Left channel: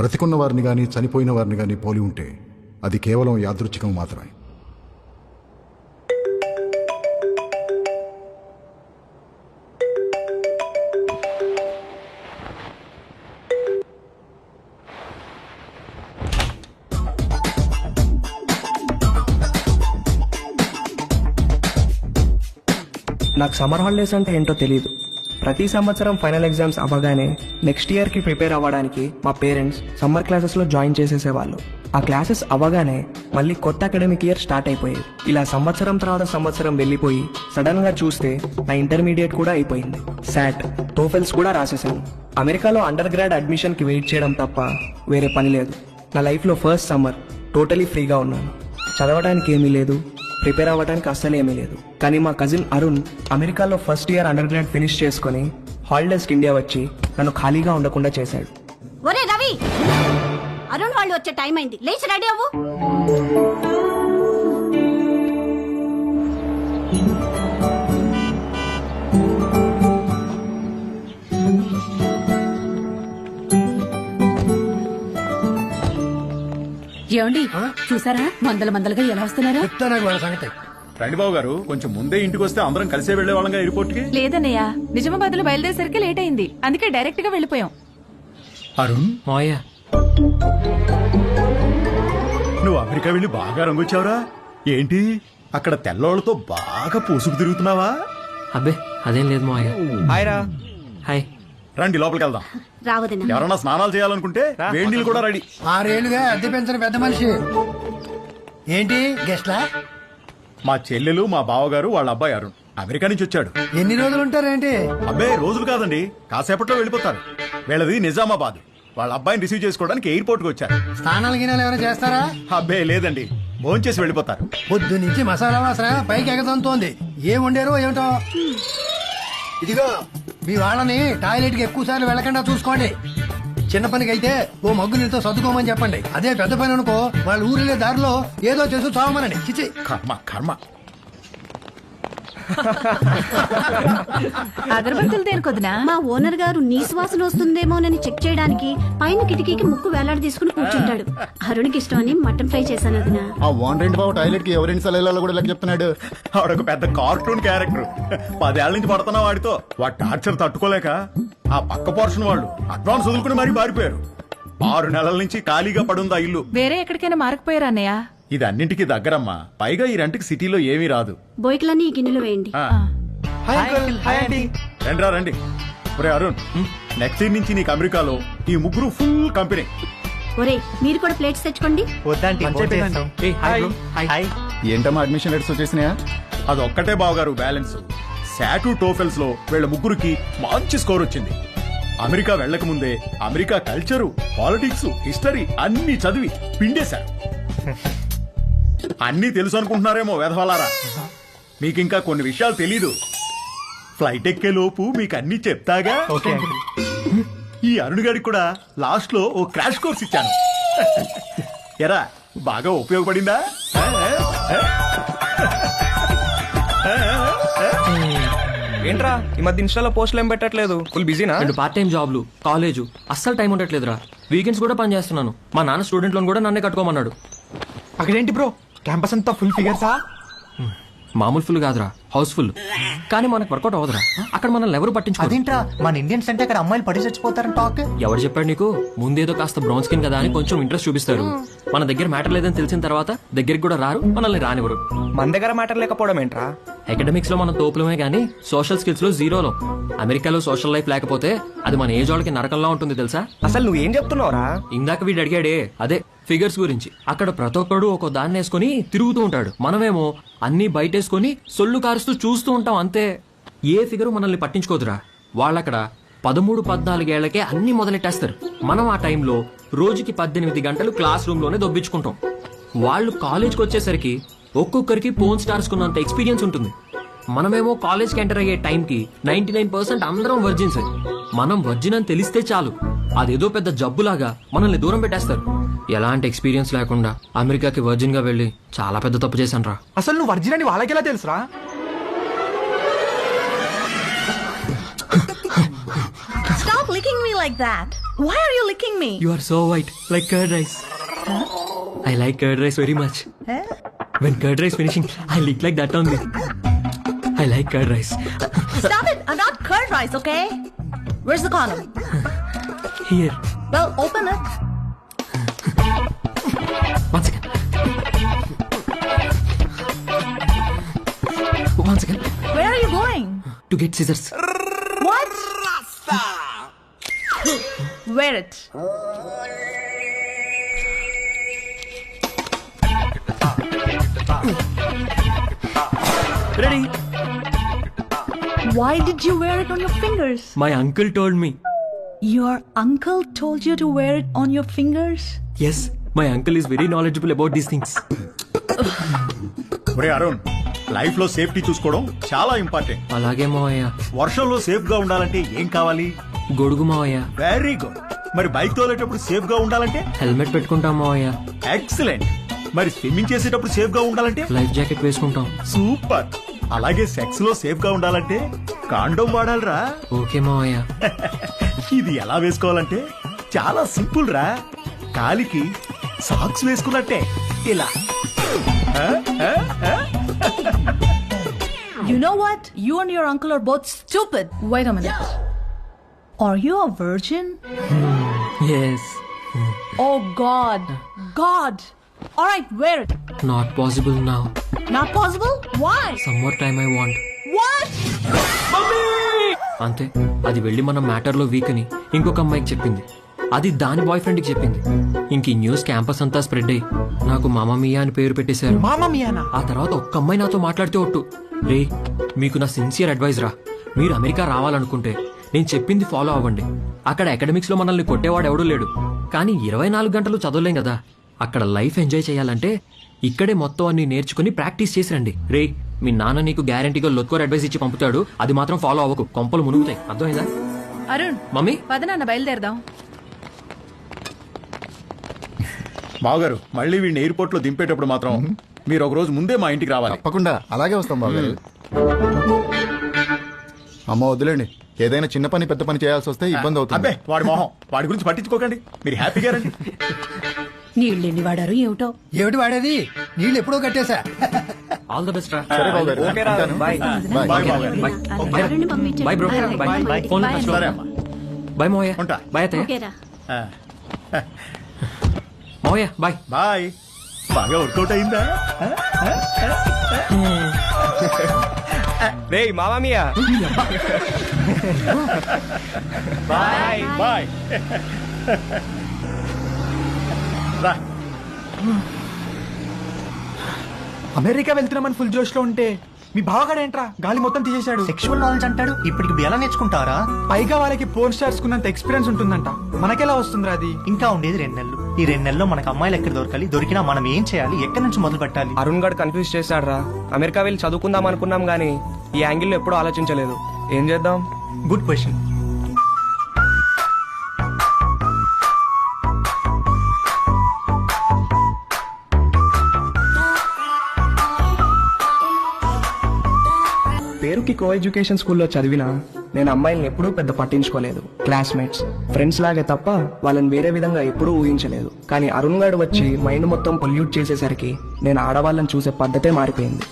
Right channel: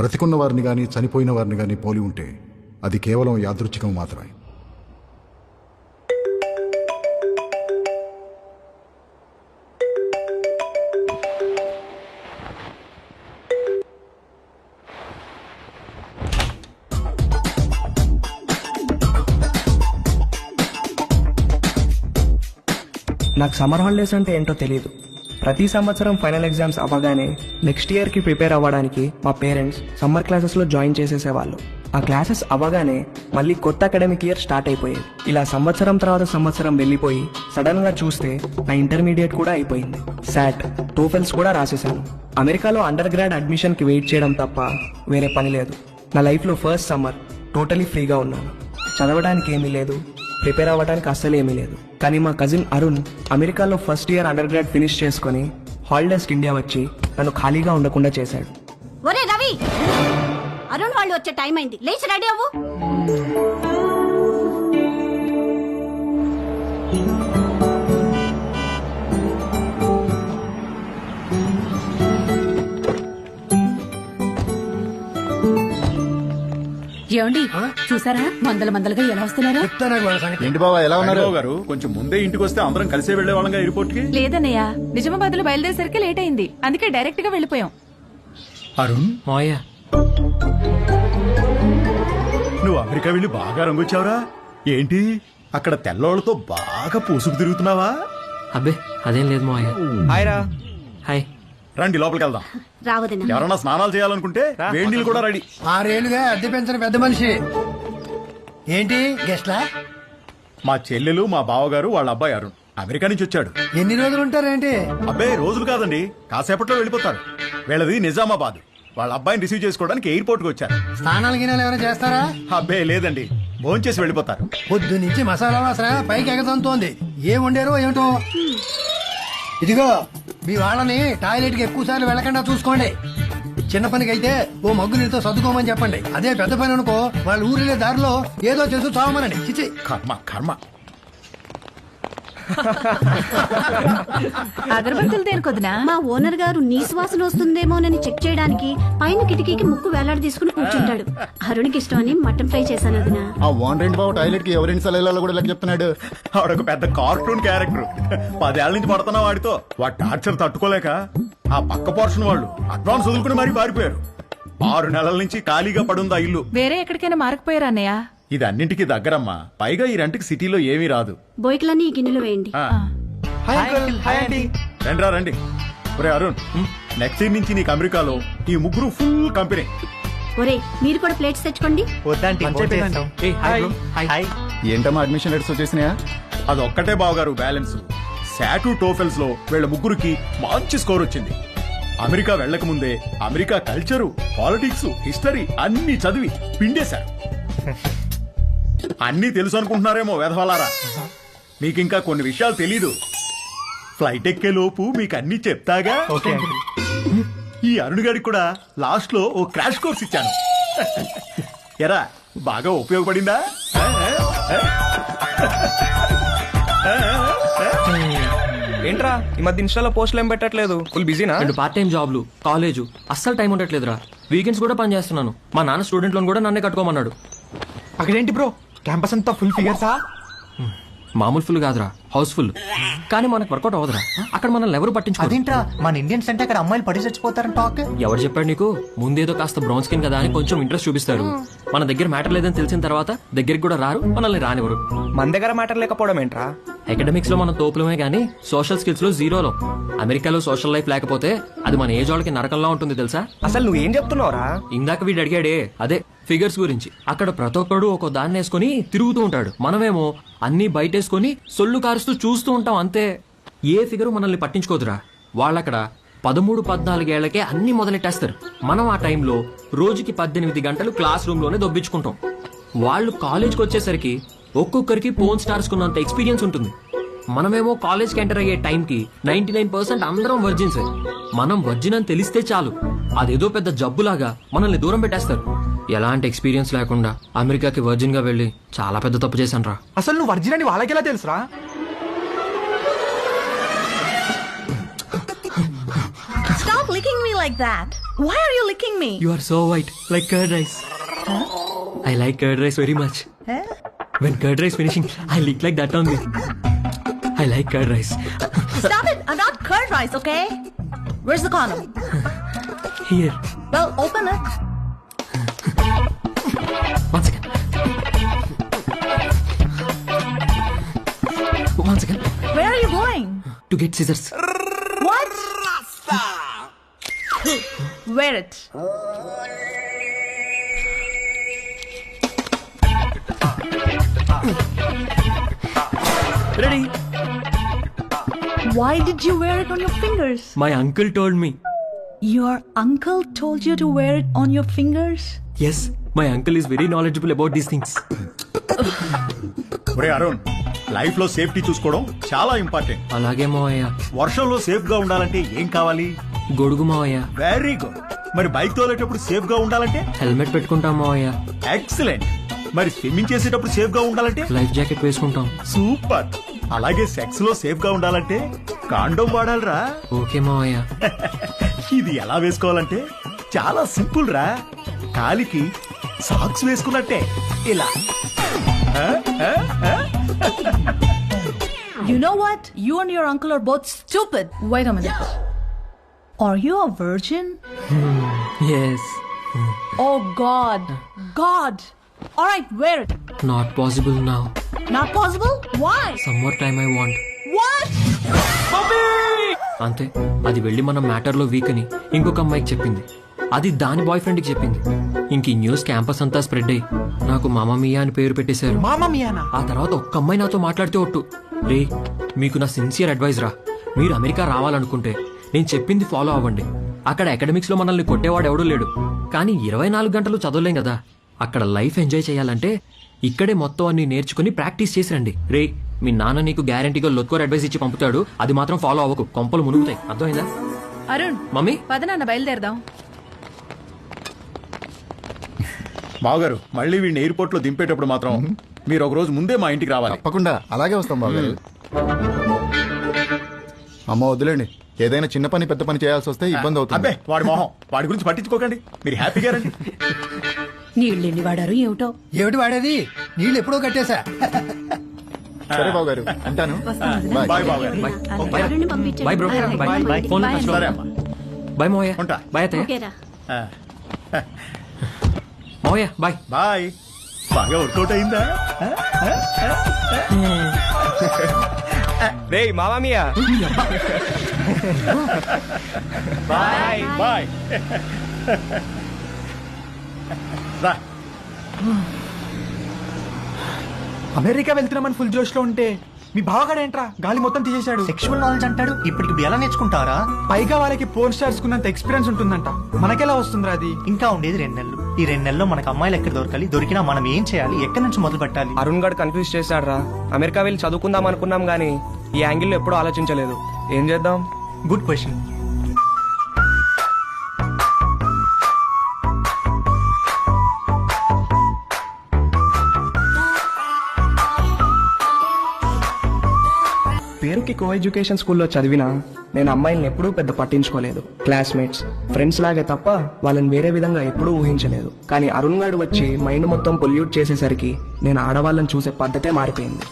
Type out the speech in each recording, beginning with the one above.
బ్రతికున్న వారిని గాని చనిపోయిన వారిని గాని పోలి ఉంటే అది కేవలం యాదృచ్ఛికం మాత్రమే. నాకు సమ్మర్ హాలిడేస్ అంటే ఏంటో తెలియదు. ప్రతి సంవత్సరం ఫైనల్ ఎగ్జామ్స్ అవ్వగానే నెక్స్ట్ ఇయర్కి ప్రిపేర్ అవ్వడానికి మా పేరెంట్స్ సమ్మర్ క్లాసెస్లో జాయిన్ చేసేసేవాళ్ళు. ఆ క్లాసెస్ అవ్వగానే మళ్ళీ కొత్త అకాడమిక్ ఇయర్ స్టార్ట్ అయిపోయేది. ఇలా సంవత్సరం తర్వాత సంవత్సరం వెళ్ళిపోయి సడన్గా చూస్తే నా ఇంటర్మీడియట్ కూడా అయిపోయింది. శాట్, టోఫెల్స్ కూడా రాసేసాను. అమెరికాలో అండర్ గ్రాడ్ అడ్మిషన్కి వెయిట్ చేయడం తప్ప వేరే పని లేదు. నా లైఫ్లో ఫస్ట్ సమ్మర్ టోటలీ ఫ్రీగా ఉన్నాను. చదవడానికి ఏమీ లేదు, ప్రిపేర్ అవ్వడానికి అస్సలు ఏమీ లేదు. కానీ మా కజిన్ అరుణ్ అమెరికాలో first year under grad finish చేసుకుని హాలిడేస్కి ఇండియా వచ్చి నన్ను ఖాళీగా ఉండకుండా చేశాడు. ఒరే రవి, అరుణ్ వాళ్ళు వచ్చే టైం అయింది, లేచి రెడీ అవ్వు. ఏమండి చూసారా మందలుగా ఎలా వస్తున్నారో? బాబు గారు కొంచెం ముందే ఇంటికి వస్తే అందరం కలిసే వెళ్లే వాళ్ళంగా ఎయిర్పోర్ట్ కి. లేదన్నయ్య, నిజామాబాద్ లో బయలుదేరేసరికి లేట్ అయింది, అందుకే డైరెక్ట్ గా వెళ్ళిపోయాం. అరుణ్, మాయా, నువ్వు అమెరికా వెళ్లి బాగా రంగొచ్చావురా. ఏంటి అక్కడ తెల్లోళ్లతో బాగా పూసుకు తిరుగుతున్నావా? అబ్బే అదేం లేదు మావయ్య. హాయ్ రా. హాయ్. రండి లోపలికి వెళ్దాం. రావదనా ఎవరన్నా స్నానాలు చేయాలనుకుంటే వేడి నీళ్ళు కూడా రెడీ. 6 ఏళ్లుగా అద్దె పెంచిన పెద్ద మనిషి. ఏంటి గెస్ట్లా? మా చెల్లెలు, మా బావగారు, వాళ్ళ అబ్బాయి అరుణ్ అమెరికా నుంచి వచ్చాడు. ఎన్ని రోజులు ఉంటారేంటి? అబ్బే రోజులు కాదండి, కాసేపట్లో వెళ్ళిపోతారు. వీళ్ళది నిజామాబాద్. వాళ్ళ అబ్బాయిని రిసీవ్ చేసుకోవడానికి ఎయిర్పోర్ట్ కి వచ్చారు. స్నానాలు గినాలు ఏమైనా చేస్తారా? అబ్బే లేదండి, భోంచేసి వెళ్ళిపోతారు. పొద్దు నుంచి మసాలా వాసన పైకి ఎగతంతోంది. ఏం వండారో ఏమిటో. ఇదిగో మీ వాళ్ళని టాయిలెట్ కి ఎక్కువ సార్లు వెళ్ళకుండా చూసుకోండి. చిన్న పనికి అయితే ఓ మగ్గు నీళ్ళతో సర్దుకోమని చెప్పండి. అదే పెద్ద పని అనుకో వాళ్ళ ఊరిలే దారిలో ఏదో చేసి చావమనండి. చిచి కర్మ కర్మ. అగరబత్తులు దేనికొద్దునా? మా ఓనర్ గారు నీ శ్వాసన వస్తుందేమోనని చెక్ చేయడానికి పైన కిటికీకి ముక్కు వేలాడి తీసుకుని కూర్చుంటాడు. అరుణ్కి ఇష్టం అని మటన్ ఫ్రై చేశాను వదినా. ఆ ఓనర్ ఏంటి బాబు టాయిలెట్ కి ఎవరింటి సెలవులలో కూడా ఇలా చెప్తున్నాడు. ఆవిడొక పెద్ద కార్టూన్ క్యారెక్టర్. 10 ఏళ్ల నుంచి పడుతున్నా వాడితో. వాడి టార్చర్ తట్టుకోలేక ఆ పక్క పోర్షన్ వాళ్ళు అడ్వాన్స్ వదులుకుని మరీ పారిపోయారు. 6 నెలల నుంచి ఖాళీగా పడుంది ఆ ఇల్లు. వేరే ఎక్కడికైనా మారకపోయారా అన్నయ్య? ఇది అన్నింటికి దగ్గరమ్మా. పైగా ఈ రెంట్కి సిటీలో ఏమీ రాదు. బోయికలన్నీ ఈ గిన్నెలు వేయండి. రండి రండి. ఒరే అరుణ్, నెక్స్ట్ ఇయర్ నుంచి నీకు అమెరికాలో ఈ ముగ్గురు ఫుల్ కంపెనీ. ఒరే మీరు కూడా ప్లేట్స్ తెచ్చుకోండి. ఏంటమ్మా అడ్మిషన్ లెటర్స్ వచ్చేసినాయా? అదొక్కటే బావగారు బ్యాలెన్స్. శాటు టోఫెల్స్ లో వీళ్ళ ముగ్గురికి మంచి స్కోర్ వచ్చింది. అమెరికా వెళ్లక ముందే అమెరికా కల్చరు, పాలిటిక్స్, హిస్టరీ అన్ని చదివి పిండేశారు. అన్నీ తెలుసు అనుకుంటున్నారేమో వెధవలారా. మీకింకా కొన్ని విషయాలు తెలీదు. ఫ్లైట్ ఎక్కే లోపు మీకు అన్ని చెప్తాగా. ఈ అరుణ్ గారికి కూడా లాస్ట్ లో ఓ క్రాష్ కోర్స్ ఇచ్చాను. ఎరా బాగా ఉపయోగపడిందా? ఏంట్రా ఈ మధ్య ఇన్స్టాలో పోస్టులు ఏం పెట్టట్లేదు? ఫుల్ బిజీనా? 2 పార్ట్ టైం జాబ్లు, కాలేజు, అస్సలు టైం ఉండట్లేదురా. వీకెండ్స్ కూడా పని చేస్తున్నాను. మా నాన్న స్టూడెంట్ లోన్ కూడా నన్నే కట్టుకోమన్నాడు. అక్కడేంటి బ్రో క్యాంపస్ అంతా ఫుల్ ఫిగర్సా? మామూలు ఫుల్ కాదురా, హౌస్ఫుల్. కానీ మనకు వర్కౌట్ అవ్వదురా. అక్కడ మనల్ని ఎవరు పట్టించుకోరు. అదేంట్రా మన ఇండియన్స్ అంటే అక్కడ అమ్మాయిలు పడి చచ్చిపోతారని టాక్. ఎవరు చెప్పాడు నీకు? ముందేదో కాస్త బ్రౌన్ స్కిన్ కదా అని కొంచెం ఇంట్రెస్ట్ చూపిస్తారు. మన దగ్గర మ్యాటర్ లేదని తెలిసిన తర్వాత దగ్గరికి కూడా రారు, మనల్ని రానివ్వరు. మన దగ్గర మ్యాటర్ లేకపోవడం ఏంట్రా? అకాడమిక్స్ లో మనం తోపులమే గానీ సోషల్ స్కిల్స్ లో జీరోలో. అమెరికాలో సోషల్ లైఫ్ లేకపోతే అది మన ఏజ్ వాళ్ళకి నరకంలా ఉంటుంది తెలుసా? అసలు నువ్వేం చెప్తున్నావురా? ఇందాక వీడు అడిగాడే అదే ఫిగర్స్ గురించి. అక్కడ ప్రతి ఒక్కడు ఒక దాన్ని వేసుకుని తిరుగుతూ ఉంటాడు. మనమేమో అన్ని బయటేసుకుని సొల్లు కారుస్తూ చూస్తూ ఉంటాం అంతే. ఏ ఫిగరు మనల్ని పట్టించుకోదురా. వాళ్ళక్కడ 13-14 ఏళ్లకే అన్ని మొదలెట్టేస్తారు. మనం ఆ టైంలో రోజుకి 18 గంటలు క్లాస్ రూమ్ లోనే దొబ్బించుకుంటాం. వాళ్ళు కాలేజ్కి వచ్చేసరికి ఒక్కొక్కరికి పోన్ స్టార్స్ కున్నంత ఎక్స్పీరియన్స్ ఉంటుంది. మనమేమో కాలేజ్కి ఎంటర్ అయ్యే టైంకి 99% అందరం వర్జిన్స్. మనం వర్జిన్ అని తెలిస్తే చాలు, అదేదో పెద్ద జబ్బులాగా మనల్ని దూరం పెట్టేస్తారు. ఎలాంటి ఎక్స్పీరియన్స్ లేకుండా అమెరికాకి వర్జిన్ గా వెళ్లి చాలా పెద్ద తప్పు చేశాను రా. అసలు నువ్వు వర్జిన్ అని వాళ్ళకెలా తెలుసురా? Stop licking me like that. Why are you licking me? You are so white, like curd rice. Huh? I like curd rice very much. Huh? When curd rice finishing, I lick like that only. I like curd rice. Stop it! I'm not curd rice, okay? Where's the condom? Here, Well, open it. one second. One second. Where are you going? To get scissors. What? Wear it. Ready? Why did you wear it on your fingers? My uncle told me. Your uncle told you to wear it on your fingers? Yes, my uncle is very knowledgeable about these things. ఒరే Arun, life లో safety చూసుకోవడం చాలా important. అలాగే మావయ్య. వర్షంలో safe గా ఉండాలంటే ఏం కావాలి? గొడుగు మావయ్య. Very good. మరి బైక్ తోలేటప్పుడు సేఫ్ గా ఉండాలంటే? హెల్మెట్ పెట్టుకుంటాం మావయ్య. ఎక్సలెంట్. మరి స్విమ్మింగ్ చేసేటప్పుడు సేఫ్ గా ఉండాలంటే? లైఫ్ జాకెట్ వేసుకుంటాం. సూపర్. అలాగే సెక్స్ లో సేఫ్ గా ఉండాలంటే కాండోమ్ వాడాలిరా. ఓకే మావయ్య. ఇది ఎలా వేసుకోవాలంటే చాలా సింపుల్ రా. కాలికి సాక్స్ వేసుకున్నట్టే ఇలా. ఆ? ఆ? ఆ? You know what? You and your uncle are both stupid. Wait a minute. Are you a virgin? Yes. Oh God. God. Alright, wear it. Not possible now. Not possible? Why? Some more time I want. What? అంతే, అది వెళ్ళి మన matter లో week అని ఇంకొక అమ్మాయికి చెప్పింది. అది దాని బాయ్ ఫ్రెండ్ కి చెప్పింది. ఇంక ఈ న్యూస్ క్యాంపస్ అంతా స్ప్రెడ్ అయ్యి నాకు మామా మియా అని పేరు పెట్టేశారు. మామా మియానా? ఆ తర్వాత ఒక్క అమ్మాయి నాతో మాట్లాడితే ఒట్టు, రే మీకు నా సిన్సియర్ అడ్వైజ్ రా, మీరు అమెరికా రావాలనుకుంటే నేను చెప్పింది ఫాలో అవ్వండి. అక్కడ అకాడమిక్స్ లో మనల్ని కొట్టేవాడు ఎవడూ లేడు, కానీ 24 గంటలు చదవలేం కదా. అక్కడ లైఫ్ ఎంజాయ్ చేయాలంటే ఇక్కడే మొత్తం అన్ని నేర్చుకుని ప్రాక్టీస్ చేసి రండి. రే మీ నాన్న నీకు గ్యారంటీగా లొత్కోర్ అడ్వైస్ ఇచ్చి పంపుతాడు, అది మాత్రం ఫాలో అవ్వకు, కొంపలు మునుగుతాయి. అర్థమైందా? అరుణ్, మమ్మీ పద నాన్న బయలుదేరదాం. మావగారు, మళ్ళీ వీడిని ఎయిర్పోర్ట్ లో దింపేటప్పుడు మాత్రం మీరు ఒక రోజు ముందే మా ఇంటికి రావాలి. తప్పకుండా అలాగే వస్తాం బాబు. అమ్మ వదిలేండి, ఏదైనా చిన్న పని పెద్ద పని చేయాల్సి వస్తే ఇబ్బంది అవుతుంది. అబ్బే వాడి మొహం, వాడి గురించి పట్టించుకోకండి, మీరు హ్యాపీగా రండి. నీళ్ళెన్ని వాడారు ఏమిటో. ఏమిటి వాడేది? నీళ్ళు ఎప్పుడో కట్టేశా. ఆల్ ద బెస్ట్ రా. సరే బాబు గారు, ఉంటాను. బాయ్. బాయ్ బావగారు. అరుణ్ని పంపించండి. Bye bro. అలాగే, బాయ్. బాయ్. Phone bye. సరే అమ్మా. బాయ్ మోయ. ఉంటా. బాయ్ అత్తయ్య. ఓకేరా. ఆ, మోయ బాయ్. బాయ్. బాగా వర్కౌట్ అయిందా? రే మామా మియా. Bye bye. రా. అమెరికా వెళ్తున్నామని ఫుల్ జోష్ లో ఉంటే మీ బావగాడేంట్రా గాలి మొత్తం తీసేశాడు. సెక్షువల్ నాలెడ్జ్ అంటాడు. ఇప్పటికి ఎలా నేర్చుకుంటారా? పైగా వాళ్ళకి పోర్న్ స్టార్స్ కున్నంత ఎక్స్పీరియన్స్ ఉంటుందంట. మనకెలా వస్తుందిరా అది? ఇంకా ఉండేది 2 నెలలు. ఈ 2 నెలల్లో మనకు అమ్మాయిలు ఎక్కడ దొరకాలి, దొరికినా మనం ఏం చేయాలి, ఎక్కడి నుంచి మొదలు పెట్టాలి? అరుణ్ గారు కన్ఫ్యూజ్ చేశాడు రా. అమెరికా వెళ్ళి చదువుకుందాం అనుకున్నాం గానీ ఈ యాంగిల్లో ఎప్పుడూ ఆలోచించలేదు. ఏం చేద్దాం? Good question. పేరుకి కో ఎడ్యుకేషన్ స్కూల్లో చదివినా నేను అమ్మాయిల్ని ఎప్పుడూ పెద్ద పట్టించుకోలేదు. క్లాస్మేట్స్, ఫ్రెండ్స్ లాగే తప్ప వాళ్ళని వేరే విధంగా ఎప్పుడూ ఊహించలేదు. కానీ అరుణ్ గారు వచ్చి మైండ్ మొత్తం పొల్యూట్ చేసేసరికి నేను ఆడవాళ్ళని చూసే పద్ధతే మారిపోయింది.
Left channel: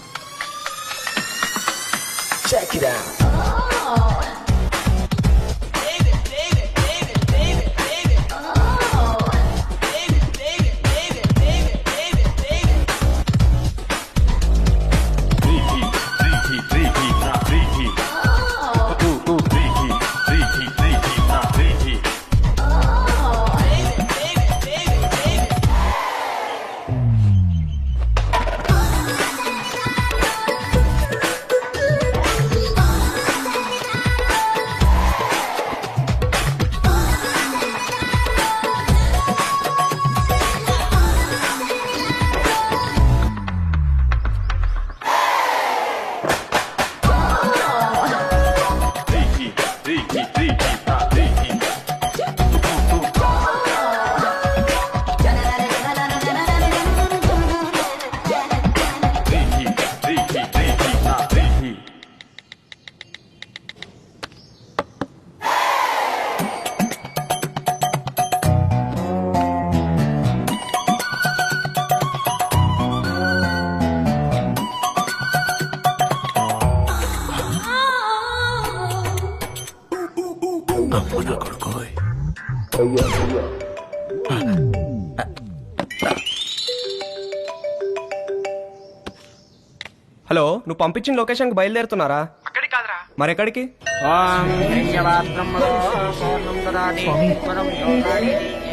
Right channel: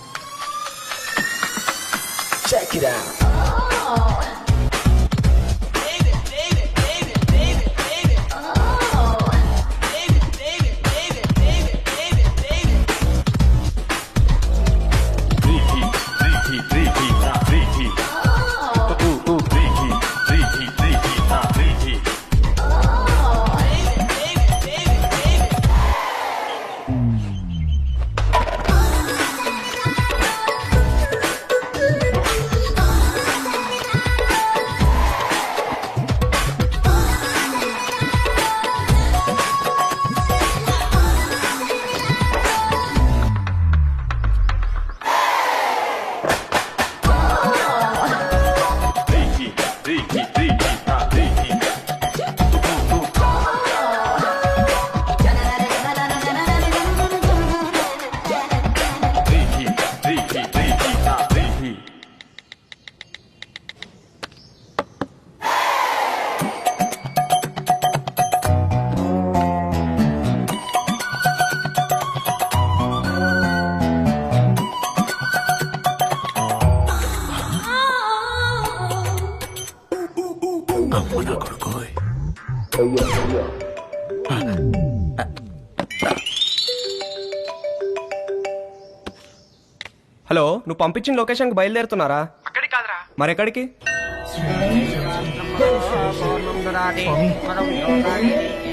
హలో, నువ్వు పంపించిన లొకేషన్కి బయలుదేరుతున్నారా? అక్కడికి కాదురా. మరెక్కడికి? స్వామి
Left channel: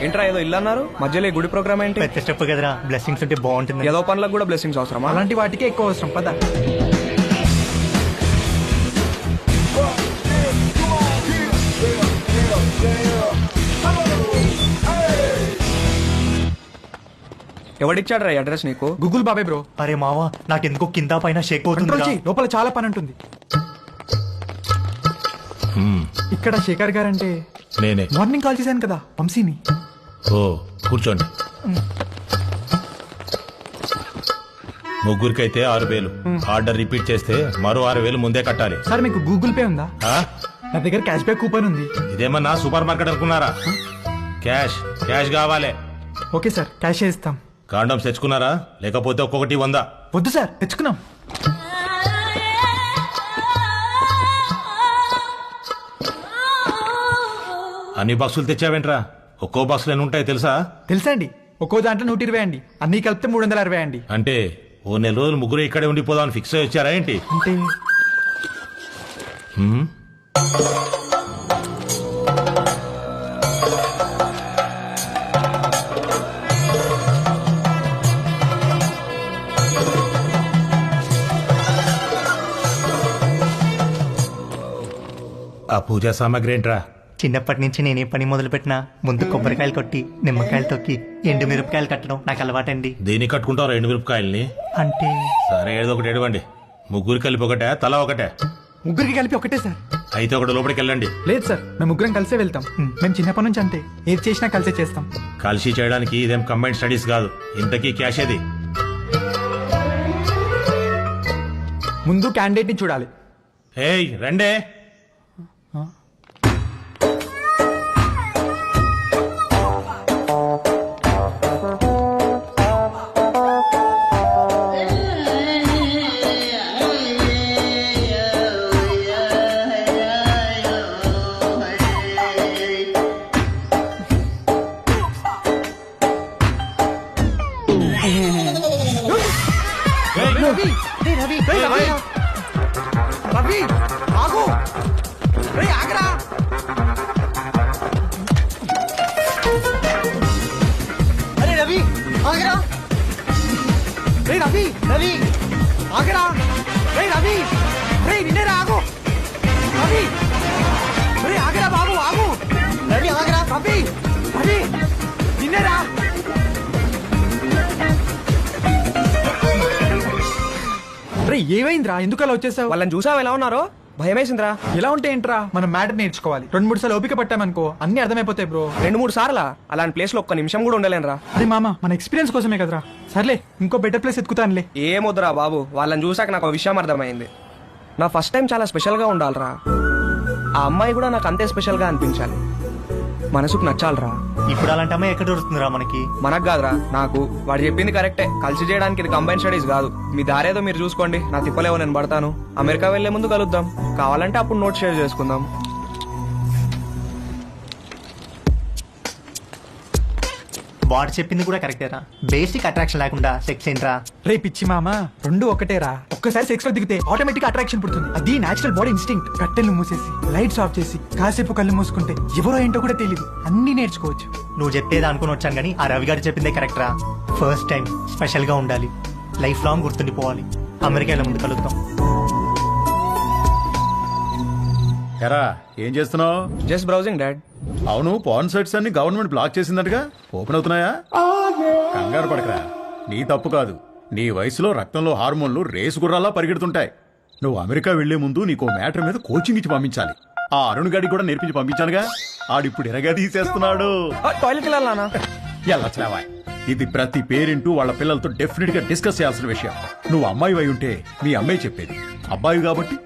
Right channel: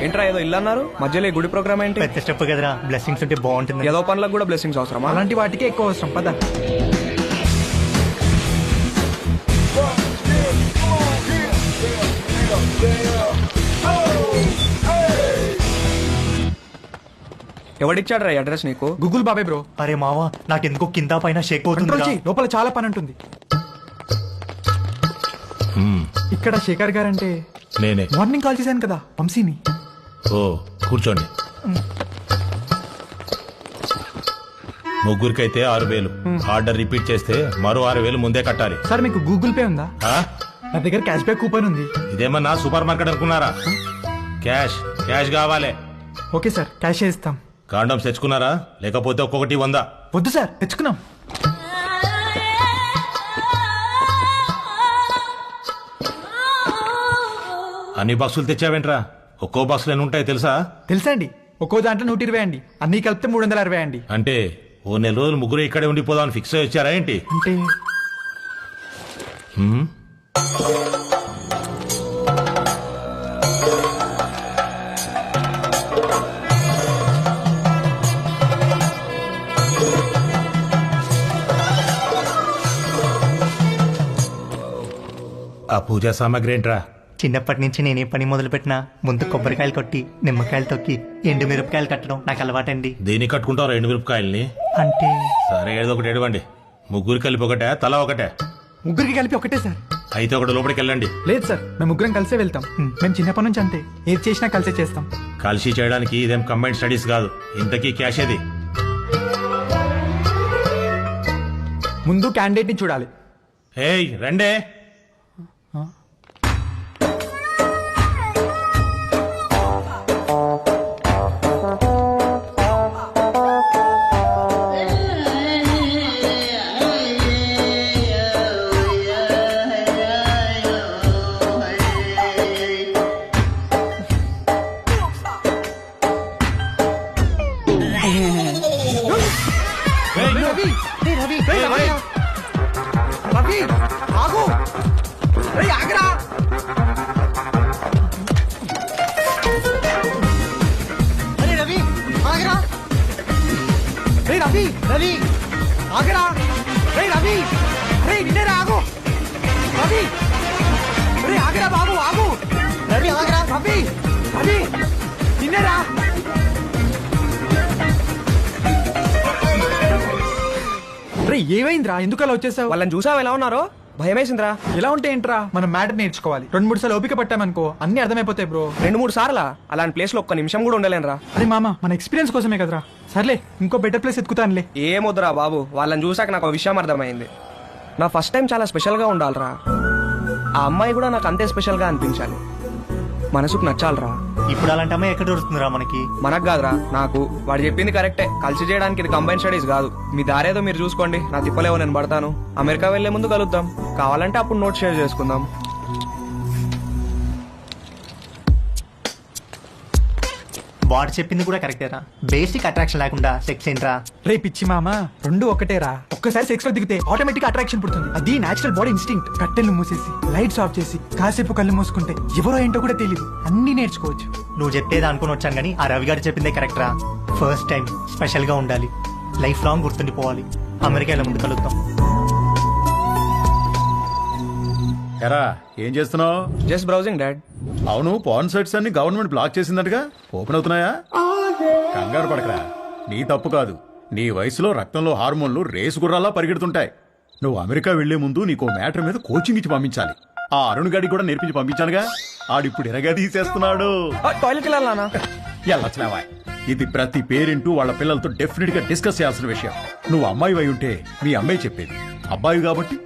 ఏంట్రా ఏదో ఇల్లు అన్నారు, మధ్యలో ఈ గుడి ప్రోగ్రామ్ ఏంటి? పెద్ద స్టెప్ కదరా, బ్లెస్సింగ్స్ ఉంటే బాగుంటుంది. ఏదో పనులకు కూడా బ్లెస్సింగ్స్ అవసరమా? అలాంటి వాటికే ఎక్కువ అవసరం. పద. ఎవడిచ్చాడు రా అడ్రస్ నీకు? గూగుల్ బాబాయ్ బ్రో. అరే మావా, నాకెందుకో కింద పైన షేక్ కంట్రోల్ అవుతుంది. చెయ్యి, లోపల చాలా పని ఉంటుంది. ఇక్కడ శేఖర్ గారంటే నేనే. మార్నింగ్ కాల్ చేశాను కదా, వంశీని. ఓ కూర్చోండి. ముగ్గురికైతే 6,000. ఆర్డర్ రిపీట్ చేస్తే మరో 6,000 ముందే కట్టాలి. సార్ మీకు గూగుల్ పే ఉందా? ఆ? నా దగ్గర క్యాష్ బ్యాక్ కూపన్ ఉంది. ఇదేమన్నా సూపర్ మార్కెట్ అనుకున్నారా? క్యాష్ క్యాష్ కావాలి. ఓకే సార్, క్యాష్ ఇస్తాం. కాండమ్స్ తెచ్చుకున్నారా? లేకపోతే ఒక్కొక్కటి 100. వద్దు సార్, తెచ్చుకున్నాం. అన్ని బాక్సులు తెచ్చావేంట్రా? ఒక్కో బాక్సులు ఎన్ని ఉంటాయి తెలుసా? తెలుసా అండి, ఒక్కో దాంట్లో 120 అండి, అన్ని కలిపితే 360 అండి. అంటే ఓ నెల రోజులు ముగ్గురు ఇక్కడే ఉండిపోదామని ఫిక్స్ అయ్యి వచ్చారా ఏంటి? అంటే హ్మ్? ఆ పూజా సామాగ్రి ఏంట్రా? చిన్నప్పటి నుంచి నేనే పని మొదలు పెట్టినా ముందు కొబ్బరికాయలు కొట్టి నిమ్మకాయలు తొక్కి ఎండు మిరపకాయలు కట్టడం నాకు అలవాటండి. దేనికి కట్టుకుంటావు 2 మిరపకాయల్ని? అంటే సరే ఏదో ఒకటి ఎడవండి. ముగ్గురు కలిపి ఒకటే, తల ఒకటే? ముగ్గురికి కలిపి ఒకటే సార్. అయితే ఒకటి లోపలికి వెళ్ళండి. లేదు సార్, మేము ముగ్గురం కలిసే వెళ్తాం. మేము చిన్నప్పటి నుంచి అంతే, ఏది చేసినా కలిసే చేస్తాం. కలిసి చేయడానికి ఇదేం కంబైన్డ్ స్టడీస్ కాదు. ఇంతకీ క్యాష్ ఏది? ముందు క్యాండిడేట్ ని చూడాలి. ఏయ్ రండే. ఏయ్, రవి రవి రవి ఆగు, రేయ్ ఆగరా. అరే రవి ఆగరా. రేయ్ రవి రవి ఆగరా. రేయ్ రవి, అరే నిన్నేరా, ఆగు రవి. రేయ్ ఆగరా బాబు, ఆగు రవి, ఆగరా. రవి రవి నిన్నేరా. రే ఏమైందిరా, ఎందుకు అలా వచ్చేసావు? వాళ్ళని చూసావు ఎలా ఉన్నారో? భయమేసిందిరా. ఎలా ఉంటే ఏంట్రా, మనం మ్యాటర్ నేర్చుకోవాలి. 2-3 సార్లు ఓపిక పట్టామనుకో అన్ని అర్థమైపోతాయి బ్రో. 2-3 సార్లా? అలాంటి ప్లేస్ లో ఒక్క నిమిషం కూడా ఉండలేనురా. అరే మామ, మన ఎక్స్పీరియన్స్ కోసమే కదరా. సర్లే, ఇంకో బెటర్ ప్లేస్ ఎత్తుకుతానులే. ఏమొద్దురా బాబు, వాళ్ళని చూసాక నాకు ఒక విషయం అర్థమైంది. నా ఫస్ట్ టైం చాలా స్పెషల్ గా ఉండాలిరా. ఆ అమ్మాయి కూడా నాకు అంతే స్పెషల్ గా అనిపించాలి. మనసుకు నచ్చాలిరా. ఇప్పుడు అలాంటి అమ్మాయి ఎక్కడ దొరుకుతుందిరా మనకి? మనకు కాదురా, నాకు. వాడు చెప్పింది కరెక్టే, కలిసి చేయడానికి ఇది కంబైన్ స్టడీస్ కాదు. మీ దారేదో మీరు చూసుకోండి, నా తిప్పలేవో నేను పడతాను. అమెరికా వెళ్లే ముందు కలుద్దాం, కావాలంటే అప్పుడు నోట్ షేర్ చేసుకుందాం. వాడు చెప్పింది కూడా కరెక్టేరా. బేసిక్ అట్రాక్షన్ లేకుండా సెక్స్ ఏంట్రా? రే పిచ్చి మామ, 2 ఒకటేరా. ఒక్కసారి సెక్స్ లో దిగితే ఆటోమేటిక్ అట్రాక్షన్ పుడుతుంది. అది నేచురల్ బాడీ ఇన్స్టింక్ట్. కట్టెలు మూసేసి లైట్స్ ఆఫ్ చేసి కాసేపు కళ్ళు మూసుకుంటే ఎవరో ఏంటో కూడా తెలియదు, అన్ని నేర్చుకోవచ్చు. నువ్వు చెప్పేది అనుకుని వచ్చాను కానీ ఆ రవి గారు చెప్పిందే కరెక్టరా. ఫస్ట్ టైం స్పెషల్ గా ఉండాలి, లైఫ్ లాంగ్ గుర్తుండిపోవాలి. అమెరికా వెళ్ళే ముందు కలుద్దాం. ఎరా ఏం చేస్తున్నావు? Just browsing dad. అవును, పాన్ సైట్స్ అన్ని గవర్నమెంట్ బ్లాక్ చేసిందటగా, ఓపెన్ అవుతున్నాయా? కంగారు పడకరా, నీ తప్పు కాదు. నీ వయసులో రక్తంలో హార్మోన్లు రేసు గుర్రాల్లా పరిగెడుతుంటాయి. నువ్వు అమెరికా వెళ్లే ముందు నీకో మ్యాటర్ మీద కోచింగ్ ఇచ్చి పంపించాలి. ఆ అరుణ్ గాడికి కూడా నేర్పించి పంపించానుగా, ఆడిప్పుడు ఎరగా తీసేస్తున్నాడు. టాయిలెట్ వెళ్ళాలనా? ఎల్లచ్చావా, ఇది ప్రతి పేరెంట్ వాళ్ళ పిల్లలతో డెఫినెట్ గా డిస్కస్ చేయాల్సిన విషయం. నువ్వు అమ్మాయి అయి ఉంటే మీ అమ్మాయి చెప్పేది, అబ్బాయి కాబట్టి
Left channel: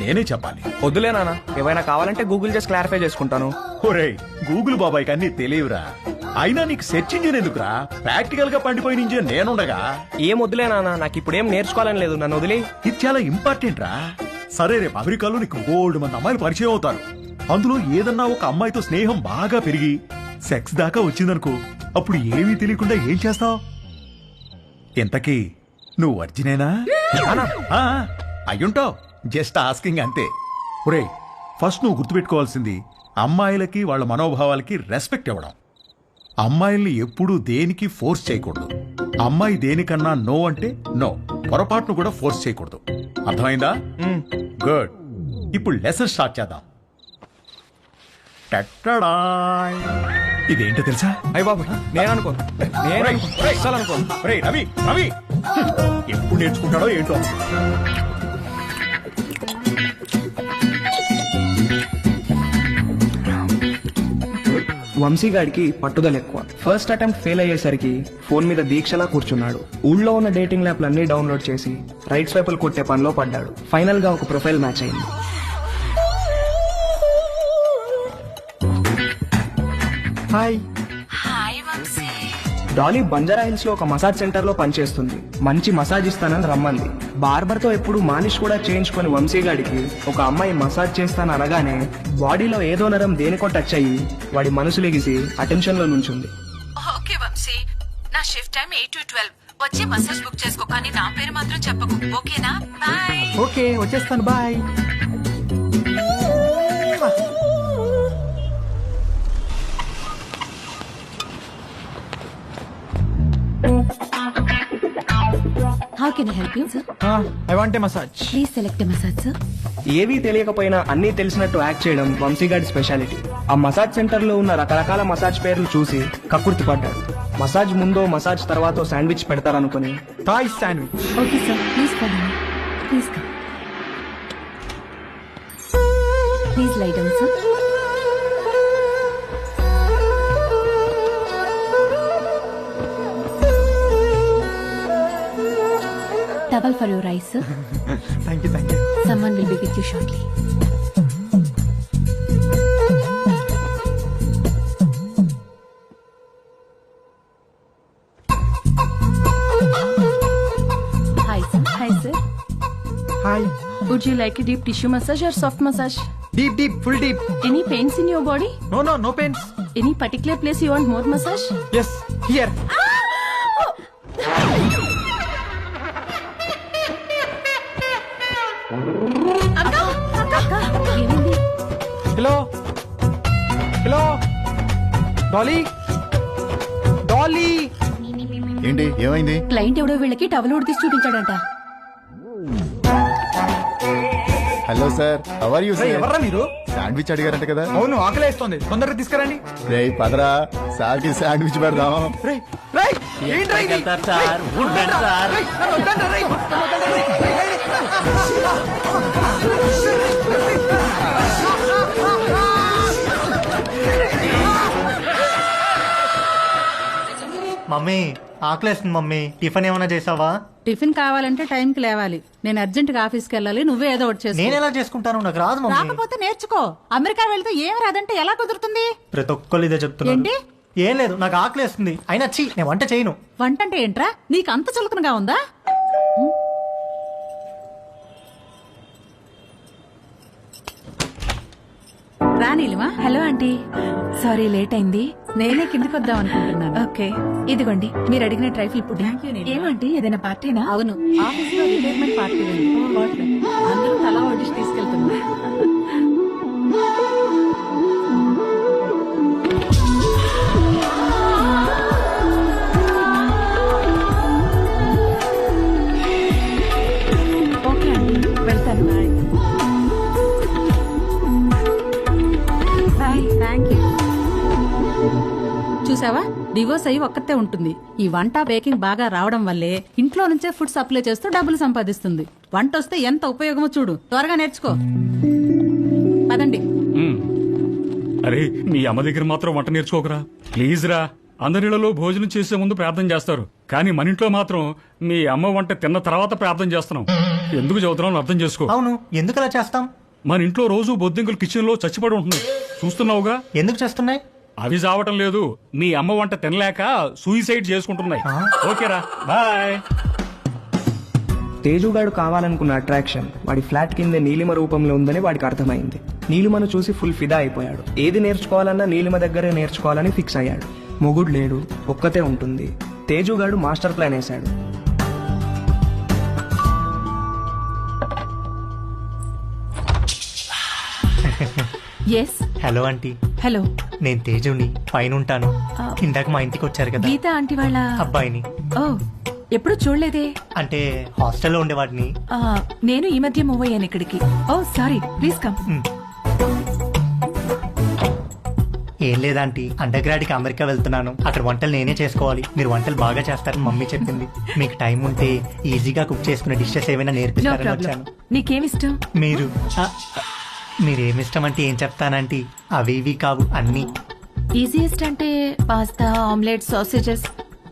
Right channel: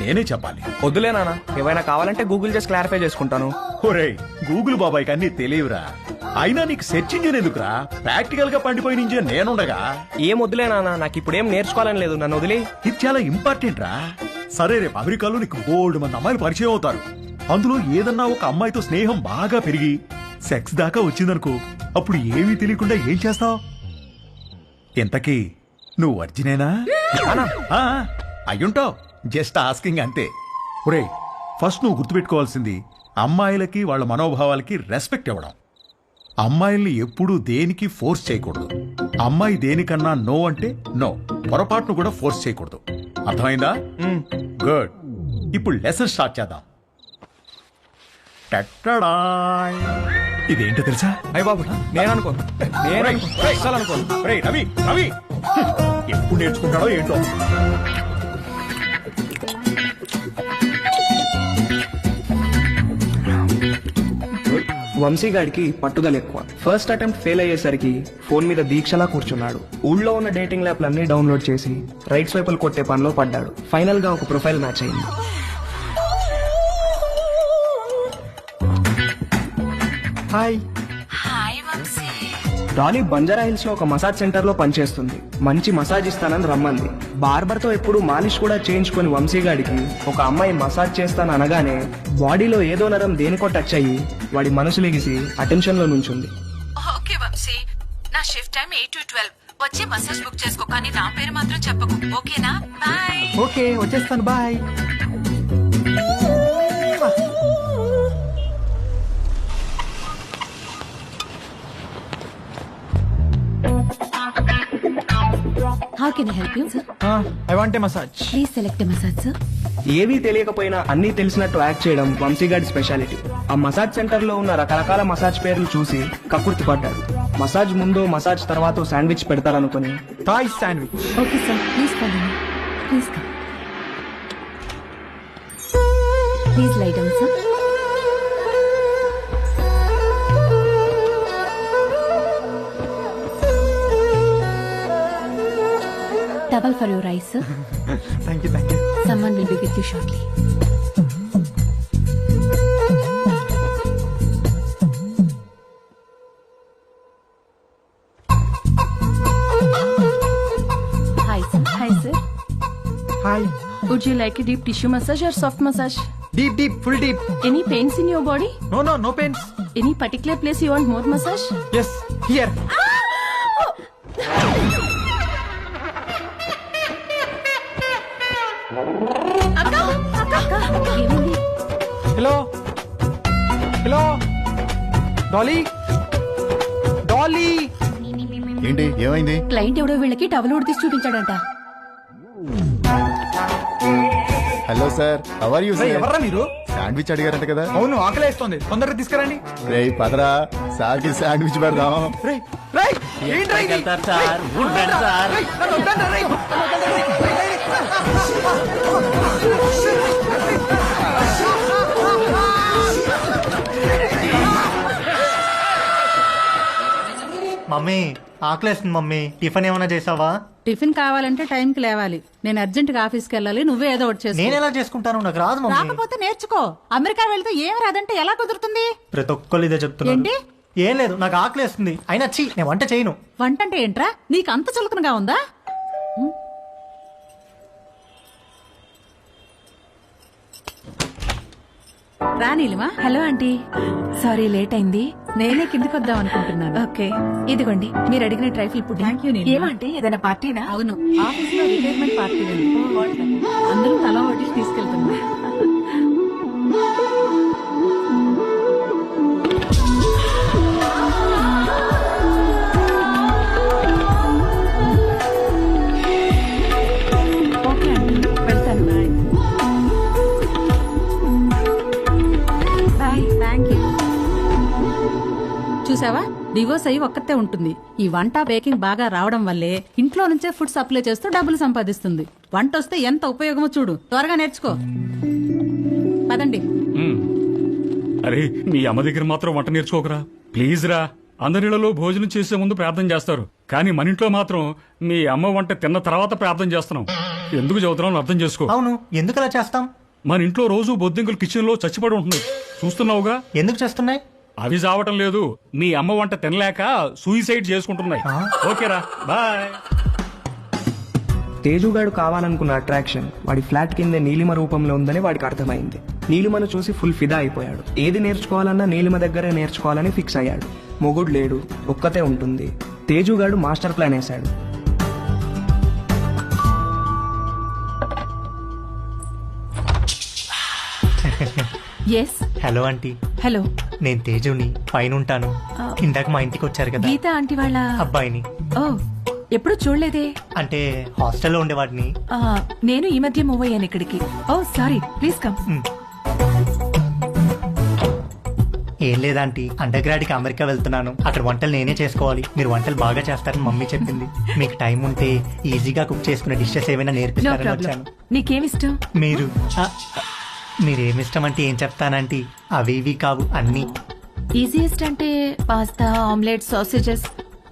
నేనే చెప్పాలి. వద్దులే నాన్న, ఏమైనా కావాలంటే గూగుల్ చేసి క్లారిఫై చేసుకుంటాను. ఒరేయ్, గూగుల్ బాబాయ్కి అన్ని తెలియవురా. అయినా నీకు సెర్చ్ ఇంజిన్ ఎందుకురా? ప్రాక్టికల్ గా పండిపోయిన ఇంజిన్ నేనుండగా. ఏం వద్దులే నాన్న, నాకు ఇప్పుడు ఏం నేర్చుకోవాలని లేదు, నన్ను వదిలే. ఇది చాలా ఇంపార్టెంట్ రా. సరే, రేపు అమెరికాలో నీకు బోల్డ్ మంది అమ్మాయిలు పరిచయం అవుతారు. అందులో ఏదన్నా ఒక అమ్మాయితో స్నేహం బాగా పెరిగి సెక్స్ దాకా వచ్చిందనుకో, అప్పుడు ఏమీ తెలియకుండా ఏం చేస్తావు? ఇంతకీ నువ్వు వర్జినేనా? నానా ఆ, అయ్యుంటావు. జస్ట్ ఆస్కింగ్ అంతే. ఒరే, ఫస్ట్ నువ్వు గుర్తుపెట్టుకోవాల్సింది అమ్మాయిలకి వాళ్ళ మనోభావాలకి రెస్పెక్ట్ ఇవ్వడం. అమ్మాయిల్ని ఎప్పుడూ దేనికి ఫోర్స్ చేయకూడదు. అమ్మాయి దేనికన్నా నో అంటే నో, పొరపాటును కూడా ఫోర్స్ చేయకూడదు. అర్థమైందా? గుడ్. ఇప్పుడు లెసన్ స్టార్ట్ చేద్దాం. టట్టడాయ్. ఇదేంటో తెలుసా? అయ్య బాబు నేను అనుకోను, అస్సలు అనుకోను. ఒరేయ్, రవి రవి ఎప్పుడు నేర్చుకుంటాడో ఏంటో. వంశీగాడికి పట్టుదల ఎక్కువ. ఫస్ట్ అటెంప్ట్ ఫెయిల్ అయ్యేసరికి ఫోన్ మీద దీక్షలా కూర్చున్నాడు. ఊళ్ళో ఉన్న డేటింగ్ యాప్లన్నీ డౌన్లోడ్ చేసి రైట్ స్వైపులు కొట్టే పనిలో పడ్డాడు. ఫైనల్ గా ఒక ప్రొఫైల్ మ్యాచ్ అయింది. హాయ్. డాలీ బంజారా హిల్స్ లో ఒక మసాజ్ సెంటర్ లో పనిచేస్తుంది. మంచి మసాజ్ ఇస్తానని రమ్మంది. బార్బర్ తో ఎప్పుడు మాలిష్ కూడా చేయించుకుని వంశీగాడికి ఒక అమ్మాయి మసాజ్ చేస్తాను అనగానే బాడీలో ఏదో నరం దేనికో టచ్ అయ్యి వాడి మనసు లెగిసి అటెన్షన్ లో నుంచుంది. ఓకే వంశీ, నా షిఫ్ట్ టైం 8 to 12. వచ్చి మసాజ్ బుక్ చేసుకో, కానీ నా పేరు మాత్రం చెప్పకు, ఓకేనా? బాయ్. ఓకే వచ్చేస్తాను, bye. How can I help you sir? I want a massage. Please select massage sir. ఏవీ తెలియకపోయినా అన్నీ తెలిసినట్టు యాక్ట్ చేయడం వంశీగాడి స్పెషాలిటీ. ఆ మసాజ్ సెంటర్ లో ఉన్న రకరకాల మసాజ్ పేర్లు చూసి కక్కుర్తి పడ్డాడు. మసాజ్ ముందో మసాజ్ తర్వాతో శాండ్విచ్ పెడతారనుకుని Thai sandwich. Okay sir, please follow me. Please come. Please lie down sir. Towel for your eyes, sir. Thank you, thank you. Someone will be with you shortly. Hi, sir. Hi sir, hi. would you like a deep tissue massage or soft massage? Deep deep, full deep. Any pains in your body? No no, no pains. Any particular place you want more massage? Yes, here. ఏమైంది? Hello hello, Dolly Dolly. ఏంటి ఏమైంది? Client ఎవడో వీళ్ళకి towel ఉడితీసి చూపించాడంట. Hello sir, how are you రేయ్, sir? ఎవర్రా మీరు? శాండ్విచ్ అడిగారంట కదా? అవును, ఆకలేస్తోంది, తొందరగా తీసుకురండి. రేయ్ పదరా, సార్ కి శాండ్విచ్ పెడదాం. రేయ్ రేయ్, ఏంట్రా ఇది? రేయ్, వద్దండ్రా, రేయ్, నన్ను వద్దండ్రా, రేయ్, నన్ను వద్దండ్రా, రేయ్, రేయ్, మమ్మీ ఆకలేస్తుంది మమ్మీ, టిఫిన్ ఏమైనా చేసావా? టిఫిన్ కావాలంటే టైంకి లేవాలి. నేను అర్జెంట్ గా ఆఫీస్కి వెళ్ళాలి, నువ్వే ఏదో ఒకటి చేసుకో. నేను ఎలా చేసుకుంటాను, నాకు రాదు మమ్మీ. రాకపోతే నేర్చుకో. అమెరికా వెళ్తే ఏం రాదంటే ఎలా కుదురుతుంది? ప్రతి ఒక్కళ్ళు ఇదే చెప్తున్నారు. ఏంటి? ఏం లేదు, నాకు ఆకలేస్తుంది. అయినా చీ, నేను వంట చేయను. వంట అంటే ఏంట్రా? నీకు అంత చులకనగా ఉందా? రానీలిమా. హలో ఆంటీ, సారీ లేట్ అయింది. నేనే కిందికి వద్దాం అనుకుంటున్నాను. ఓకే, ఇదిగోండి మీరు అడిగిన ట్రైఫుల్ పుడ్డింగ్. ఏమంటే ఏదైనా పార్టీనా? అవును, ఆఫీస్ లో రిటైర్మెంట్ పార్టీ ఉంది. అందరం తలా వడ్డిసి తీసుకెళ్తున్నాం. ఓకే ఆంటీ, వెళ్తాను. బాయ్. Thank you. చూసావా, డివోర్స్ అయ్యి ఒక్కతే ఉంటుంది. ఈ వంట బేకింగ్ బాగా రావడం వల్లే ఇంట్లో నుంచే ఫుడ్ సప్లై చేస్తూ డబ్బులు సంపాదిస్తుంది. వంట వస్తే ఎంత ఉపయోగమో చూడు. త్వరగా నేర్చుకో. పదండి. అరే, మీ అమ్మ దగ్గర మాత్రం వంట నేర్చుకోకరా ప్లీజ్ రా. అందరిలో భోజనం చేసే ముందు ప్రార్థన చేస్తారు, కానీ మన ఇంట్లో మాత్రం మీ అమ్మ వంట తిన్న తర్వాత ప్రార్థన చేస్తున్నాం. ఎందుకు చదువుతున్నాం అర్థం చేసుకో. అవును, ఎందుకు అలా చేస్తాం? మన ఇంట్లో రోజు బొద్దింకలు కిచెన్ లో చచ్చిపడి ఉంటున్నాయి, చూస్తున్నావుగా. ఎందుకు చేస్తున్నాయి? అవి చావటం లేదు, మీ అమ్మ వంట తినలేక సూయిసైడ్ చేసుకుంటున్నాయి. ఓకేరా, బాయ్. తేజుగాడు కావాలనుకున్న అట్రాక్షన్ వాడి ఫ్లాట్ కింద నీలిమ రూపంలో ఉందని వాడికి అర్థమైంది. నీలిమను చూసి ఫుల్ ఫిదా అయిపోయాడు. ఏది నేర్చుకోవాలన్నా నీలిమ దగ్గరే నేర్చుకోవాలని ఫిక్స్ అయ్యాడు. మొగుడు లేడు, ఒక్కతే ఉంటుంది. తేజుగాడు మాస్టర్ ప్లాన్ వేశాడు. Yes hello aunty. హలో, నేను తేజుని, పైన ఉంటాను. ఇందాక మా ఇంటికి వచ్చారు కదా గీత ఆంటీ వాళ్ళ అబ్బాయిని. ఓ, ఎప్పుడు చూడలేదే. అంటే హాస్టల్లో ఉండేవాడిని. నేను ఈ మధ్య మూవ్ అయ్యాను ఇక్కడికి. ఓ సారీ, ప్లీజ్ కమ్. ఏం లేదాంటీ, అండర్ గ్రాడ్ కి అమెరికా వెళ్తున్నాను. అక్కడ వంటలు నేనే చేసుకోవాలి. మీరు వంటలు బాగా చేస్తారని మమ్మీ చెప్పింది. మీకు టైం ఉంటే ఈజీగా కుక్ చేసుకునే డిషెస్ ఏమైనా నో నేర్పిస్తారని ప్రాబ్లం. వచ్చాను. నీకేమిష్టం? మీరేమిష్టం అంటే ఏం చెప్తానంటీ, అవి ఇవి కావు అన్ని. ఈజియెస్ట్ అంటే పాస్తా, ఆమ్లెట్, సాసేజెస్.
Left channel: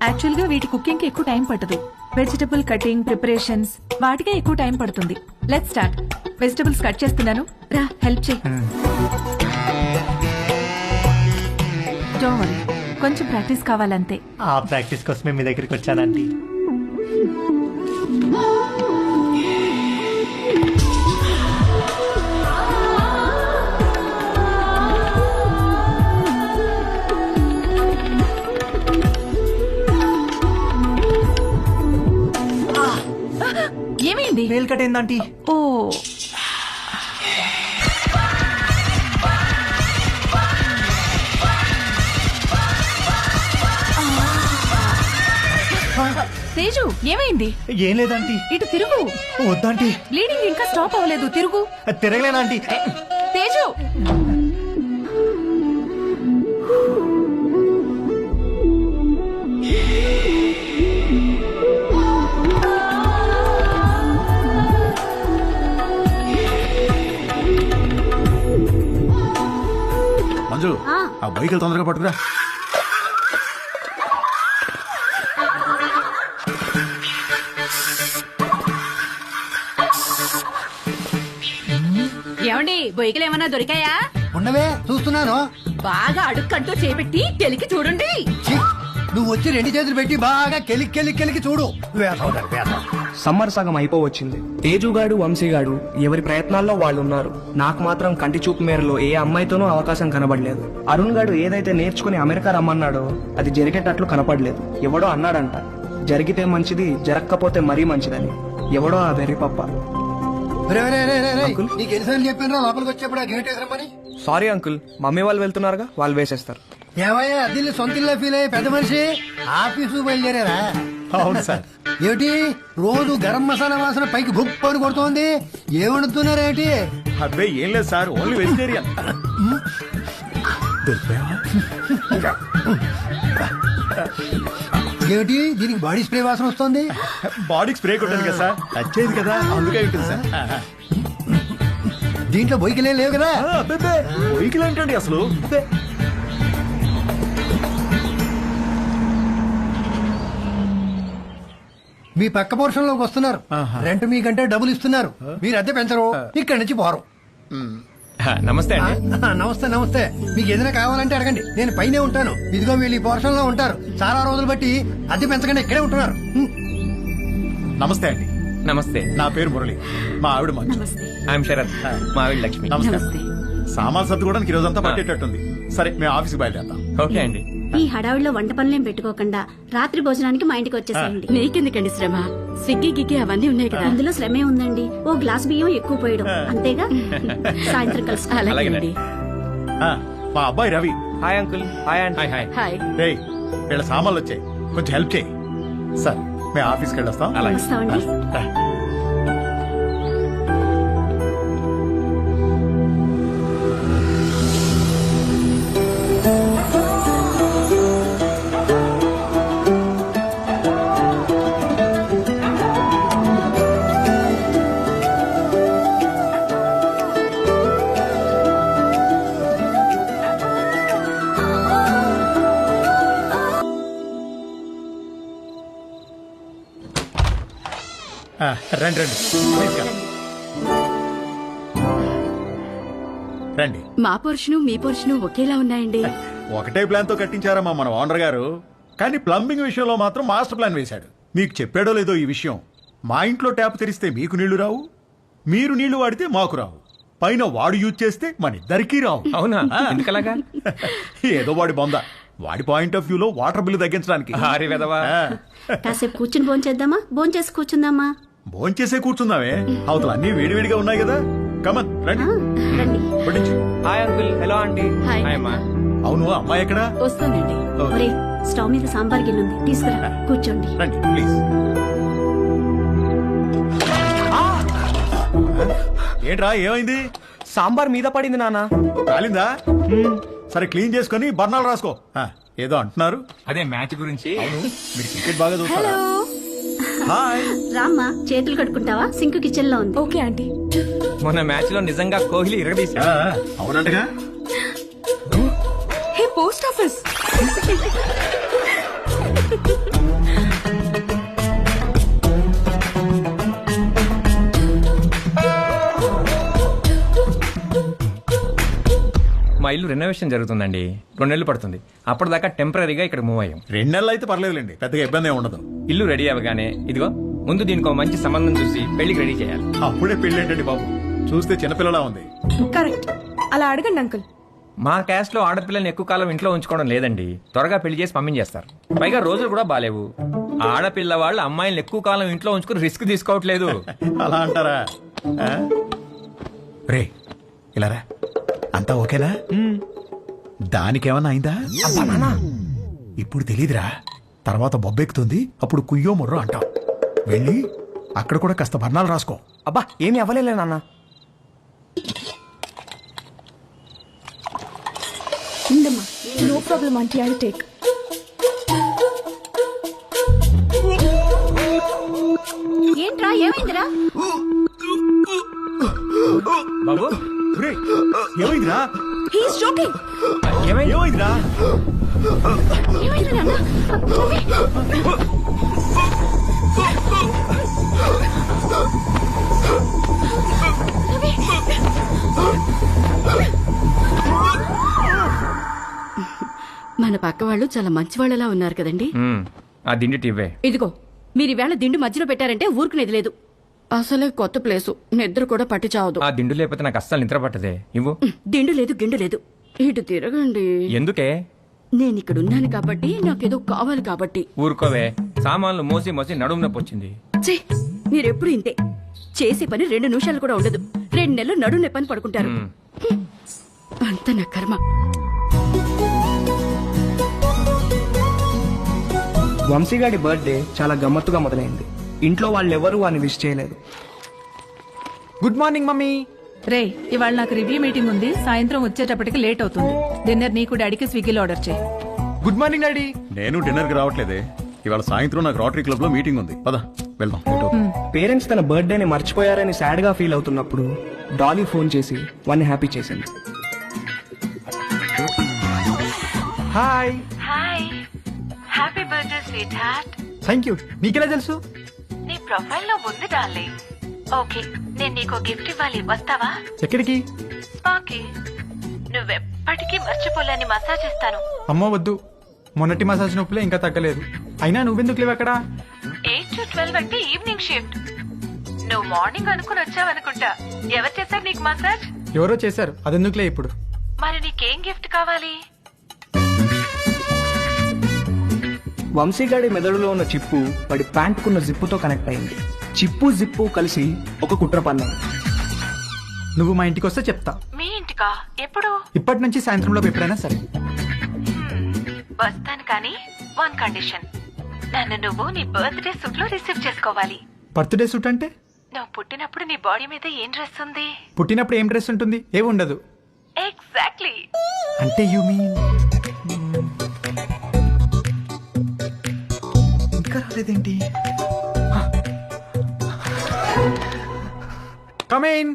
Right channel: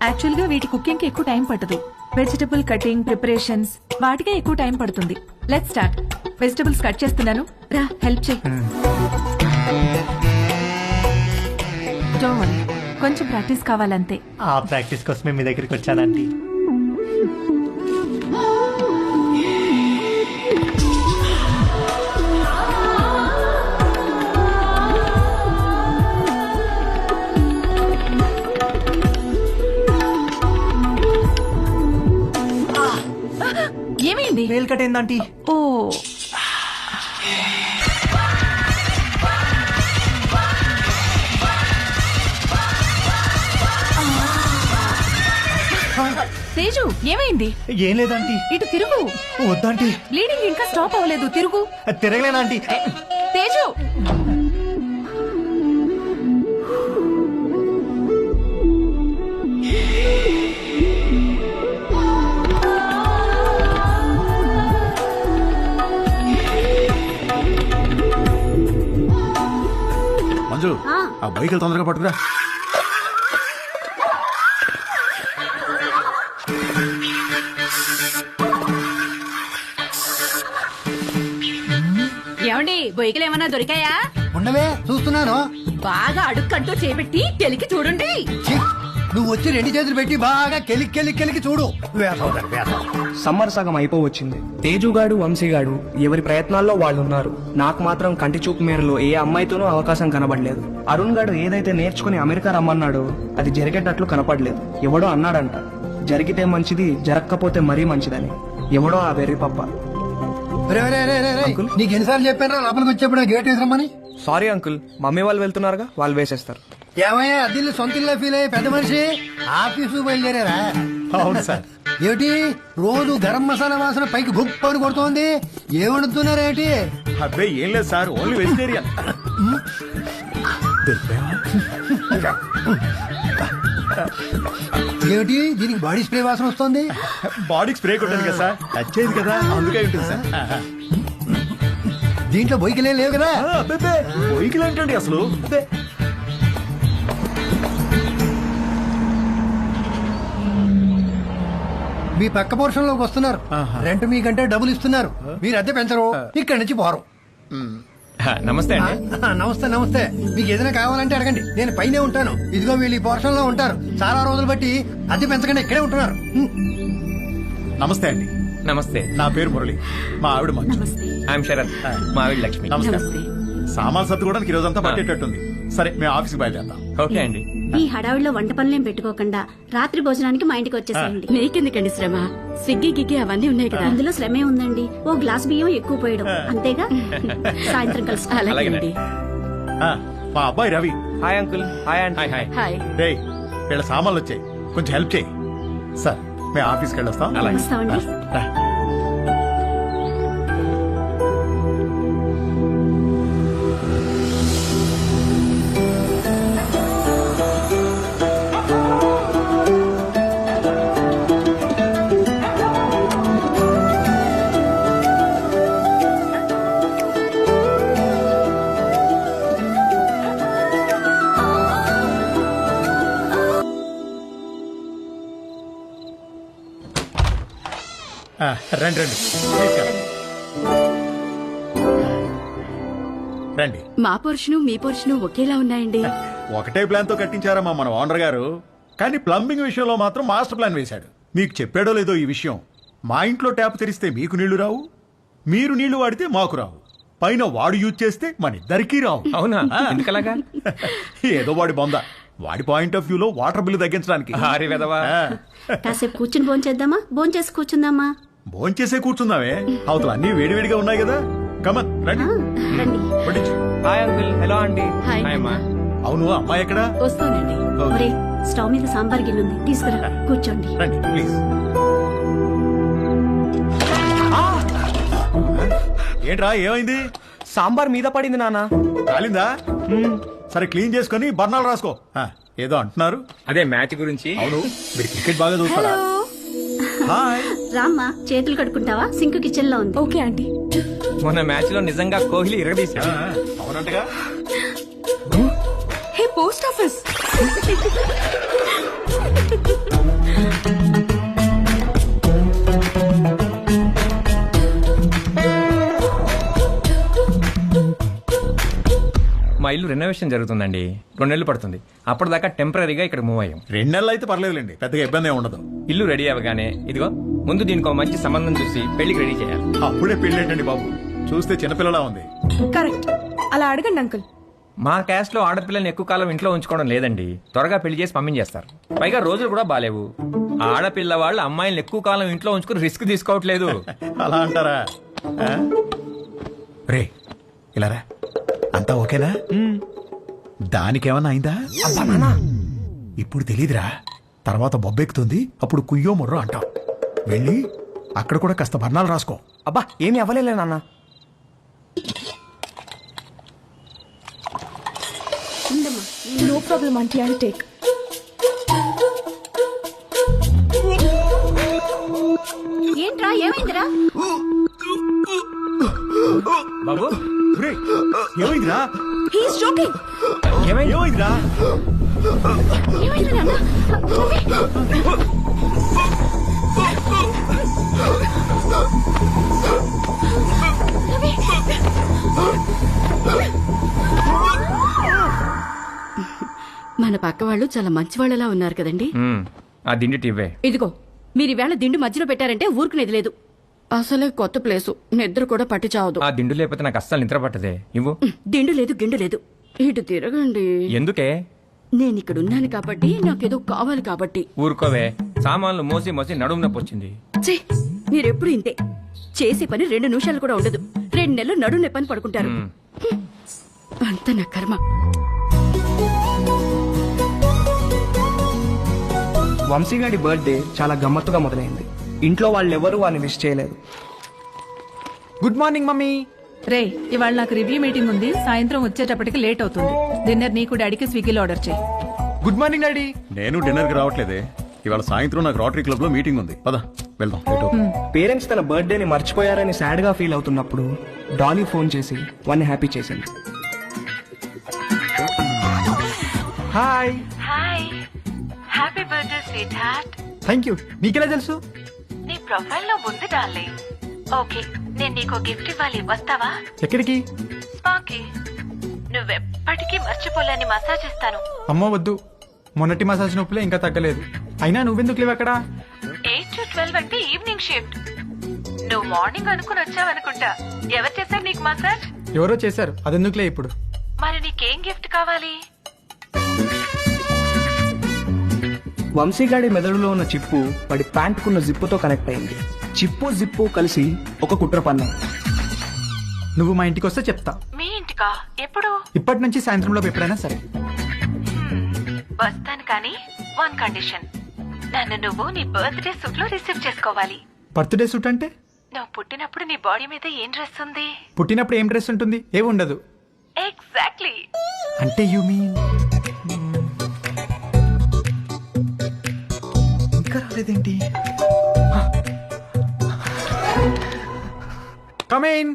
యాక్చువల్ గా వీటి కుకింగ్ కి ఎక్కువ టైం పట్టదు. వెజిటబుల్ కటింగ్, ప్రిపరేషన్స్ వాటికే ఎక్కువ టైం పడుతుంది. Let's start. వెజిటబుల్స్ కట్ చేస్తున్నాను, రా హెల్ప్ చేయి. డోంట్ వరీ, కొంచెం ప్రాక్టీస్ కావాలంతే. ఆ ప్రాక్టీస్ కోసమే మీ దగ్గరికి వచ్చానంటీ. ఏమైంది? వేలు కట్టేందంటీ. ఓ, తేజు ఏమైంది? ఏం లేదంటీ. ఇటు తిరుగు. వద్దంటీ. బ్లీడింగ్ ఇంకా స్టాప్ అవ్వలేదు, తిరుగు. తిరగలేనంటీ. తేజు, మంజు, ఆ బైకులు తొందరగా పట్టుకురా. ఏమండి బొయ్యకలు ఏమన్నా దొరికాయా? ఉండవే చూస్తున్నాను. బాగా అడుక్కంటూ చేపెట్టి కెలికి చూడండి. ఛీ, నువ్వు వచ్చి 2 చేతులు పెట్టి బాగా కెలికి చూడు. వేసవుతారు వేసవ. సమ్మర్ సగం అయిపోవచ్చింది. తేజుగాడు, వంశీగాడు ఎవరి ప్రయత్నాల్లో వాళ్ళు ఉన్నారు. నాకు మాత్రం కంటి చూపు మేరలో ఏ అమ్మాయితోనూ అవకాశం కనబడలేదు. అరుణ్ గాడు ఏదైతే నేర్చుకుని అమెరికా రమ్మన్నాడో అది జరిగేటట్లు కనపడలేదు. ఎవడో అన్నాడంట, జరిగితే మంచిది, జరగకపోతే మరీ మంచిదని. ఎవడో ఆ వెర్రి పప్ప. నీకు ఎన్నిసార్లు చెప్పాను లోపలికి వచ్చేప్పుడు గేట్ వేసామని. సారీ అంకుల్, మమ్మీ వాళ్ళు వెళ్తున్నారుగా, వాళ్ళు వేసేస్తారు. ఏమయ్యా దీన్ని సొంత ఇల్లు ఫీల్ అయ్యే పెద్ద మనిషి ఆఫీసు బయలుదేరారా? అవును సార్. ఏమిటి రోజు గరం మసాలా వాసన పైకి గుప్పని కొడుతోంది? ఏమడుతున్నారేంటి? అబ్బాయి ఏం లేదు సార్, ఓన్లీ వెజిటేరియన్. ఏమిటి దీనికి బాడీ స్ప్రే వాసన వస్తుంది? బాడీకి స్ప్రే కొట్టాను కదా సార్, టచ్ అయింది కదా, అందుకే ఉంటుంది సార్. దీంట్లో బొయ్యికలే లేవు కదా? బొయ్యికలు ఏంటండి అసలు? మీ పక్క పోర్షన్ లోకి వస్తున్నారు. రెంట్ మీకంటే డబ్బులు ఇస్తున్నారు. మీరు అద్దె పెంచరు, ఇక్కడి నుంచి పోరు. నమస్తే అండి. నమస్తే నమస్తే. మీకు ఏదైనా కావాలంటే అడగండి, నేను పైనే ఉంటాను. ఇదిగో వీళ్ళు ఈ పోర్షన్ లో ఉంటారు. చాలా రోజులు బట్టి అద్దె పెంచకుండా ఇక్కడే ఉంటున్నారు. నమస్తే అండి. నమస్తే, నా పేరు మురళి, మా ఆవిడ మంచు. ఐఎమ్ శరత్, మా ఆవిడ లక్ష్మి. నమస్తే. సామాన్ సర్దుకోవడానికి ఈ రోజంతా పట్టేటట్టుంది. సరే, మేము ఆఫీస్కి బయలుదేరతాం. ఓకే అండి. ఈ హడావిడిలో వంట పనులేం పెట్టుకోకుండా రాత్రి భోజనానికి మా ఇంటికి వచ్చేసేయండి. నీకెందుకండి శ్రమ? స్విగ్గీ గిగ్గి అవన్నీ ఉన్నాయి కదా. అందులో శ్రమే ఉందండి. ఓ గ్లాస్ బియ్యం ఎక్కువ పోయడం అంతేగా. సాయంత్రం కలుసు. అలాగేనండి. మా అబ్బాయి Ravi. Hi uncle. Hi aunty. Hi hi. Hi. రేయ్, వీళ్ళ సామాన్లు వచ్చాయి, కొంచెం హెల్ప్ చేయి. సార్, మేము ఆఫీస్కి వెళ్ళొస్తాం. వస్తామండి. రా. రండి రండి, ప్లీజ్ కమ్. రండి. మా పోర్షను మీ పోర్షను ఒకేలా ఉన్నాయండి. ఒకటే ప్లాన్ తో కట్టించారమ్మా మన ఓనర్ గారు, కానీ ప్లంబింగ్ విషయంలో మాత్రం మాస్టర్ ప్లాన్ వేశాడు. మీకు చెప్పాడో లేదో ఈ విషయం, మా ఇంట్లో ట్యాప్ తెరిస్తే మీకు నీళ్లు రావు, మీరు నీళ్లు వాడితే మాకు రావు, పైన వాడు యూజ్ చేస్తే మన ఇద్దరికీ రావు. అవునా? ఎందుకలాగా? ఏదో వాడి బొంద. వాడి పాయింట్ ఆఫ్ వ్యూలో వాటర్ బిల్లు తగ్గించడానికి కాసేపు కూర్చుని భోంచేద్దామా? భోంచేసి కూర్చుందామా? భోంచేసే కూర్చుందామే, అవతల అన్ని వేడివేడిగా ఉన్నాయి కదా. కమన్ రండి. రండి. వడ్డించు. Hi uncle. Hello aunty. Hi. అమ్మా. అవును, అమ్మాయి ఎక్కడా? వస్తానండి. ఒరే, స్టవ్ మీద సాంబార్ గిన్నె ఉంది, తీసుకురా. కూర్చోండి. రండి ప్లీజ్. ఏంట్రా ఏమైంది? సాంబార్ మీద పడింది నాన్న. కాలిందా? సరే క్లీన్ చేసుకొని బర్ణాలు రాసుకో. ఏదో అంటున్నారు. అదే మ్యాచ్ గురించి. అవును, మీరు క్రికెట్ బాగా చూస్తారా? హలో. హాయ్. రామ్మా, చేతులు కడుక్కుంటావా? సింక్ కిచెన్ లో ఉంది. Okay aunty. మొన్న మ్యాచ్ లో నిజంగా కోహ్లీ ఇరగదీశాడు. అవునంటగా. Hey post office. మా ఇల్లు రెనోవేషన్ జరుగుతుందండి, 2 నెలలు పడుతుంది. అప్పటిదాకా టెంపరీగా ఇక్కడ మూవ్ అయ్యాం. 2 నెలలు అయితే పర్లేదులేండి, పెద్దగా ఇబ్బంది ఏమి ఉండదు. ఇల్లు రెడీ అవ్వగానే ఇదిగో ముందు దీనికి ఒక మంచి సంబంధం చూసి పెళ్లికి రెడీ చేయాలి. అప్పుడే పెళ్లి ఏంటండి బాబు, చూస్తే చిన్నపిల్లలా ఉంది. కరెక్ట్. అలా అడగండి అంకుల్. మా క్యాస్ట్ లో ఆడపిల్లని ఎక్కువ కాలం ఇంట్లో ఉంచుకోవడం లేదండి, త్వరగా పెళ్లి చేసి పంపించేస్తారు. పైగా రోజులు కూడా బాలేవు. ఆడపిల్ల వాళ్ళు అమ్మాయిలను ఎక్కువ కాలం ఇంట్లో ఉంచుకుని రిస్క్ తీసుకోవట్లేదు. అలా అంటారా? రే ఇలా రా, అంతా ఓకేనా? దానికేమన్నా అయిందా? అబ్బా నాన్న, ఇప్పుడు తెలీదురా, తర్వాత బొబ్బెక్కుతుంది, అప్పుడు కుయ్యో ముర్రో అంటాం. వెళ్ళి అక్కడ కూడా కాస్త బర్ణాలు రాసుకో. అబ్బా ఏమీ అవ్వలేలే నాన్న. No problem aunty, I take. ఏంట్రా, ఏమైందిరా? బాబు ఏమైందిరా? He's joking. ఏమైందిరా? ఏమైంది నాన్న? మన పక్క వాళ్ళు చాలా మంచి వాళ్ళలా ఉన్నారు కదండి. ఆ దిండి టివ్వే. ఇదిగో, మీరు ఈవేళ దిండు మధ్యలో పెట్టారంటే ఊరుకునేది లేదు. అసలే కొత్త ప్లేసు, నిద్ర కూడా పట్టి చావదు. ఆ దిండు లేకపోతే నాకు అస్సలు నిద్ర పట్టదే. ఇవ్వు. దిండు లేదు, గిండు లేదు. ఇటు తిరగండి. ఎందుకే? నేను ఇక్కడ ఉన్నాను కాబట్టి, నాకేదో కావాలి కాబట్టి. ఊరుకోవే, సామాన్లు మోసి మోసి నడుము నొప్పి వచ్చింది. ఛీ, మీరెప్పుడు ఇంతే. చేసే పని 2 నిమిషాలు కూడా ఉండదు. 2 నెలలు నడుము నొప్పని పడుకుంటారు. అంత నా కర్మ. వంశీగాడి బర్త్డే చాలా గమ్మత్తుగా మొదలైంది. ఇంట్లో వాళ్ళెవరూ వాడిని విష్ చేయలేదు. Good morning mummy. రే, ఇవాళ నాకు రివ్యూ మీటింగ్ ఉంది, సాయంత్రం వచ్చేటప్పటికి లేట్ అవుతుంది. డిన్నర్ నీకు డాడీకి స్విగ్గీలో ఆర్డర్ చేయి. Good morning daddy. నేను డిన్నర్ కి రావట్లేదే, ఇవాళ సాయంత్రం నాకు రోటరీ క్లబ్ లో మీటింగ్ ఉంది. పద వెళ్దాం. పేరెంట్స్ తన బర్త్డేని మర్చిపోయారని సాడ్ గా ఫీల్ అవుతున్నప్పుడు డాలీ ఫోన్ చేసి వాడిని హ్యాపీ చేసింది. Hi. Hi, happy birthday sweet heart. Thank you. మీకెలా తెలుసు? నీ ప్రొఫైల్ లో ఉంది డార్లింగ్. ఓకే, నేను నీకు గిఫ్ట్ ఇవ్వాలి, వస్తావా? ఎక్కడికి? స్పాకి. నువ్వెప్పటికీ మర్చిపోలేని మసాజ్ ఇస్తాను. అమ్మో వద్దు, మొన్నటి మసాజ్ నొప్పులే ఇంకా తగ్గలేదు. అయినా నువ్వెందుకు లేవు అక్కడ? 8 to 12 అంటే ఈవినింగ్ షిఫ్ట్. నువ్వు మార్నింగ్ అనుకుని వచ్చావనుకుంటా. ఎవరు చేశారు నీకు మసాజ్? ఎవరో చేశారు, అదెందుకులే ఇప్పుడు. మరి నీకేం గిఫ్ట్ కావాలి? వంశీగాడి మెదడులో ఉన్న చిప్పు వాడి ప్యాంటుకున్న జిప్పుతో కనెక్ట్ అయింది. చిప్పు జిప్పు కలిసి ఒక కుట్ర పన్నాయి. నువ్వు మా ఇంటికి వస్తే చెప్తా. మీ ఇంటికా? ఎప్పుడు? ఇప్పటి నుంచి సాయంత్రంలోపు ఎప్పుడైనా సరే. వస్తాను, కానీ 1 కండిషన్. నన్ను నువ్వు నీ బర్త్డే సూట్ లో రిసీవ్ చేసుకోవాలి. బర్త్డే సూట్ అంటే? నువ్వు పుట్టినప్పుడు నీ బాడీ మీద ఏం డ్రెస్ ఉంది? పుట్టినప్పుడు ఏం డ్రెస్ ఉంటుంది? ఏమి ఉండదు. ఎగ్జాక్ట్లీ. అంటే యూ మీన్ ఇంకా రాలేదేంటి? Come in.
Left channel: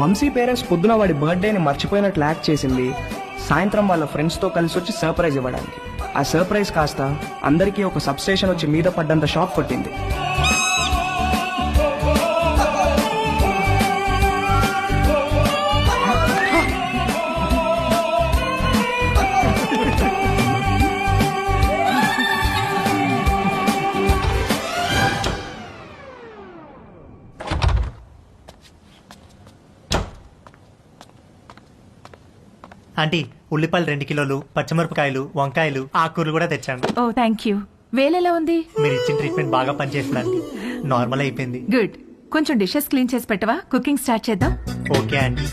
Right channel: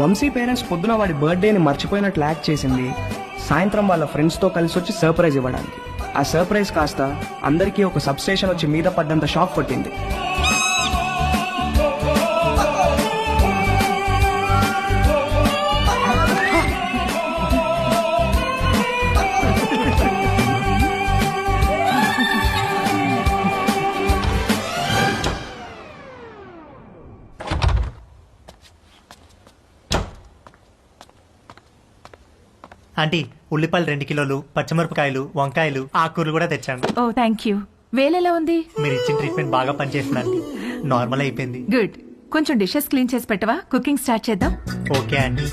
వంశీ పేరెంట్స్ పొద్దున వాడి బర్త్డేని మర్చిపోయినట్లు యాక్ట్ చేసింది సాయంత్రం వాళ్ళ ఫ్రెండ్స్ తో కలిసి వచ్చి సర్ప్రైజ్ ఇవ్వడానికి. ఆ సర్ప్రైజ్ కాస్త అందరికీ ఒక సబ్ స్టేషన్ వచ్చి మీద పడ్డంత షాక్ పట్టింది. ఆంటీ ఉల్లిపాయలు 2 కిలోలు, పచ్చిమిరపకాయలు, వంకాయలు, ఆకుకూరలు కూడా తెచ్చాను. ఓ థ్యాంక్ యూ. వేలెలా ఉంది? మీరు ఇచ్చిన ట్రీట్మెంట్ బాగా పనిచేసింది ఆంటీ. నార్మల్ అయిపోయింది. గుడ్. కొంచెం డిషెస్ క్లీన్ చేసి పెట్టవా? కుకింగ్ స్టార్ట్ చేద్దాం. Okay aunty.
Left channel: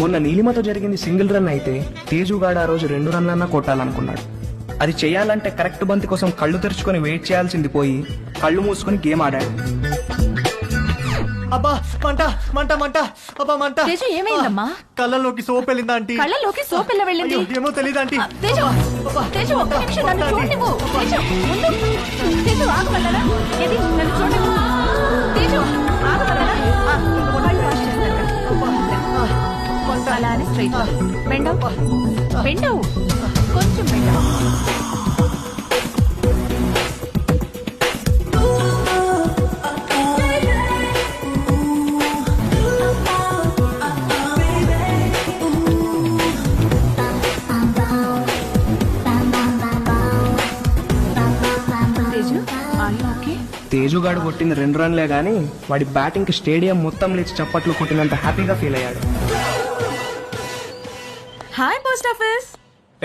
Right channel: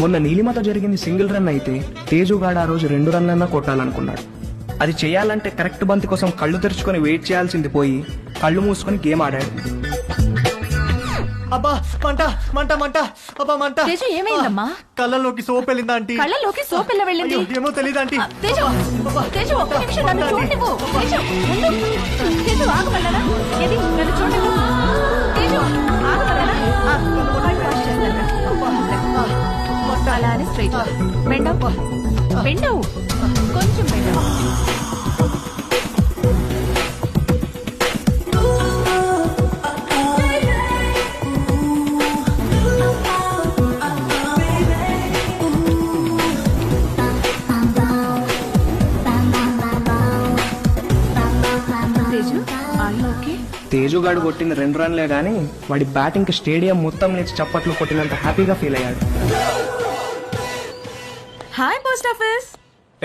మొన్న నీలిమతో జరిగింది సింగిల్ రన్ అయితే తేజుగాడు ఆ రోజు 2 రన్లన్నా కొట్టాలనుకున్నాడు. అది చేయాలంటే కరెక్ట్ బంతి కోసం కళ్ళు తెరుచుకొని వెయిట్ చేయాల్సింది పోయి కళ్ళు మూసుకొని గేమ్ ఆడాడు. అబ్బా మంట మంట మంట, అబ్బా మంట. తేజు ఏమైందమ్మా? కళ్ళలోకి సోప్ వెళ్ళిందా ఆంటీ? కళ్ళలోకి సోప్ ఎలా వెళ్ళింది? ఏమో తెలీదు ఆంటీ. తేజు, తేజు ఒక్క నిమిషం నన్ను చూడనివ్వు. తేజు ముందు, తేజు ఆగమన్నానా? ఏది నన్ను చూడనివ్వు. తేజు ఆగమన్నానా? ఆగు. కళ్ళు వాష్ చేస్తాను రా. అలానే స్ట్రైట్ బెండవు, బెండవు, కొంచెం బెండవు. Teju are you okay? తేజుగాడు కొట్టింది 2 రన్లే గానీ వాడి బ్యాటింగ్ కి స్టేడియం మొత్తం లేచి చప్పట్లు కొట్టినంత హ్యాపీగా ఫీల్ అయ్యాడు. Hi post office.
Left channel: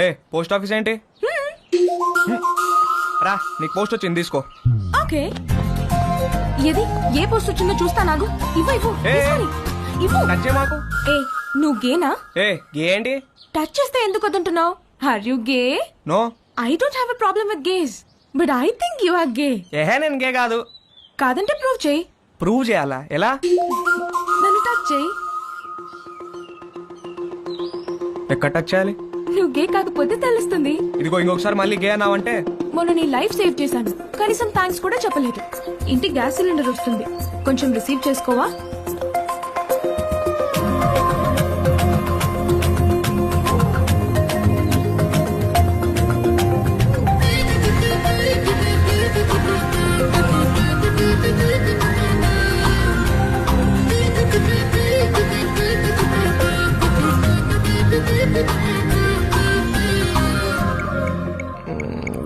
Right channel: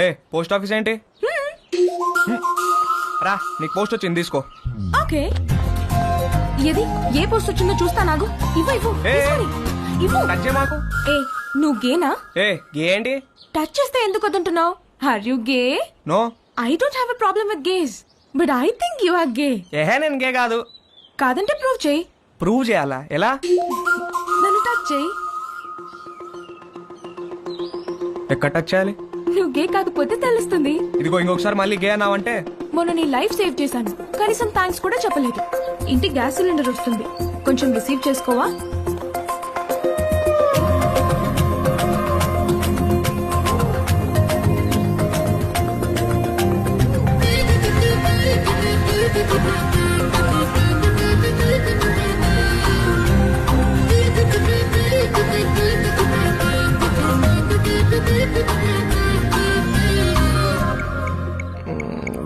ఏ పోస్ట్ ఆఫీస్ ఏంటి? రా నీకు పోస్ట్ వచ్చింది తీసుకో. ఓకే, ఏది ఏ పోస్ట్ వచ్చిందో చూస్తా. నాగు ఇవ్వు ఇవ్వు ఇవ్వు. కట్ చేయ మాకు. ఏ నువ్వు గేనా? ఏ గే ఏంటి? టచ్ చేస్తే ఎందుకు వద్దంటున్నావు? Are you gay? No, I don't have a problem with gays, but I think you are gay. ఏహే నేను గే కాదు. కాదంటే ప్రూవ్ చేయి. ప్రూవ్ చేయాలా? ఎలా? నన్ను టచ్ చేయి. ఎక్కడ టచ్ చేయాలి? నువ్వు గే కాకపోతే తెలుస్తుంది. ఇదిగో ఇంకొకసారి మళ్ళీ గే అన్నావంటే. మొన్న నీ లైఫ్ సేవ్ చేశాను, కనీసం థ్యాంక్స్ కూడా చెప్పలేదు. ఇంటికి గ్యాస్ సిలిండర్ వస్తుంది, కొంచెం receive చేసుకోవా?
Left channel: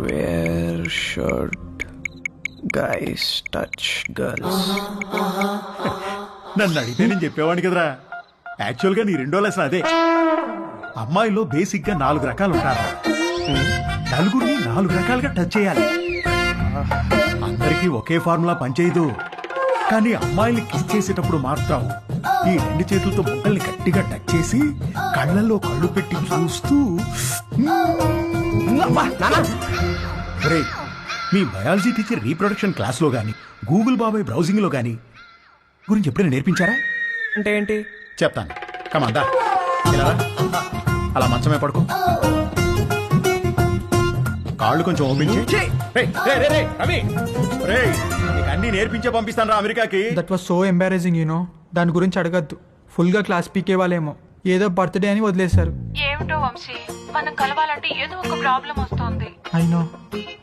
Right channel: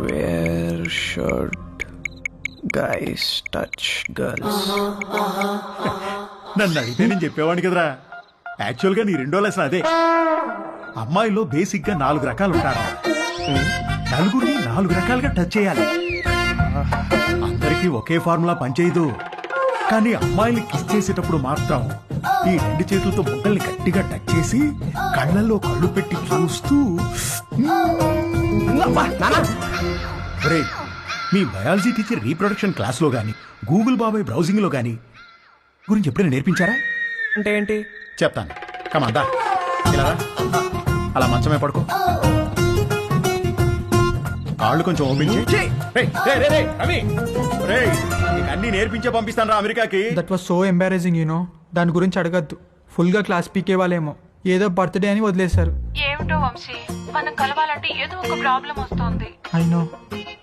Where should guys touch girls? నన్ను అడిగితే నేను చెప్పేవాడిని కదరా. యాక్చువల్ గా నీ 2వ లెసన్ అదే. అమ్మాయిలో బేసిక్ గా 4 రకాలు ఉంటారా. నలుగురిని 4 రకాలుగా టచ్ చేయాలి. అందరికీ ఒకే ఫార్ములా పనిచేయదు. కానీ అమ్మాయిని కిస్ చేసేటప్పుడు మాత్రం ఈ 2 చేతులతో బొగ్గల్ని గట్టిగా టచ్ చేసి కళ్ళల్లో కళ్ళు పెట్టి చూస్తూ ఒరేయ్, మీ బయాలజీ టీచర్ రీప్రొడక్షన్ క్లాస్ లో గాని గూగుల్ బాబాయ్ బ్రౌజింగ్ లో గాని గురించి ఎప్పుడైనా నేర్పించారా? అంటే ఏంటి చెప్తాను. కమాందా ఇలా రా. అలా మంచమే పడుకో. కాళ్ళు కొంచెం ఓపెన్ చేయి. నీకు అన్ని నేర్పించే పంపిస్తాను రా అమెరికాకి. That was so embarrassing you know. దాని గురించి అడగద్దు. ఫుల్ గా క్లాస్ పీకే వాళ్ళేమో ఏదో బర్త్డే అని వదిలేశారు. ఏమిటో వంశీ, మనం కలవాలంటే ఏదో ఒక ప్రాబ్లం వస్తోంది. అయినో.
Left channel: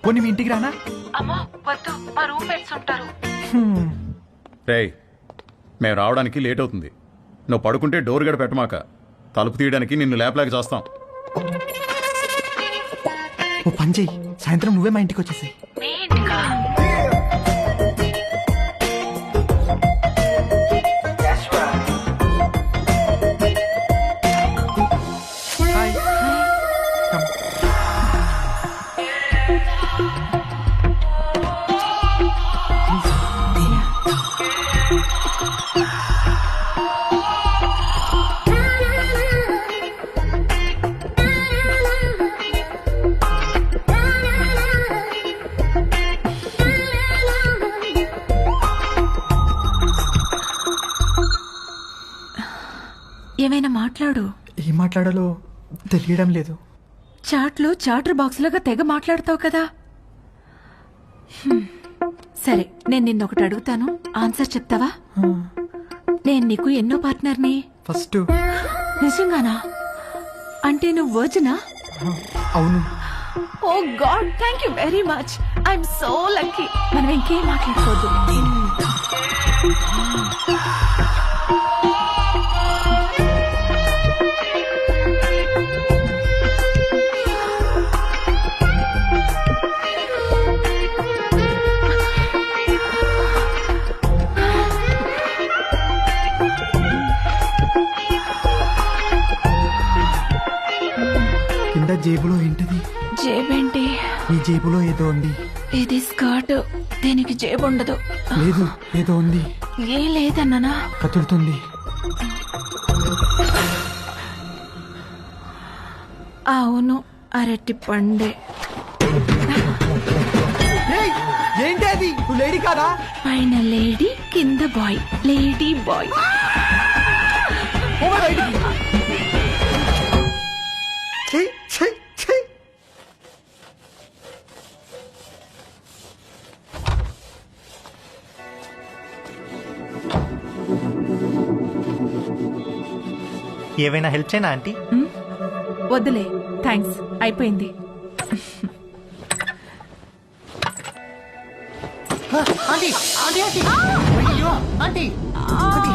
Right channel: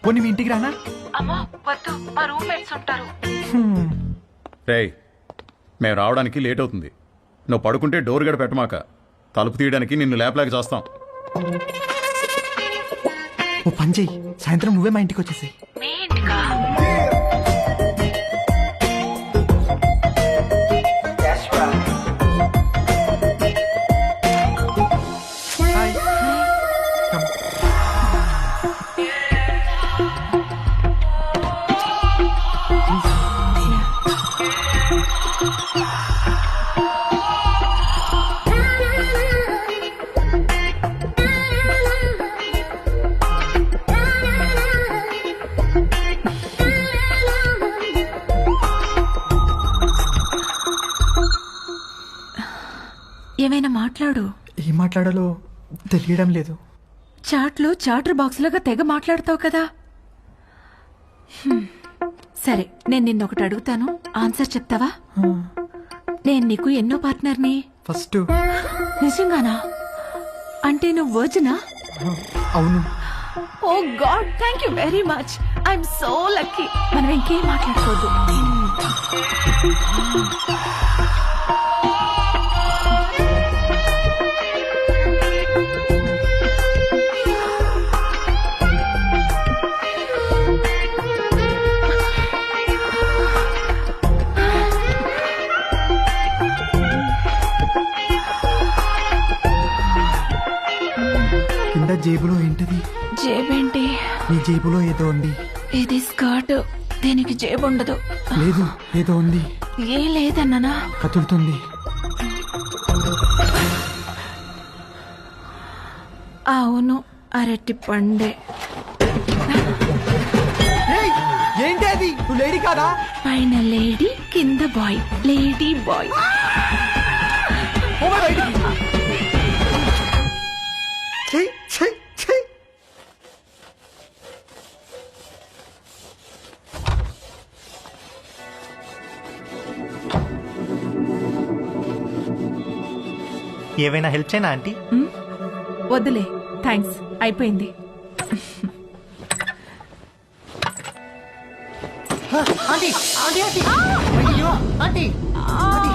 పోనీ మీ ఇంటికి రానా? అమ్మా వద్దు, మా రూమ్మేట్స్ ఉంటారు. రేయ్, మేము రావడానికి లేట్ అవుతుంది. నువ్వు పడుకుంటే డోర్ గడ పెట్టమాక. తలుపు తీయడానికి నిన్ను లేపలేక చేస్తాం. ఓ పని చెయ్యి, సాయంత్రం నువ్వే మా ఇంటికి వచ్చేసాయి. మీ ఇంటికా? Hi hi. Come. Please. Yeah. ఏమైనా మాట్లాడు. ఏం మాట్లాడాలో తెలియడం లేదు. చాట్లో చాటర్ బాక్స్ లాగా తెగ మాట్లాడతావు కదా. సరే, నేను నిన్నొకటి అడుగుతాను, ఆన్సర్ చెప్తావా? నేను నీకు ఎన్నో పార్ట్నర్ని? ఫస్ట్. నిజంగానా? అంటే నువ్వు వర్జినా? అవును. Oh god, thank you very much. I'm so lucky. మనం ఇంకేం మాట్లాడుకోవద్దు. కింద జేబులో ఏంటిది? జేబేంటి? నీ జేబులో ఏదో ఉంది. ఇది స్కర్ట్, దీనికి జేబు ఉండదు. లేదు, ఏదో ఉంది. ఏ లేదన్నానా? కదులుతుంది. అవును, అరటి పండే. ఏంటి అది? నువ్వు లేడీ కాదా? పైన లేడీ, కింద బాయ్. Lady boy. ఏవైనా హెల్ప్ చేయనా ఆంటీ? వద్దులే, థ్యాంక్స్, అయిపోయింది. ఆంటీ ఆంటీ ఆంటీ అయ్యో aunty aunty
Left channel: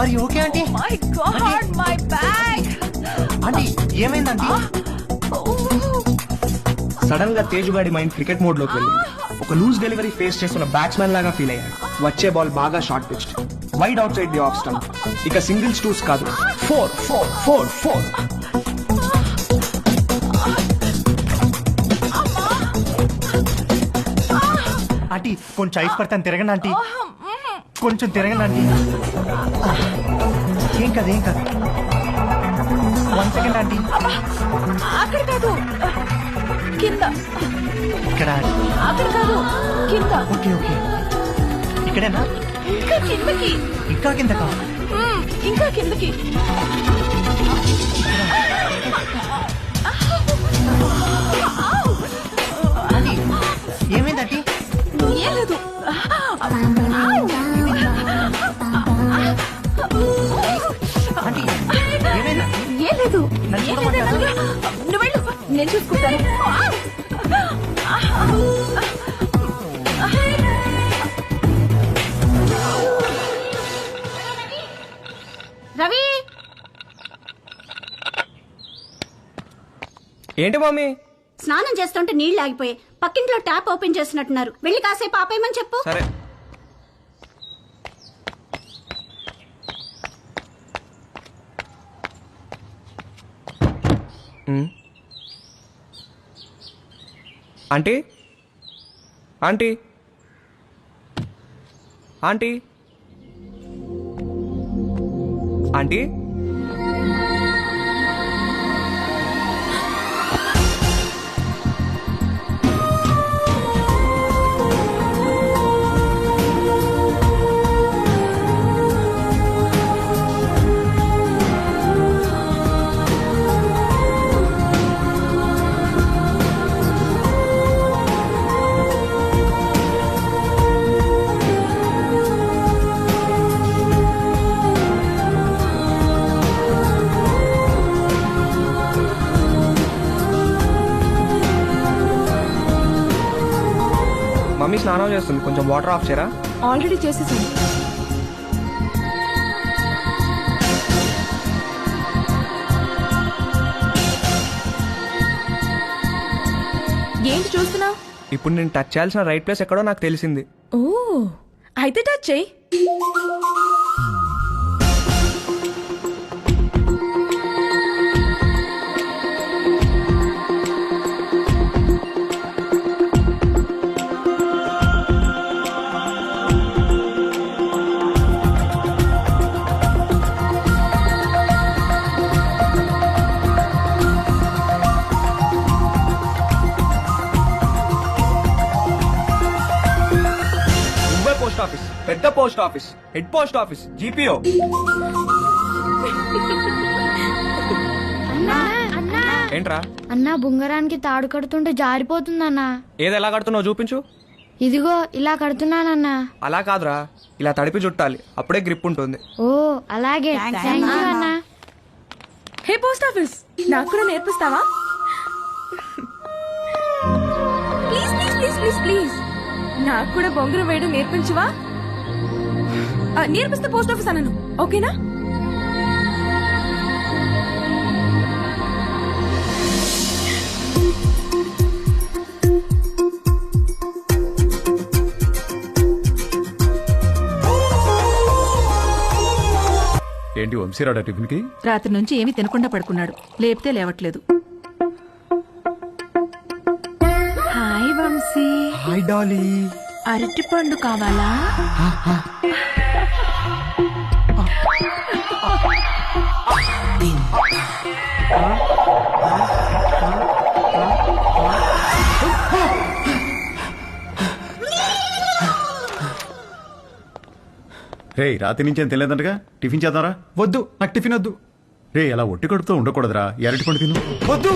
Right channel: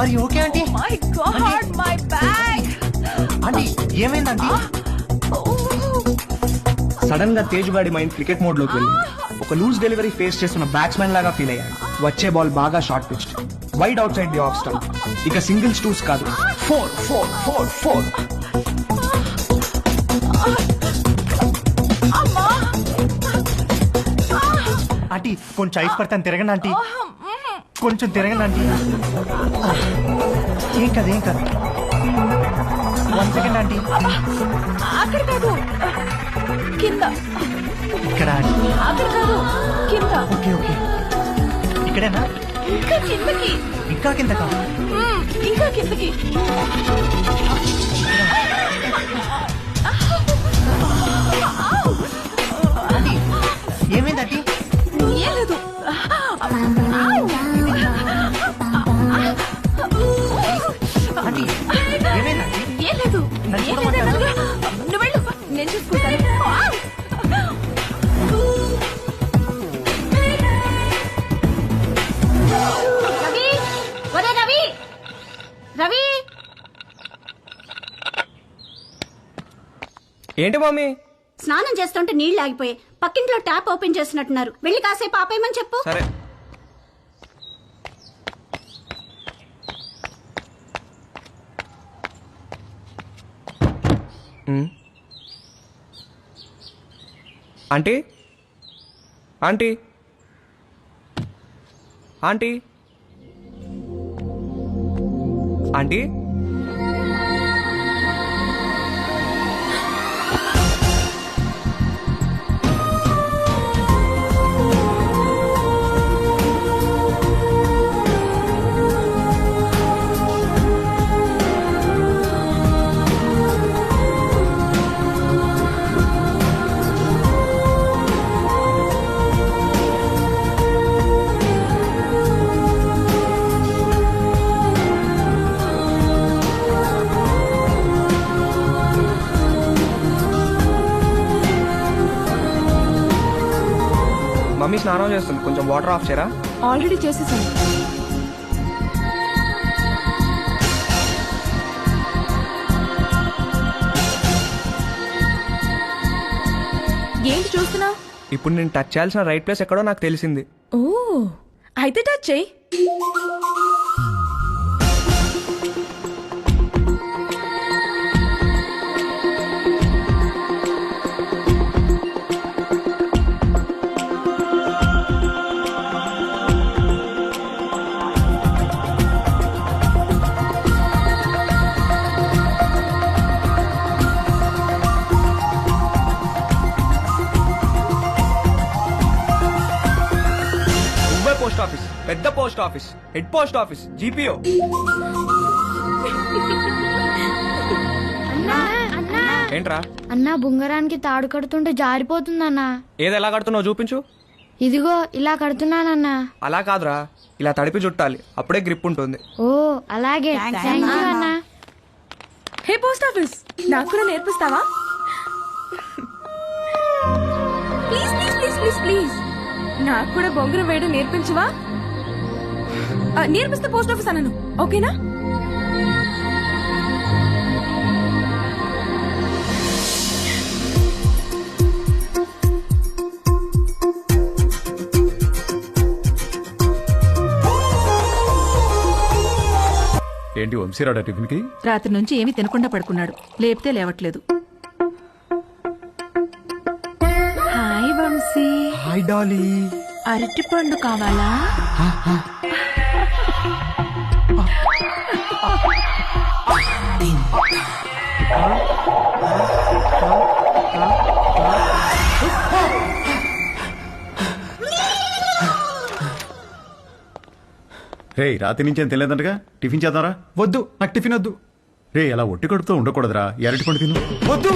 are you okay aunty? My god, my bag. Aunty ఏమైంది ఆంటీ? సడన్ గా తేజుగాడి మైండ్ క్రికెట్ మోడ్ లోకి వెళ్ళింది. ఒక లూజ్ డెలివరీ ఫేస్ చేస్తున్న బ్యాట్స్మెన్ లాగా ఫీల్ అయ్యాడు. వచ్చే బాల్ బాగా short pitched, wide outside the off stump. ఇక సింగిల్స్ టూస్ కాదు, 4 4 4 4. ఆంటీ కొంచెం ఐస్ పడతాను, తిరగండి ఆంటీ, కొంచెం తిరగండి ఆంటీ. ఏం కాదు ఏం కాదు. 1 సెకండ్ ఆంటీ. అక్కడ కాదు, కింద. ఇక్కడ. అక్కడ కాదు, కింద. ఓకే ఓకే, ఇక్కడేనా? ఇంకా కిందకి. ఇంకా కిందకా? ఇంకా కిందకి. ఇక్కడ. ఆంటీ ఏమైంది ఆంటీ? ఏం లేదు. ఆంటీ ఏమైంది ఆంటీ? ఏం లేదు. నన్ను ఏం చూడమంటారా? లేదనగా. నువ్వు వెళ్ళు, నేను చూసుకుంటాను. రవి, ఒరే రవి, రవి. ఏంటి మమ్మీ? స్నానం చేస్తుంటే నీళ్లు ఆగిపోయాయి. పక్కింట్లో ట్యాప్ ఓపెన్ చేసినట్టున్నారు. వెళ్ళి కాసేపు ఆపేయమని చెప్పు. సరే. Aunty aunty aunty aunty mummy స్నానం చేస్తుంది, కొంచెం వాటర్ ఆఫ్ చేయరా? ఆల్రెడీ చేసేసాను. ఏంటి చూస్తున్నావు? ఇప్పుడు నేను టచ్ చేయాల్సిన రైట్ ప్లేస్ ఎక్కడో నాకు తెలిసింది. ఓ, అయితే టచ్ చేయి. నువ్వే పోస్ట్ ఆఫీస్, పెద్ద post office, head post office, GPO. అన్నా అన్నా ఏంట్రా అన్నా బుంగరానికి తాడు కడుతుంటే జారిపోతుందన్నా. ఏది ఎలా కడుతున్నావు చూపించు. ఇదిగో ఇలా కడుతున్నానన్నా. అలా కాదురా, ఇలా తడిపి చుట్టాలి, అప్పుడే గ్రిప్ ఉంటుంది. ఓ అలాగే థ్యాంక్ యూ అన్నా. హే పోస్ట్ ఆఫీస్, నాకు కూడా నేర్పిస్తావా? Please please please please please నాకు కూడా బొంగరం వేయడం నేర్పించవా? నేర్పిస్తే పోస్ట్ ఆఫీస్ అన్నాను, ఓకేనా? ఏంటి వంశీరాడా టిఫిన్ కి? రాత్రి నుంచి ఏమీ తినకుండా పడుకున్నాడు, లేపితే లేవట్లేదు. హాయ్ వంశీ. Hi Dolly. అరటి పండు కావాలా? రే రాత్రి నుంచి ఏం తెలియదంటగా, టిఫిన్ చేద్దారా? వద్దు, నాకు టిఫిన్ వద్దు. రే అలా ఒట్టి కడుపుతో ఉండకూడదురా, ఈ అరటిపండు తిను. వద్దు,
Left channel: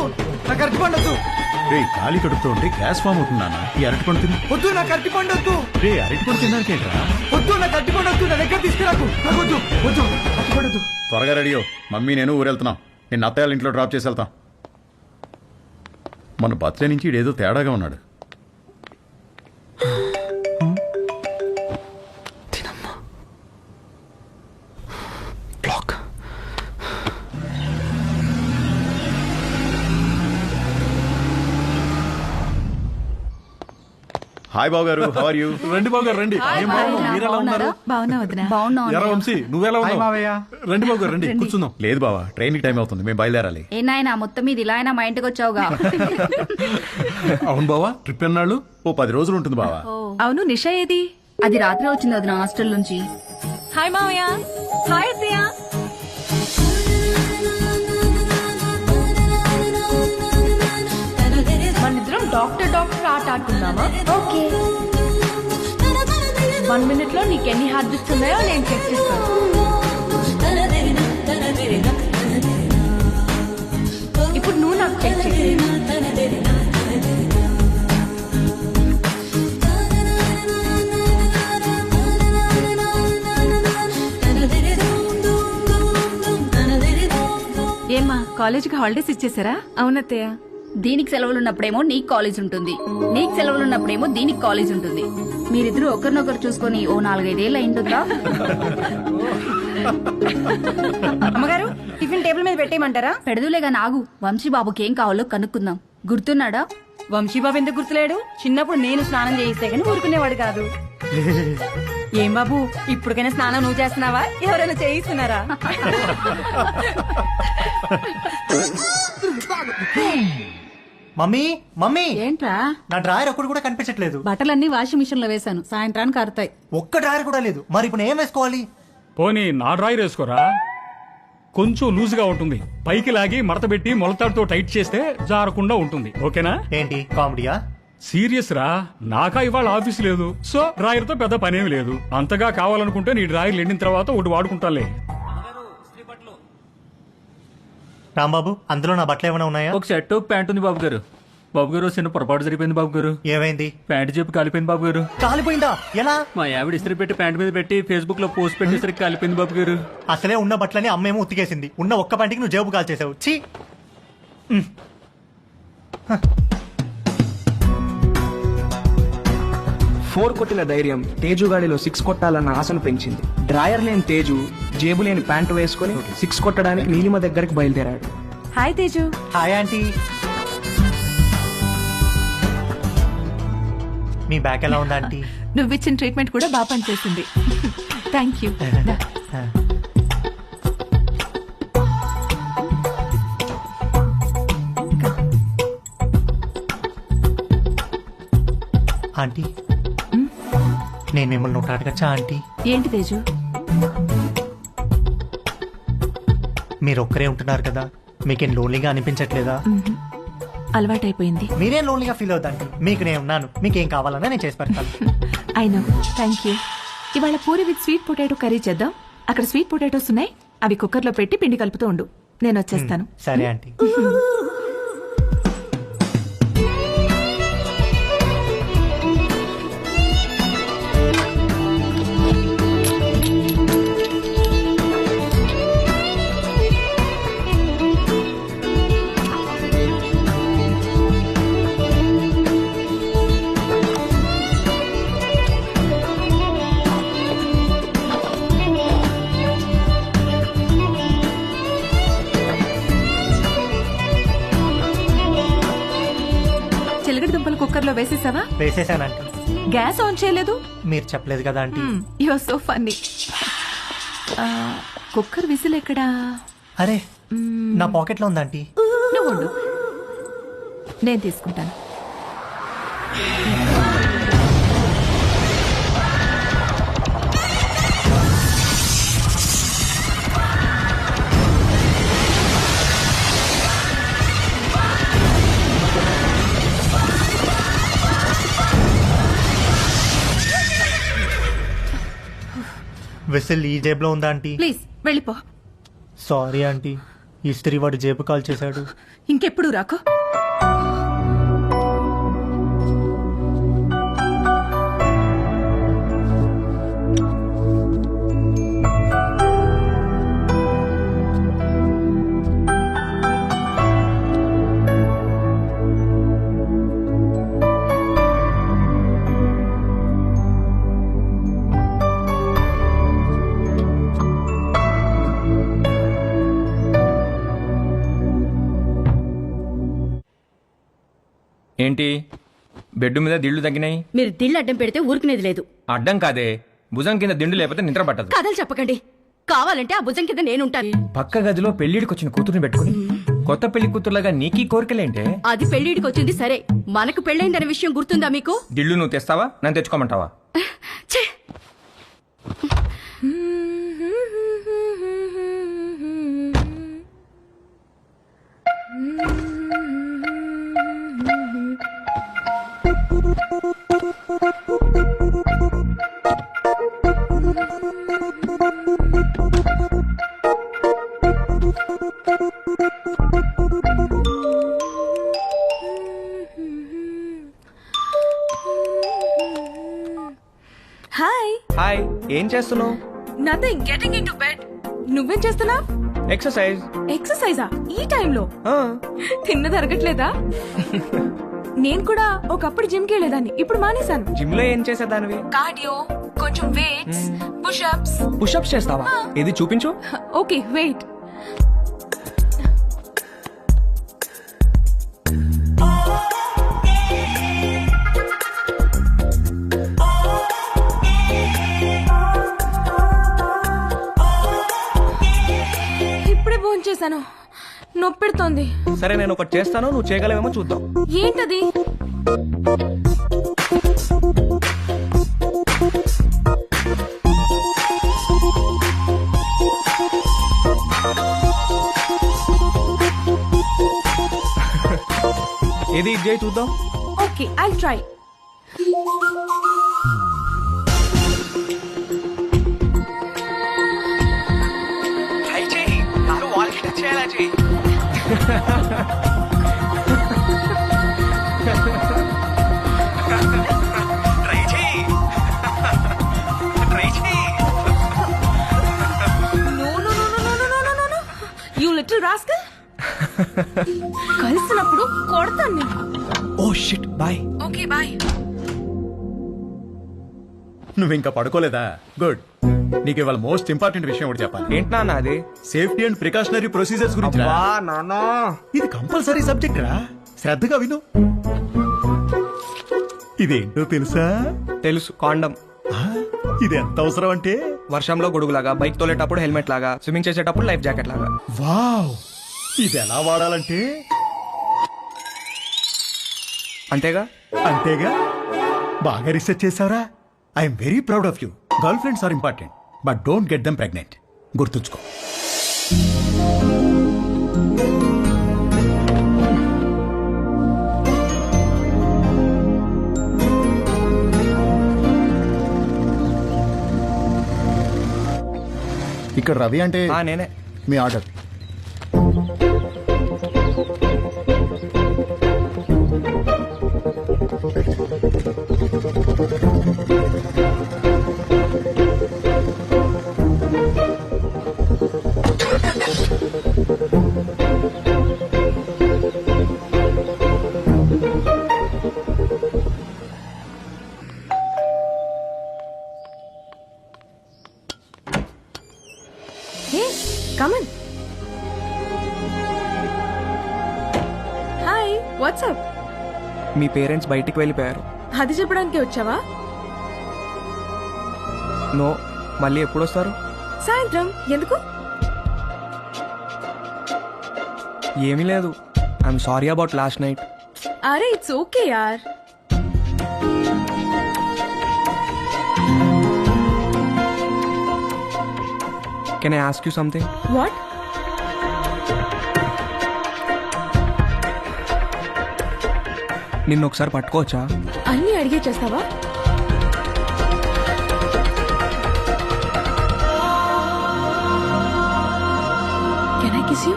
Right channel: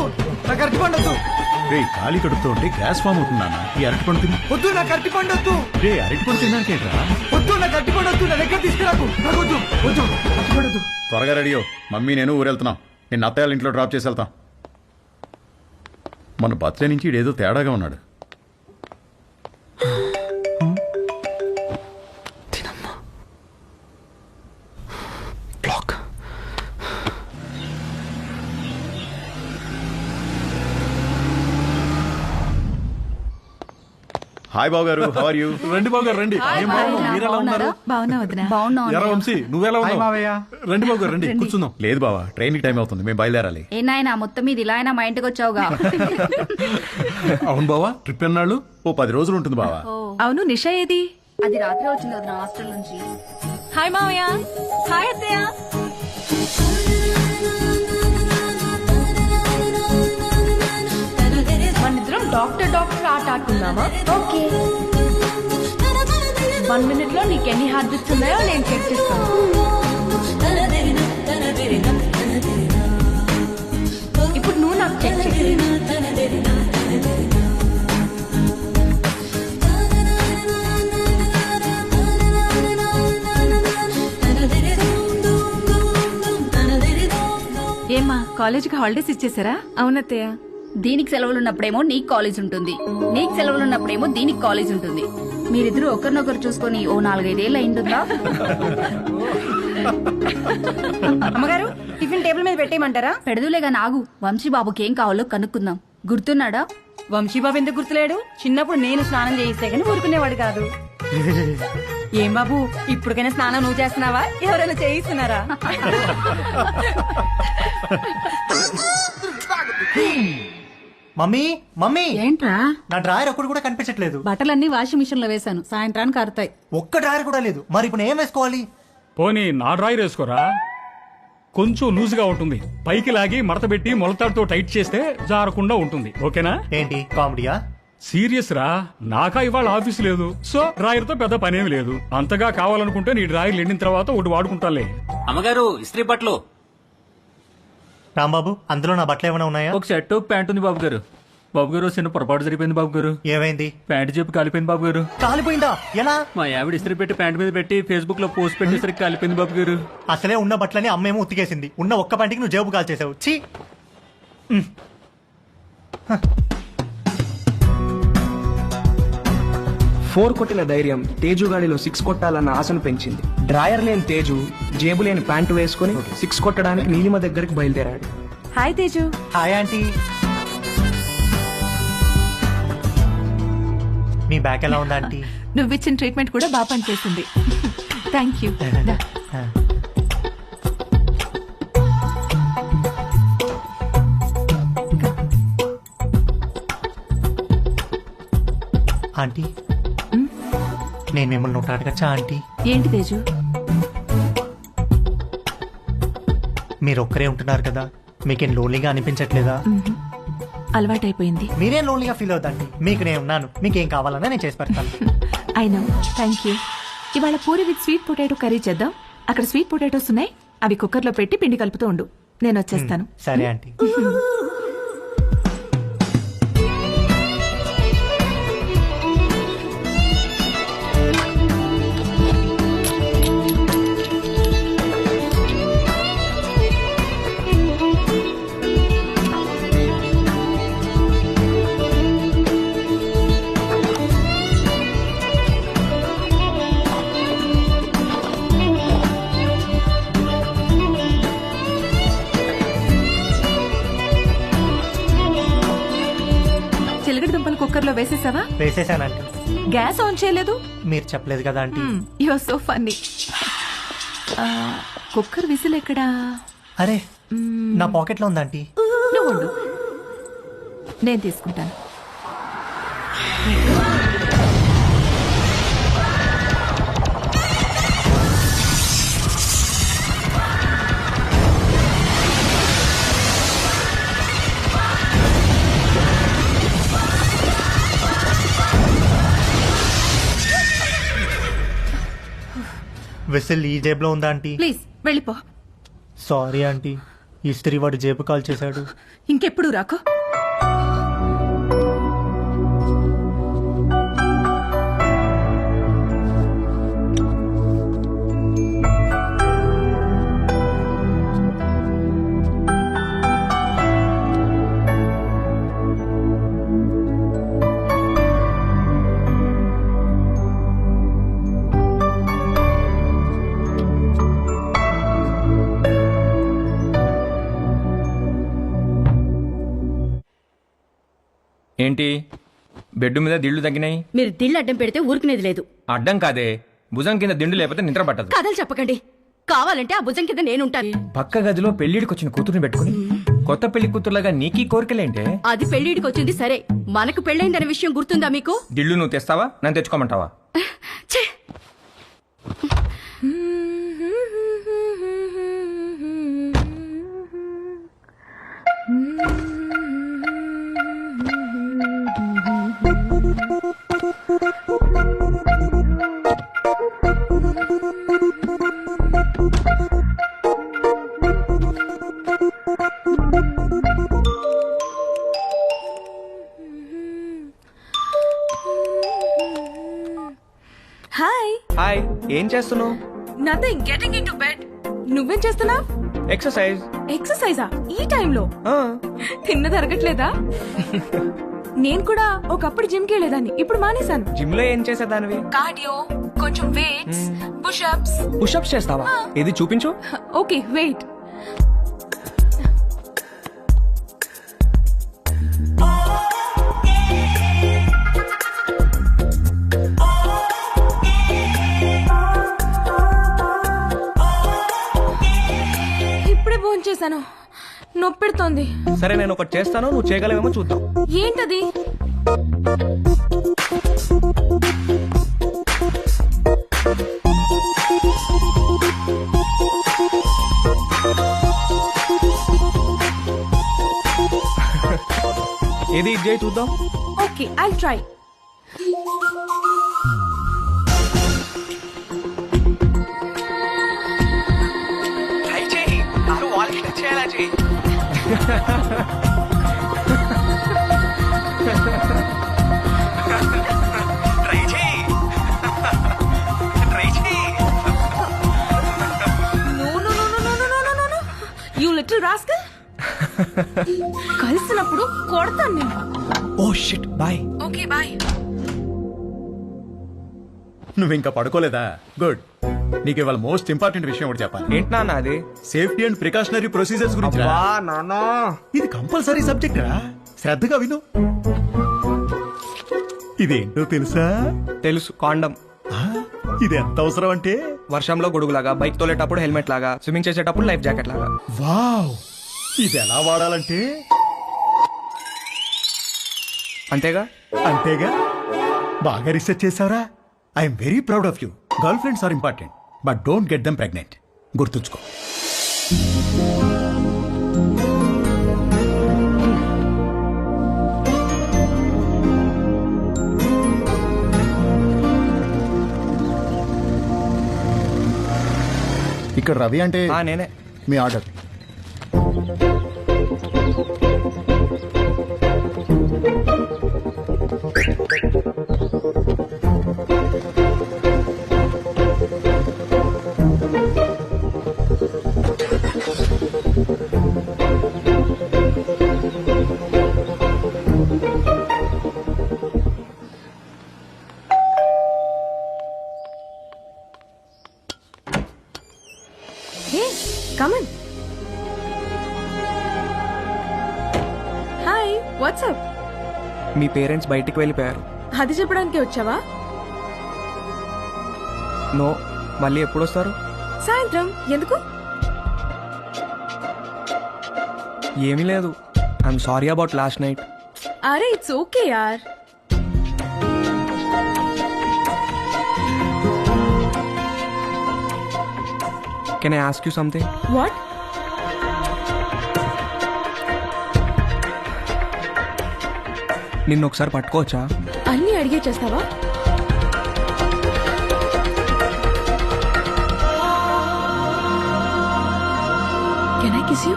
నాకు అరటి పండు వద్దు. రే ఖాళీ కడుపుతో ఉంటే గ్యాస్ ఫామ్ అవుతుంది నాన్న, ఈ అరటిపండు తిను. వద్దు, నాకు అరటి పండు వద్దు. రే అరటిపండు తినడానికేంట్రా? వద్దు, నాకు అరటి పండు వద్దు, నా దగ్గర తీసుకురాకు. నాకు వద్దు, వద్దు, అరటి పండు వద్దు. త్వరగా రెడీయో, మమ్మీ నేను ఊరెళ్తున్నాం. నేను అత్తయ్య ఇంట్లో డ్రాప్ చేసి వెళ్తాం. మన బర్త్డే నుంచి ఇడేదో తేడాగా ఉన్నాడు. హాయ్ బాబు గారు, హౌ ఆర్ యూ? రండి బాబు గారు రండి. మీరెలా ఉన్నారు? బాగున్నా వదినా. ఎరా వంశీ, నువ్వెలా ఉన్నావు? రండి బాబు గారు రండి, కూర్చుందాం. లేదు బావా, ట్రైన్ కి టైం అవుతుంది, మేము బయలుదేరాలి. ఏ నాయనా మొత్తం మీద ఇలా అయినా మా ఇంటికి వచ్చావుగా? అవును బావా, ట్రిప్ ఎన్నాళ్ళు? ఓ 10 రోజులు ఉంటుంది బావా. అవును, నిషా ఏది? అది రాత్రి వచ్చింది వదిన హాస్టల్ నుంచి. హాయ్ మావయ్య. హాయ్ అత్తయ్య. మనిద్దరం డాక్టర్ ఆట ఆడుకుందామా? ఓకే. 1 minute లో నీకు ఎన్ని హార్ట్ బీట్స్ ఉన్నాయో నేను చెక్ చేస్తాను. ఇప్పుడు నువ్వు నాకు చెక్ చేయి. ఏమ్మా, కాలేజీకి హాలిడేస్ ఇచ్చేసారా? అవునత్తయ్య. దీనికి సెలవులున్నప్పుడేమో నీకు కాలేజ్ ఉంటుంది, నీకు సెలవులున్నప్పుడేమో దీనికి కాలేజ్ ఉంటుంది. మీరిద్దరూ ఒకరినొకరు చూసుకొని ఓ 4-5 ఏళ్ళు అయింటుందా? అమ్మగారు, టిఫిన్ టేబుల్ మీద పెట్టేయమంటారా? పెడదులేగా, నాగు. వంశీబాబుకి ఏం కావాలో కనుక్కుందాం. గుర్తున్నాడా? వంశీబాబు ఎందుకు గుర్తులేడు? చిన్నప్పుడు నేను స్నానం చేయిస్తే గానీ ఊరుకునేవాడు కాదు. ఏం బాబు, ఇప్పటికైనా స్నానం నువ్వు చేస్తున్నావా, ఎవరైనా చేయిస్తున్నారా? మమ్మీ మమ్మీ, ఏంట్రా? నా డ్రాయర్ ఒక్కడు కూడా కనిపించట్లేదు. బట్టలన్నీ వాషింగ్ మిషన్ లో వేశాను, సాయంత్రానికి ఆరుతాయి. ఒక్క డ్రాయర్ కూడా లేదు. మరి ఇప్పుడు ఏం వేసుకోవాలి? పోనీ నా డ్రాయర్ వేసుకోరా, కొంచెం లూజ్గా ఉంటుంది. పైకి లాగి మడతబెట్టి మొలతాడుతో టైట్ చేస్తే జారకుండా ఉంటుంది. ఓకేనా? ఏంటి కామెడీయా? సీరియస్ రా, నాకా ఇవాళ ఆఫీస్ లేదు, సో డ్రాయర్ తో పెద్ద పనేమి లేదు. అంతగా కావాలనుకుంటే నీ డ్రాయర్ ఎండిన తర్వాత ఒకటి వాడుకుంటాలే. అమ్మగారు, ఇస్త్రీ బట్టలు. రాంబాబు, అందులో నా బట్టలు ఏమైనా ఉన్నాయా? ఒక షర్ట్ ఒక ప్యాంట్ ఉంది బాబు గారు. బాబు గారు, చిన్న పొరపాటు జరిగిపోయింది బాబు గారు. ఏమైంది? ప్యాంట్ చెప్పి కాలిపోయింది బాబు గారు. కాలిపోయిందా? ఎలా? మా ఆవిడ ఇస్త్రీ పెట్టి ప్యాంట్ మీద పెట్టి ఫేస్బుక్ లో పోస్ట్ పెట్టేసరికి కాలిపోయింది బాబు గారు. అసలే ఉన్న బట్టలని అమ్మేమో ఉతికేసింది. ఉన్న ఒక్క ప్యాంటుకి నువ్వు జేబు కాల్చేసావు. ఛీ! 4 కొట్టిన ధైర్యం తేజుగాడిలో 6 కొట్టాలన్న ఆశను పెంచింది. డ్రాయర్ లేని తేజు జేబు లేని ప్యాంటు వేసుకుని 6 కొట్టడానికి నీలిమ దగ్గరికి బయలుదేరాడు. హాయ్ తేజు. Hi aunty. మీ బ్యాక్ ఎలా ఉందా ఆంటీ? నువ్విచ్చిన ట్రీట్మెంట్ కూడా బాగా పనిచేసింది. Thank you. ఆంటీ, నేను మిమ్మల్ని ఒకటి అడగచ్చా ఆంటీ? ఏంటి తేజు? మీరు ఒక్కరే ఉంటున్నారు కదా, మీకేం లోన్లీగా అనిపించట్లేదా? అలవాటైపోయింది. మీరేం లోన్లీగా ఫీల్ అవుతాంటీ, మీకు నేను ఉన్నాను. మీకేం కావాలన్నా నేను చేసి పెడతాను. I know, thank you. ఇవాళ puri with sweet potato curry చేద్దాం. అక్కడ స్వీట్ పొటాటోస్ ఉన్నాయి, అవి కుక్కర్లో పెట్టి పిండి కలుపుతూ ఉండు, నేను వచ్చేస్తాను. సరే ఆంటీ. చిలకడ దుంపలు కుక్కర్లో వేసేసావా? వేసేసానంటీ. గ్యాస్ ఆన్ చేయలేదు? మీరు చెప్పలేదు కదా aunty. You are so funny. Cooker whistle ఎక్కడా? అరే నా పాకెట్లో ఉందా ఆంటీ? నువ్వు ఉండు, నేను తీసుకుంటాను. విసిల్ ఈ జేబులో ఉందా ఆంటీ? ప్లీజ్ వెళ్ళిపో. సారీ ఆంటీ, ఇస్త్రీ వాడు జేబు కాల్ చేశాడు. ఇంకెప్పుడు రాకో. ఏంటి బెడ్ మీద దిళ్ళు తగ్గినాయి? మీరు దిళ్ళు అడ్డం పెడితే ఊరుకునేది లేదు. అడ్డం కాదే, భుజం కింద దిండు లేకపోతే నిద్ర పట్టదు. కథలు చెప్పకండి, కావాలంటే ఆ భుజం కింద నేనుంటాను. పక్క గదిలో పెళ్లిడికి వచ్చిన కూతురుని పెట్టుకుని కొత్త పెళ్లి కూతురులాగా నీకీ కోరికలేంటే? అది పెళ్లిడికి వచ్చింది సరే, మనకు పెళ్ళైందనే విషయం గుర్తుందా మీకు? దిళ్ళు నువ్వు తెస్తావా, నన్ను తెచ్చుకోమంటావా? ఛే! హాయ్. హాయ్, ఏం చేస్తున్నావు? Nothing, getting in to bed. నువ్వేం చేస్తున్నావ్? ఎక్సర్సైజ్. ఎక్సర్సైజా ఈ టైంలో? తిన్నది అరగట్లేదా? నేను కూడా ఒకప్పుడు జిమ్ కి వెళ్ళేదాన్ని, ఇప్పుడు మానేశాను. జిమ్ లో ఏం చేసేదానివి? కార్డియో, కొంచెం వెయిట్స్, పుషప్స్. పుషప్స్ చేస్తావా? ఇది చూపించు. Okay wait. ఇప్పుడే భోంచేశాను, నొప్పెడుతోంది. సరే నేను ఒకటి చేస్తాను, నువ్వు చేయగలవేమో చూద్దాం. ఏంటది? ఏది ఇది చేయి చూద్దాం. Okay I try. ట్రై చేయి, కారు వాల్కి టచ్ చేయాలా చేయి. ట్రై చేయి, ట్రై చేయి. No no no no no no no no no, you little rascal. కలిసినప్పుడు కొడతాను నేను. Oh shit, bye. Okay bye. నువ్వింకా పడుకోలేదా? గుడ్. నీకు ఇవాళ మోస్ట్ ఇంపార్టెంట్ విషయం ఒకటి చెప్పాలి. ఏంటి నాన్న అది? సేఫ్టీ అండ్ ప్రికాషనరీ ప్రొసీజర్స్ గురించి రా. నానా, ఇది కంపల్సరీ సబ్జెక్ట్ రా, శ్రద్ధగా విను. ఇదేంటో తెలుసా? తెలుసు, కాండం. ఇది ఎంత అవసరం అంటే, వర్షంలో గొడుగులాగా, బైక్ తోలేటప్పుడు హెల్మెట్ లాగా, స్విమ్మింగ్ చేసేటప్పుడు లైఫ్ జాకెట్ లాగా. వావ్, ఇది ఎలా వాడాలంటే అంతేగా? అంతేగా. బాగా రీసెర్చ్ చేసావరా? I'm very proud of you. Girl friends are important, but don't get them pregnant. గుర్తుంచుకో. ఇక్కడ రవి అంటే నేనే. మీ order. Hey come on. Hi what's up. మీ పేరెంట్స్ బయటికి వెళ్ళిపోయారు. అది చెప్పడానికి వచ్చావా? నో, మళ్ళీ ఎప్పుడు వస్తారు? సాయంత్రం. ఎందుకు? ఏమీ లేదు. I'm sorry about last night. అరే ఇట్స్ ఓకే యార్. Can I ask you something? What? నిన్ను ఒకసారి పట్టుకోవచ్చా? అన్నీ అడిగే చేస్తావా? Can I kiss you?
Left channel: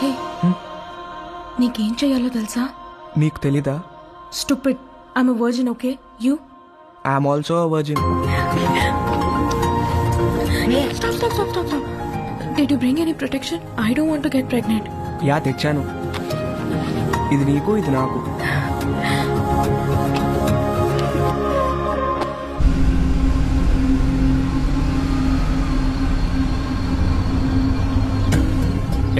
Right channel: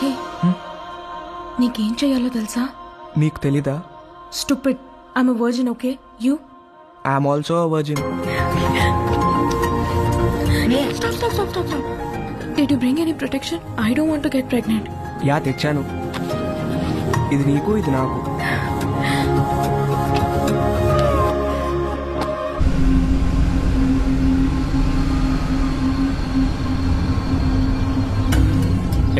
Hey, నీకేం చెయ్యాలో తెలుసా? నీకు తెలీదా? Stupid. I'm a virgin. Okay, you? I'm also a virgin. Stop. Did you bring any protection? I don't want to get pregnant. Yeah, తెచ్చాను. ఇది నీకు, ఇది నాకు.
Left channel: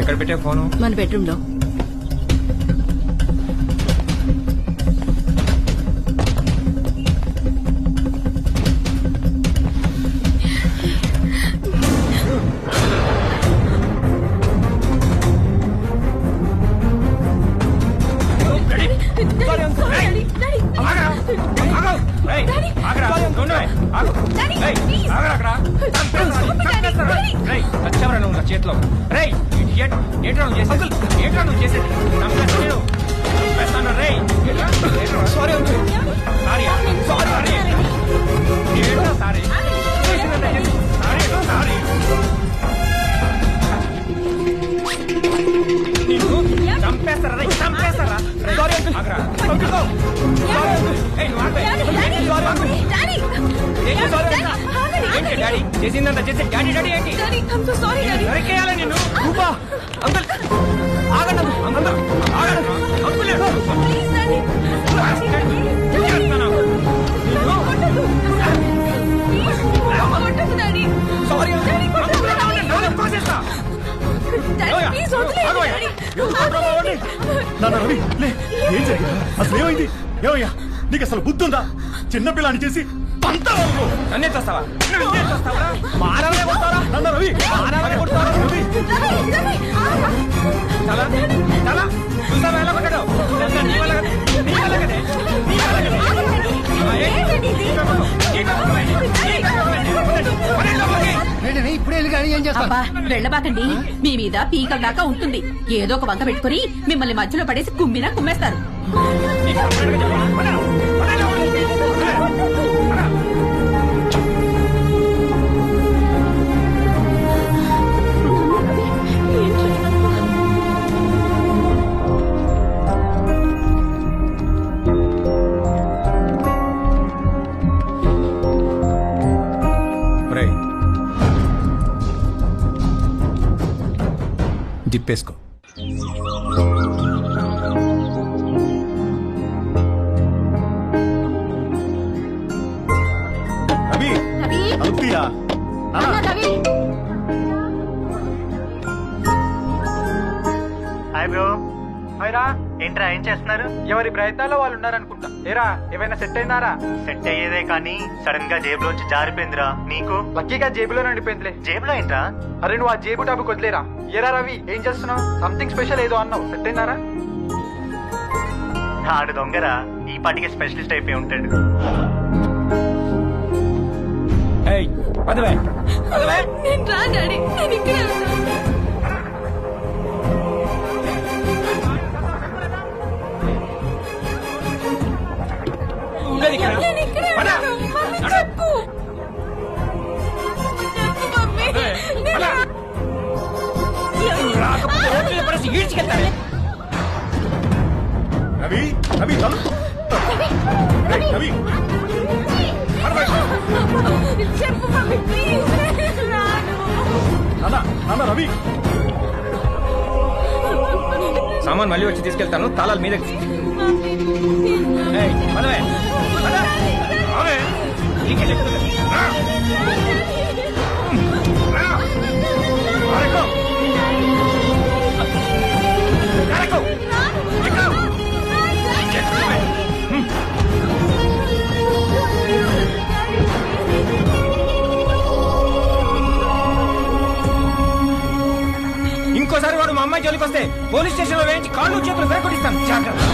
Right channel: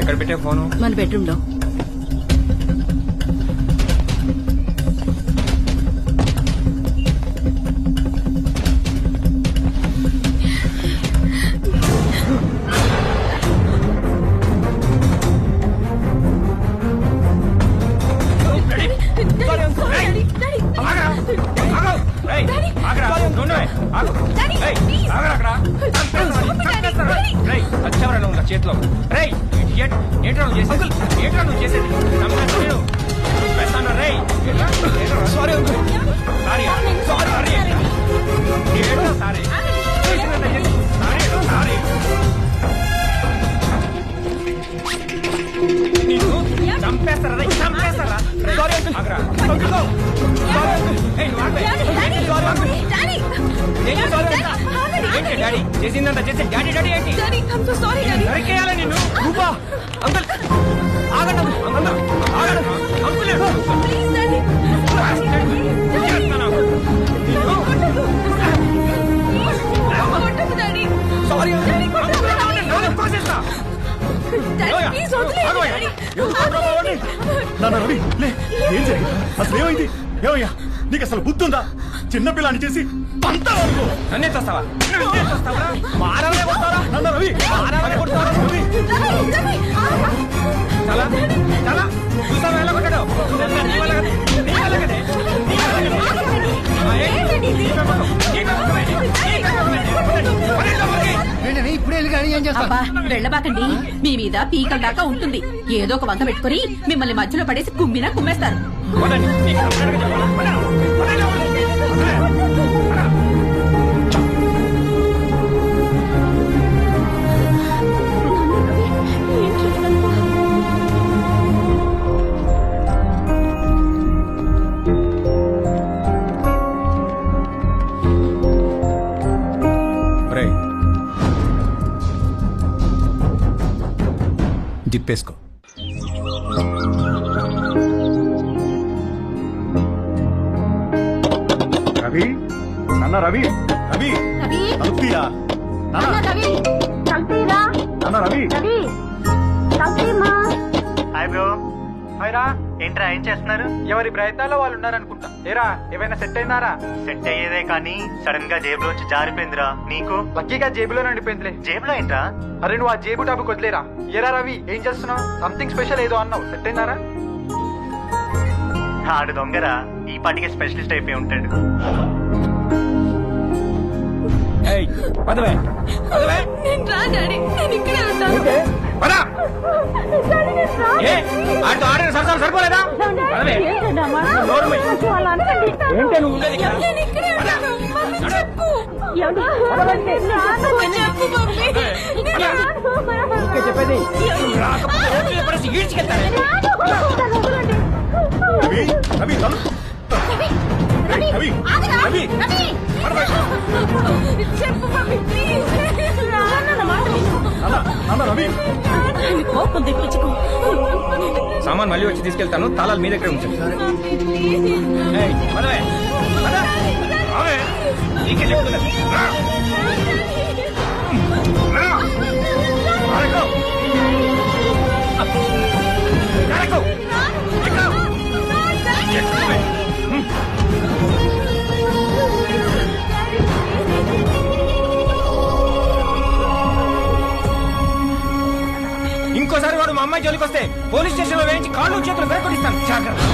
ఎక్కడ పెట్టే ఫోను? మన బెడ్రూమ్ లో. చేతిలో ఏంట్రా నువ్వు చేసేది? చంపేస్తాను రే. Sorry uncle. సారీ నిన్ను చంపేస్తారా? చంపేస్తారా? Sorry uncle. ఆగరా. Uncle sorry uncle. ఏయ్, నువ్వు ఆగవే. Sorry uncle. ఏంటి డాడీ చేసిందంతా చేసి డాడీ ఏంటి? నిన్ను నరికేయాలా నిన్ను? రూపా అంకుల్ ఆగండి అంకుల్. అంకుల్ అంకుల్ సారీ నాన్న రవి లే, ఏం జరిగిందా? అసలు ఏమైంది? ఏమయ్యా నీకు అసలు బుద్ధుందా? చిన్నపిల్లని చేసి పంతావనుకో. నన్నే చేస్తావా? మానవే కొడతారా? నాన్న రవి, మానవే కొడతారా? రవి చాలా చాలా చూసావా ఎలా కొట్టాడు? ఇదంతా నీ వల్ల కదే. నీ వల్ల కదే. నీ వల్ల కదే. నీ పెంపకం. నీ పెంపకమేనే. నీ పెంపకమేనే. పదండి లోపలికి. ఏంటని ఇప్పుడే వెళ్ళి కానీ ఏం చేస్తాను? అబ్బా వెళ్ళబాకండి. మీ మీద పీకల దాకా ఉంటుంది. ఏదో ఒక వంక పెట్టుకుని మిమ్మల్ని మధ్యలో పడేసి కుమ్మినా కుమ్మేస్తారు. పదండి. నీకు సపరేట్గా చెప్పాలా? పదండి లోపలికి. పద. నాన్న రవి ఏంట్రా ఇదంతా? రేయ్, జిప్పేసుకో. రవి, నాన్న రవి, రవి రవి తలుపుతీయా? నాన్న రవి తలుపుతీరా? నాన్న రవి. రవి తలుపుతీమా? Hi bro. హాయ్ రా. ఏంట్రా ఏం చేస్తున్నారు? ఎవరి ప్రయత్నాల్లో వాళ్ళు ఉన్నారనుకుంటా. ఏరా ఏమైనా సెట్ అయినారా? సెట్ అయ్యేదే కానీ సడన్ గా జేబులోంచి జారిపోయిందిరా. నీకు? లక్కీగా జేబులో నడిపోయిందిలే. జేబులో ఏంట్రా? అరే నువ్వు ఆ జేబు టాపిక్ వదిలేరా. ఏరా రవి ఏం చేస్తున్నావు? సంథింగ్ స్పెషల్ ఏదో అన్నావు. సెట్ అయినారా? ఆడు దొంగరా. ఈ పాటికి స్పెషలిస్ట్ అయిపోయి ఉంటాడు. నేను రా డాడీ, నేను ఇక్కడే ఉంటాను. సరిపోలేదా? ఏంటి నువ్వు ఉండేది ఇక్కడ? నేను ఇక్కడే ఉంటాను. మమ్మీ చెప్పు. చెప్పు మమ్మీ. చెప్పేది రాకపోతే ఈడ్చికెళ్తానే. రవి రవి తలు రవి చెప్పు మమ్మీ ప్లీజ్. నాన్న రవి సామాన్ మళ్ళీ వచ్చి తీసుకెళ్తాను, తాళాలు మీ దగ్గర ఉంచండి. పదవే ఇంకోసారి వాడు మా అమ్మాయి జోలికి వస్తే పోలీస్ స్టేషన్ లో వేయించి కాళ్ళు చేతులు విరగొట్టిస్తాను, జాగ్రత్త.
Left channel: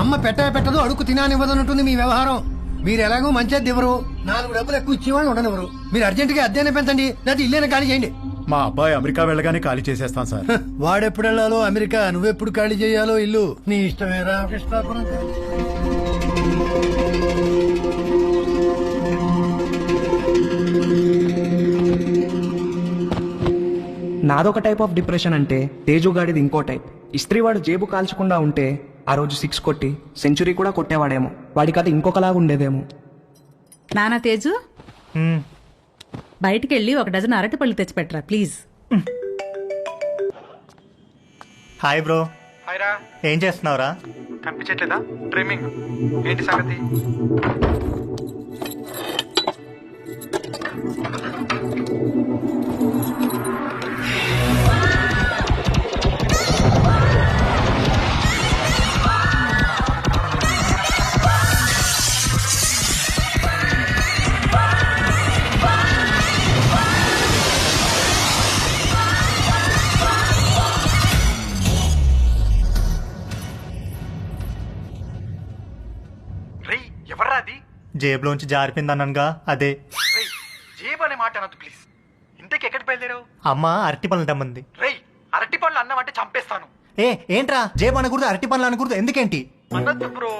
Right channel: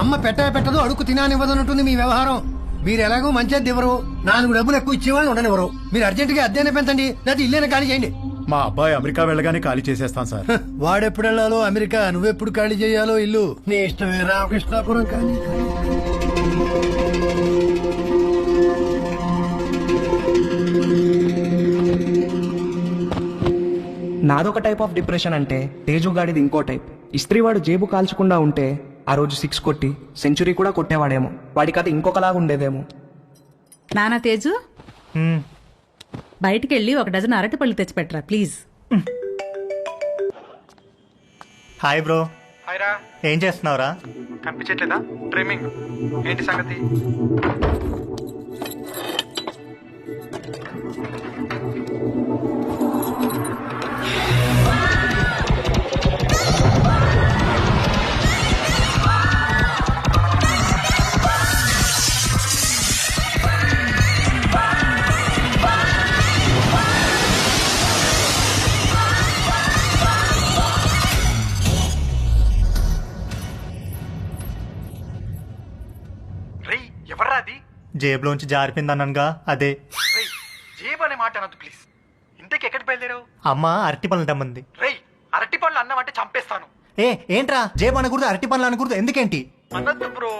అమ్మ పెట్టదు అడుగు తినానివ్వదన్నట్టుంది మీ వ్యవహారం. మీరు ఎలాగో మంచిది ఇవ్వరు, 4 డబ్బులు ఎక్కువ ఇచ్చేవాళ్ళు ఉండనివ్వరు. మీరు అర్జెంట్ గా అద్దెనే పెంచండి, లేకపోతే ఇల్లేనే ఖాళీ చేయండి. మా అబ్బాయి అమెరికా వెళ్ళగానే ఖాళీ చేసేస్తాం సార్. వాడెప్పుడు వెళ్ళాలో అమెరికా, నువ్వెప్పుడు ఖాళీ చేయాలో ఇల్లు నీ ఇష్టమేరా. కృష్ణాపురం ఖాళీ. నాదొక టైప్ ఆఫ్ డిప్రెషన్ అంటే తేజుగాడిది ఇంకో టైప్. ఇస్త్రీవాడు జేబు కాల్చకుండా ఉంటే ఆ రోజు 6 కొట్టి సెంచురీ కూడా కొట్టేవాడేమో. వాడి కథ ఇంకొకలాగా ఉండేదేమో. నానా తేజు, బయటికెళ్ళి 1 డజన్ అరటిపళ్ళు తెచ్చిపెట్టరా ప్లీజ్. Hi bro. హాయ్ రా. ఏం చేస్తున్నావురా? కనిపించట్లేదా? ట్రిమ్మింగ్. ఏంటి సంగతి? ఎవర్రా అది? జేబులోంచి జారిపోయిందనగా అదే. జేబు అనే మాట అనొద్దు ప్లీజ్. ఇంతకి ఎక్కడికి బయలుదేరావు? అమ్మ అరటి పనులు తెమ్మంది. అరటి పనులు అన్నమంటే చంపేస్తాను. ఏంట్రా జేబు అనకూడదు, అరటి పనులు అనకూడదు, ఎందుకేంటి? అనొద్దు బ్రో,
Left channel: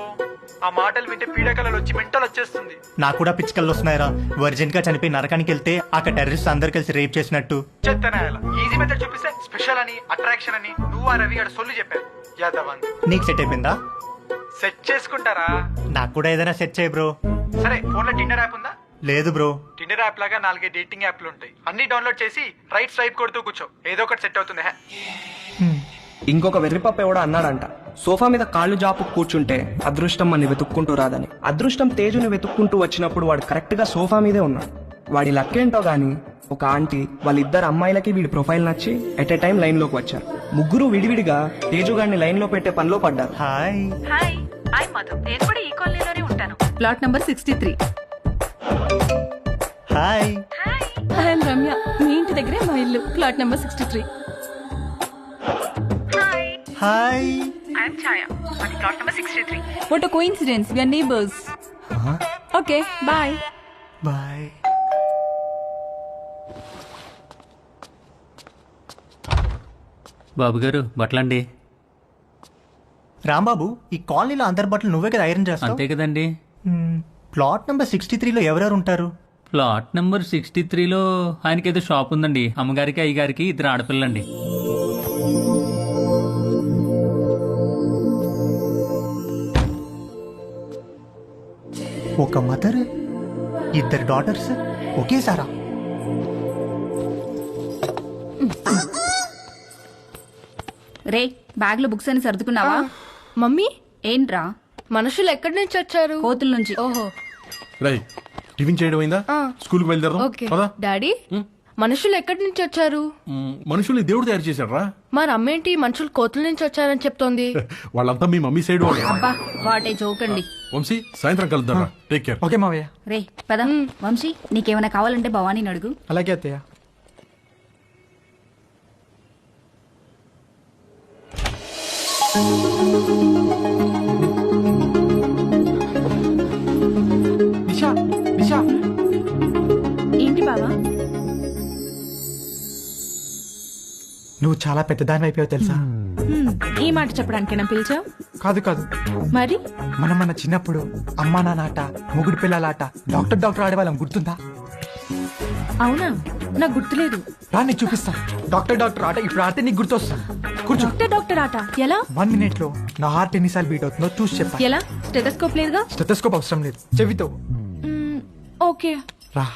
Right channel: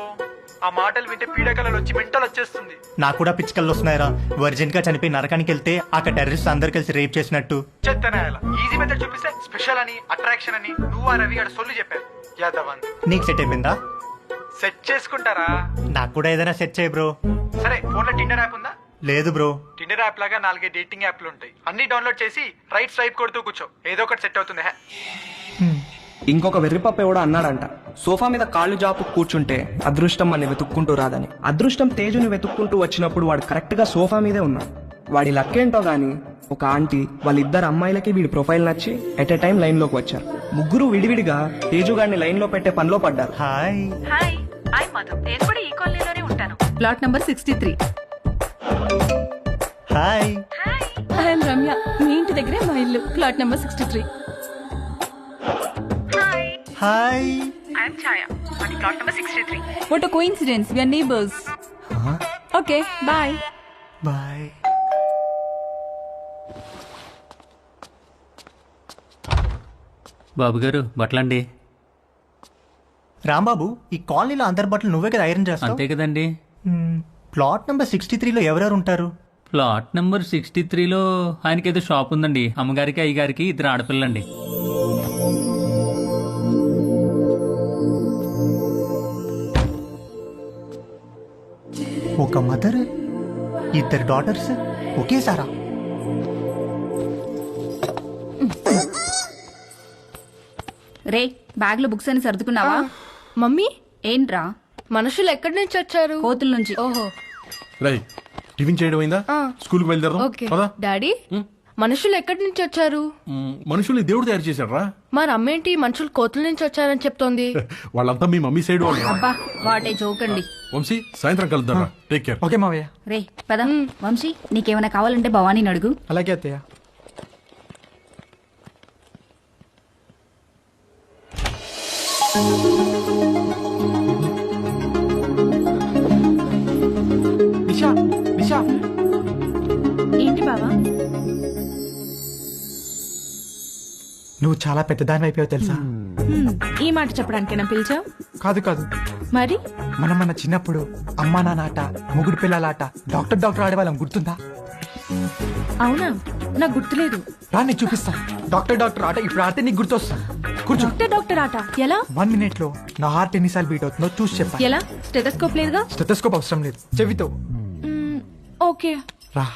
ఆ మాటలు వింటే పీడకలలు వచ్చి మెంటలు వచ్చేస్తుంది. నాకు కూడా పిచ్చికల్లు వస్తున్నాయిరా. వర్జిన్ గా చనిపోయి నరకానికి వెళ్తే అక్కడ టెర్రరిస్ట్ అందరు కలిసి రేప్ చేసినట్టు. చెత్తనాయాల ఈజీ మెథడ్ చూపిస్తే స్పెషల్ అని, అట్రాక్షన్ అని నువ్వు ఆ రవి గారు సొల్లు చెప్పారు. యాదవ్ నీకు సెట్ అయిపోయిందా? సెట్ చేసుకుంటారా? నాకు కూడా ఏదైనా సెట్ చేయి బ్రో. సరే, ఫోన్ లో టిండర్ యాప్ ఉందా? లేదు బ్రో. టిండర్ యాప్ లాగా 4 డేటింగ్ యాప్లు ఉంటాయి. అన్ని డౌన్లోడ్ చేసి రైట్ స్వైప్ కొడుతూ కూర్చో, ఏదో ఒకటి సెట్ అవుతుంది. ఇంకొక వెర్రిపప్ప ఎవడో అన్నాడంట, సోఫా మీద కాళ్ళు జాపు కూర్చుంటే అదృష్టం అని వెతుక్కుంటూ రాదని. అదృష్టం తేజుని వెతుక్కుంటూ వచ్చినప్పుడు వాడు కరెక్ట్ గా సోఫా మీదే ఉన్నాడు. వాడి లక్కేంటో గాని ఒక ఆంటీ వాళ్ళిద్దరు అమ్మాయిలకి వీడి ప్రొఫైల్ నచ్చి ఎట్ ఎ టైం లైన్ లోకి వచ్చారు. ముగ్గురు విడివిడిగా తేజుగాడిని లైన్ లో పెట్టే పనిలో పడ్డారు. Hi hi, I Madhu. నేను కూడా ఈ కాలనీలోనే ఉంటాను. Plot number 63. Hi. I'm Ramya. మీ ఇంటి దగ్గరే మా ఇల్లు. Flat number 63. Hi. I'm Chaya. అది plot number 63. What a coincidence, we are neighbours. Okay bye. Bye. బాబు గారు బట్టలండి. రాంబాబు, ఈ కాలనీలో అందరి బట్టలు నువ్వే కదా ఐరన్ చేస్తావు? అంతే కదండి. ప్లాట్ నెంబర్ 63లో ఎవరెవరు ఉంటారు? ప్లాట్ నెంబర్ 63లో ఆయనకేదో షాప్ ఉందండి. అమ్మగారికి అయ్యగారికి 2 ఆడపిల్లండి. ఒక మదర్, 2 డాటర్స్ ఒకేసారా? రే, బ్యాగ్ లో బుక్స్ అని సర్దుకున్నావా? మమ్మీ, ఏంట్రా? మనుషులు ఎక్కడి నుంచి వచ్చారు? కోతుల నుంచి. ఓహో. రై టిఫిన్ చేయడం అయిందా? స్కూల్ కి బయలుదేరదాం. ఓకే పదా. డాడీ, మనుషులు ఎక్కడి నుంచి వచ్చారు? మనుషుల్ని దేవుడు తయారు చేశాడు రా. మరి అమ్మేంటి మనుషులు కోతుల నుంచి వచ్చారని చెప్తోంది? వాళ్ళంతా మీ మమ్మీ సైడ్ వాళ్ళు. అబ్బా వాటే చూకండి. వంశీ సాయంత్రం కలుద్దాం రా. Take care. ఓకే మావయ్య. రే పద. వంశీ నీకేమైనా కావాలంటే భవానీని అడుగు. అలాగే అత్తయ్య. నిషా నిషా. ఏంటి బావా? నువ్వు చాలా పెద్దదాని అయిపోయావు తెలుసా? ఈ మాట చెప్పడానికేనా పిలిచావు? కాదు కాదు, మరి మనం మన చిన్నప్పుడు అమ్మా నాన్న మొగుడు పిల్లలాట డాక్టర్ ఆడేవాళ్ళం, గుర్తుందా? అవునా, నాకు గుర్తులేదు. రా నీకు చూపిస్తా. డాక్టర్ ఆట ఇప్పుడు ఆడితే నీకు గుర్తొస్తా. కూర్చో. డాక్టర్ ఆట ఎలా? 1 minute లో నా హార్ట్ ఎన్నిసార్లు బీట్ అవుతుందో చూసి చెప్పా. ఎలా? స్టెథోస్కోప్ లేదుగా? స్టెథోస్కోప్ అవసరం లేదు, చెవితో. ఓకే రా.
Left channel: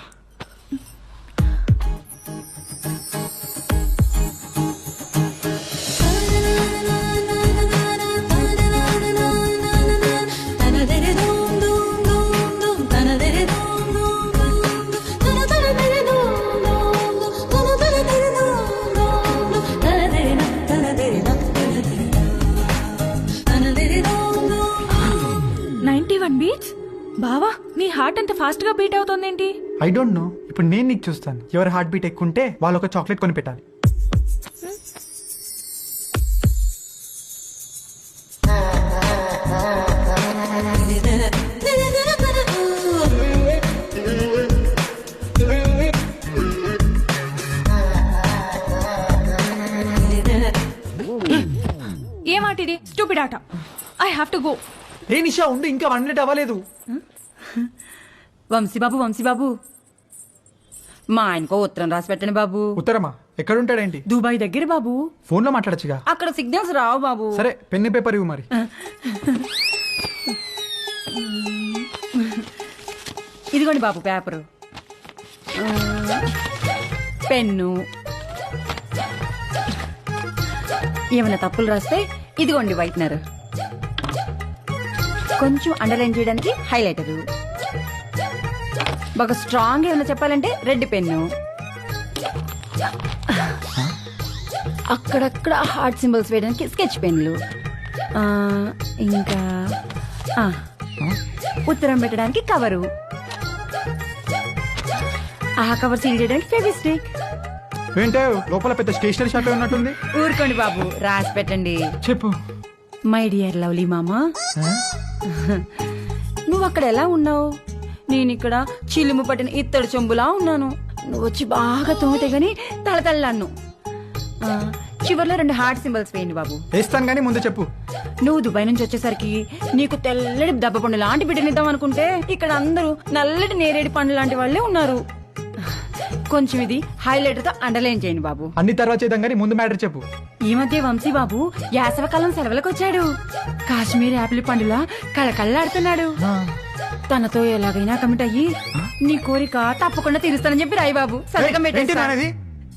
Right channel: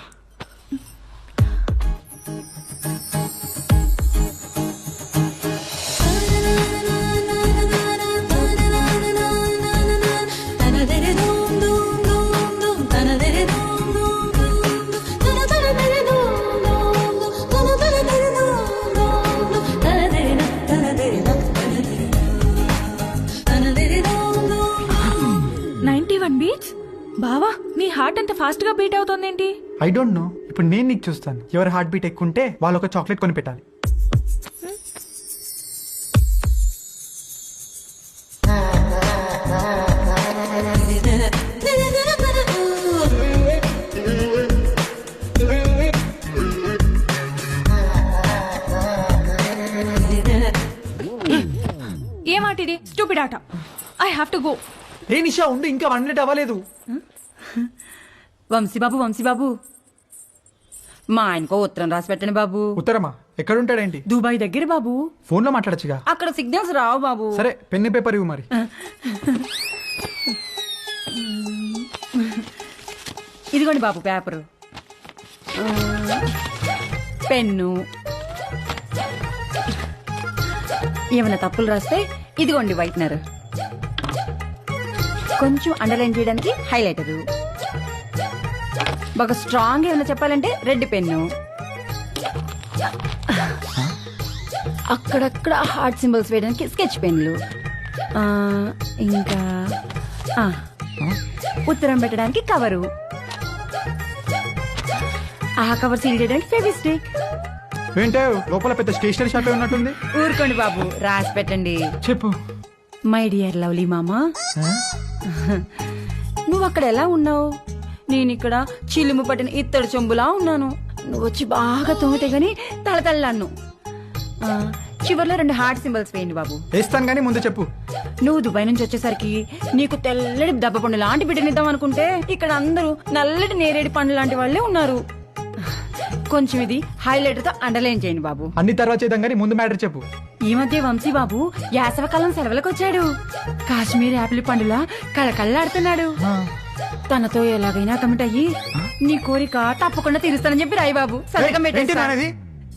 బీట్స్. బావా నీ హార్ట్ అంత ఫాస్ట్ గా బీట్ అవుతోందేంటి? I don't know. ఇప్పుడు నేను నీకు చూస్తాను. ఎవరి హార్ట్ బీట్ ఎక్కువ ఉంటే వాళ్ళు ఒక చాక్లెట్ కొని పెట్టాలి. ఏ మాట ఇది? స్టూపిడ్ ఆట. I have to go. ఏ నిషా ఉండు, ఇంకా 1 minute అవ్వలేదు. వంశీబాబు మా ఆయనకో ఉత్తరం రాసి పెట్టండి బాబు. ఉత్తరమా? ఎక్కడుంటాడేంటి? దుబాయ్ దగ్గర బాబు. ఫోన్ లో మాట్లాడచ్చుగా. అక్కడ సిగ్నల్స్ రావు బాబు. సరే పెన్ పేపర్ ఇవ్వు మరి. ఇదిగోండి బాబు పేపరు, పెన్ను. ఏమైనా తప్పులు రాస్తే ఇదిగోండి వైట్నర్, కొంచెం అండర్లైన్ చేయడానికి హైలైటరు, బాగా స్ట్రాంగ్ ఏమైనా చెప్పాలంటే రెడ్ పెన్ను, అక్కడక్కడ హార్ట్ సింబల్స్ వేయడానికి స్కెచ్ పెన్లు, ఇంకా ఉత్తరం పెట్టడానికి కవరు, ఆ కవర్ సీల్ చేయడానికి ఫెవిస్టిక్. ఏంటో లోపల పెద్ద స్టేషనరీ షాప్ ఉన్నట్టుంది. ఊరుకోండి బాబు, రాసి పెట్టండి. చెప్పు. మై డియర్ లవ్లీ మామా, నువ్వు అక్కడ ఎలా ఉన్నావు? నేను ఇక్కడ చిలుము పట్టిన ఇత్తడి చెంబులా ఉన్నాను. నువ్వు వచ్చి బాగా తోమితే గాని తలతల్లాను. చివర్లో 2 హార్ట్ సింబల్స్ వేయండి బాబు. వేస్తాను గానీ ముందు చెప్పు. నువ్వు దుబాయ్ నుంచి వచ్చేసరికి నీకు తెల్లటి దెబ్బ పండు లాంటి బిడ్డనిద్దాం అనుకుంటే ఇక్కడ అందరూ నల్లటి నేరేడు పండు లాంటి వాళ్ళే ఉన్నారు. కొంచెం ఇది హైలైటర్ తో అండర్లైన్ చేయండి బాబు. అన్ని తర్వాత చేద్దాం కానీ ముందు మ్యాటర్ చెప్పు. ఈ మధ్య వంశీ బాబు వేసవకాలం సెలవులకు వచ్చాడు. కాశ్మీర్ యాపిల్ పండులా కళకళ్ళాడుతున్నాడు. తనతో ఎలాగైనా కమిట్ అయ్యి నీ కోరిక తప్పకుండా తీరుస్తానని చెప్పి రాయి బాబు. సంతకం పెట్టేది.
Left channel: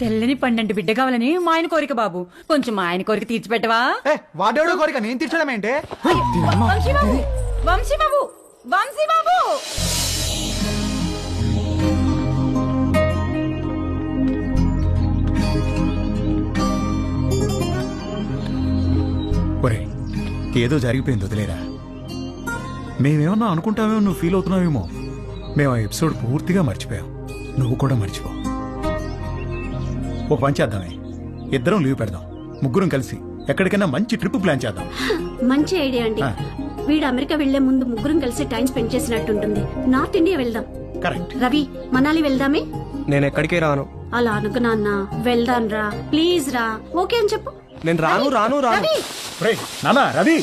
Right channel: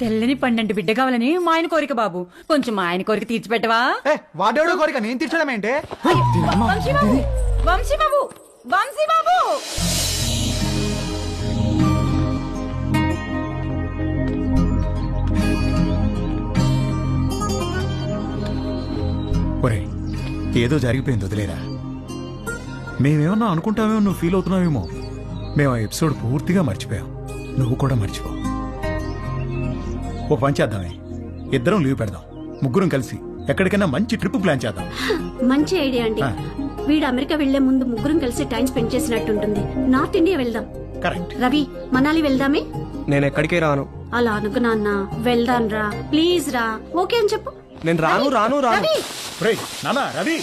తెల్లని పండంటి బిడ్డ కావాలని మా ఆయన కోరిక బాబు. కొంచెం మా ఆయన కోరిక తీర్చిపెట్టవా? వాడేవాడో కోరిక నేను తీర్చడం ఏంటే? వంశీ బాబు ఒరే, ఏదో జరిగిపోయింది, వదిలేరా. మేమేమన్నా అనుకుంటామేమో, నువ్వు ఫీల్ అవుతున్నావేమో. మేము ఆ ఎపిసోడ్ పూర్తిగా మర్చిపోయాం. నువ్వు కూడా మర్చిపో. ఓ పని చేద్దామే, ఇద్దరం లీవ్ పెడదాం, ముగ్గురం కలిసి ఎక్కడికైనా మంచి ట్రిప్ ప్లాన్ చేద్దాం. మంచి ఐడియా అండి. వీడు అమెరికా వెళ్లే ముందు ముగ్గురం కలిసి టైం స్పెండ్ చేసినట్టుంటుంది. నార్త్ ఇండియా వెళ్దాం. కరెక్ట్. రవి, మనాలి వెళ్దామే. నేను ఎక్కడికి రాను. అలా అనుకు నాన్న. వెళ్దాం రా, ప్లీజ్ రా. ఓకే అని చెప్పు. నేను రాను. నానా రవి,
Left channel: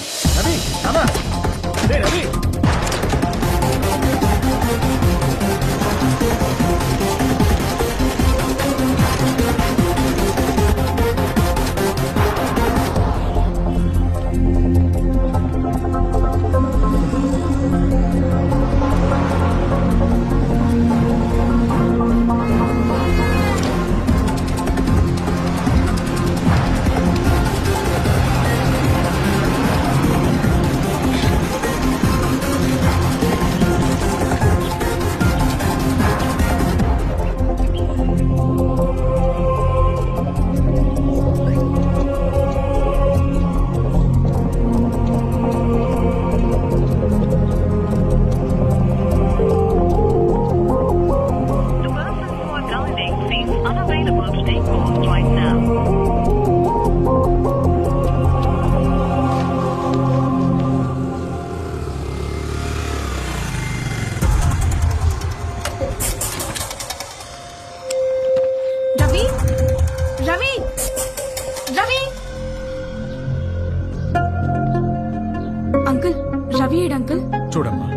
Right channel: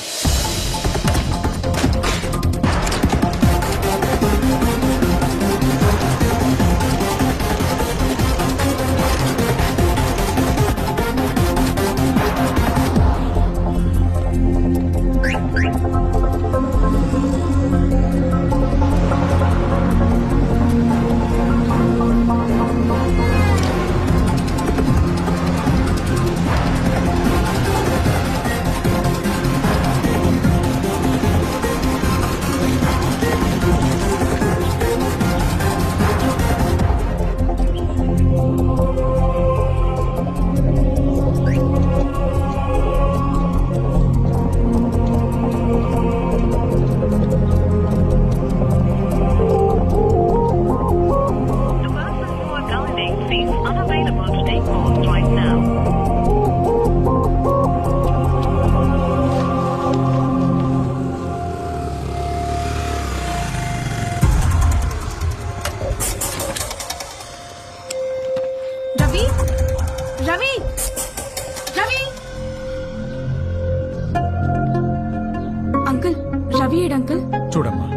అంకుల్ రవి ఏడు అంకుల్. చూడమ్మా,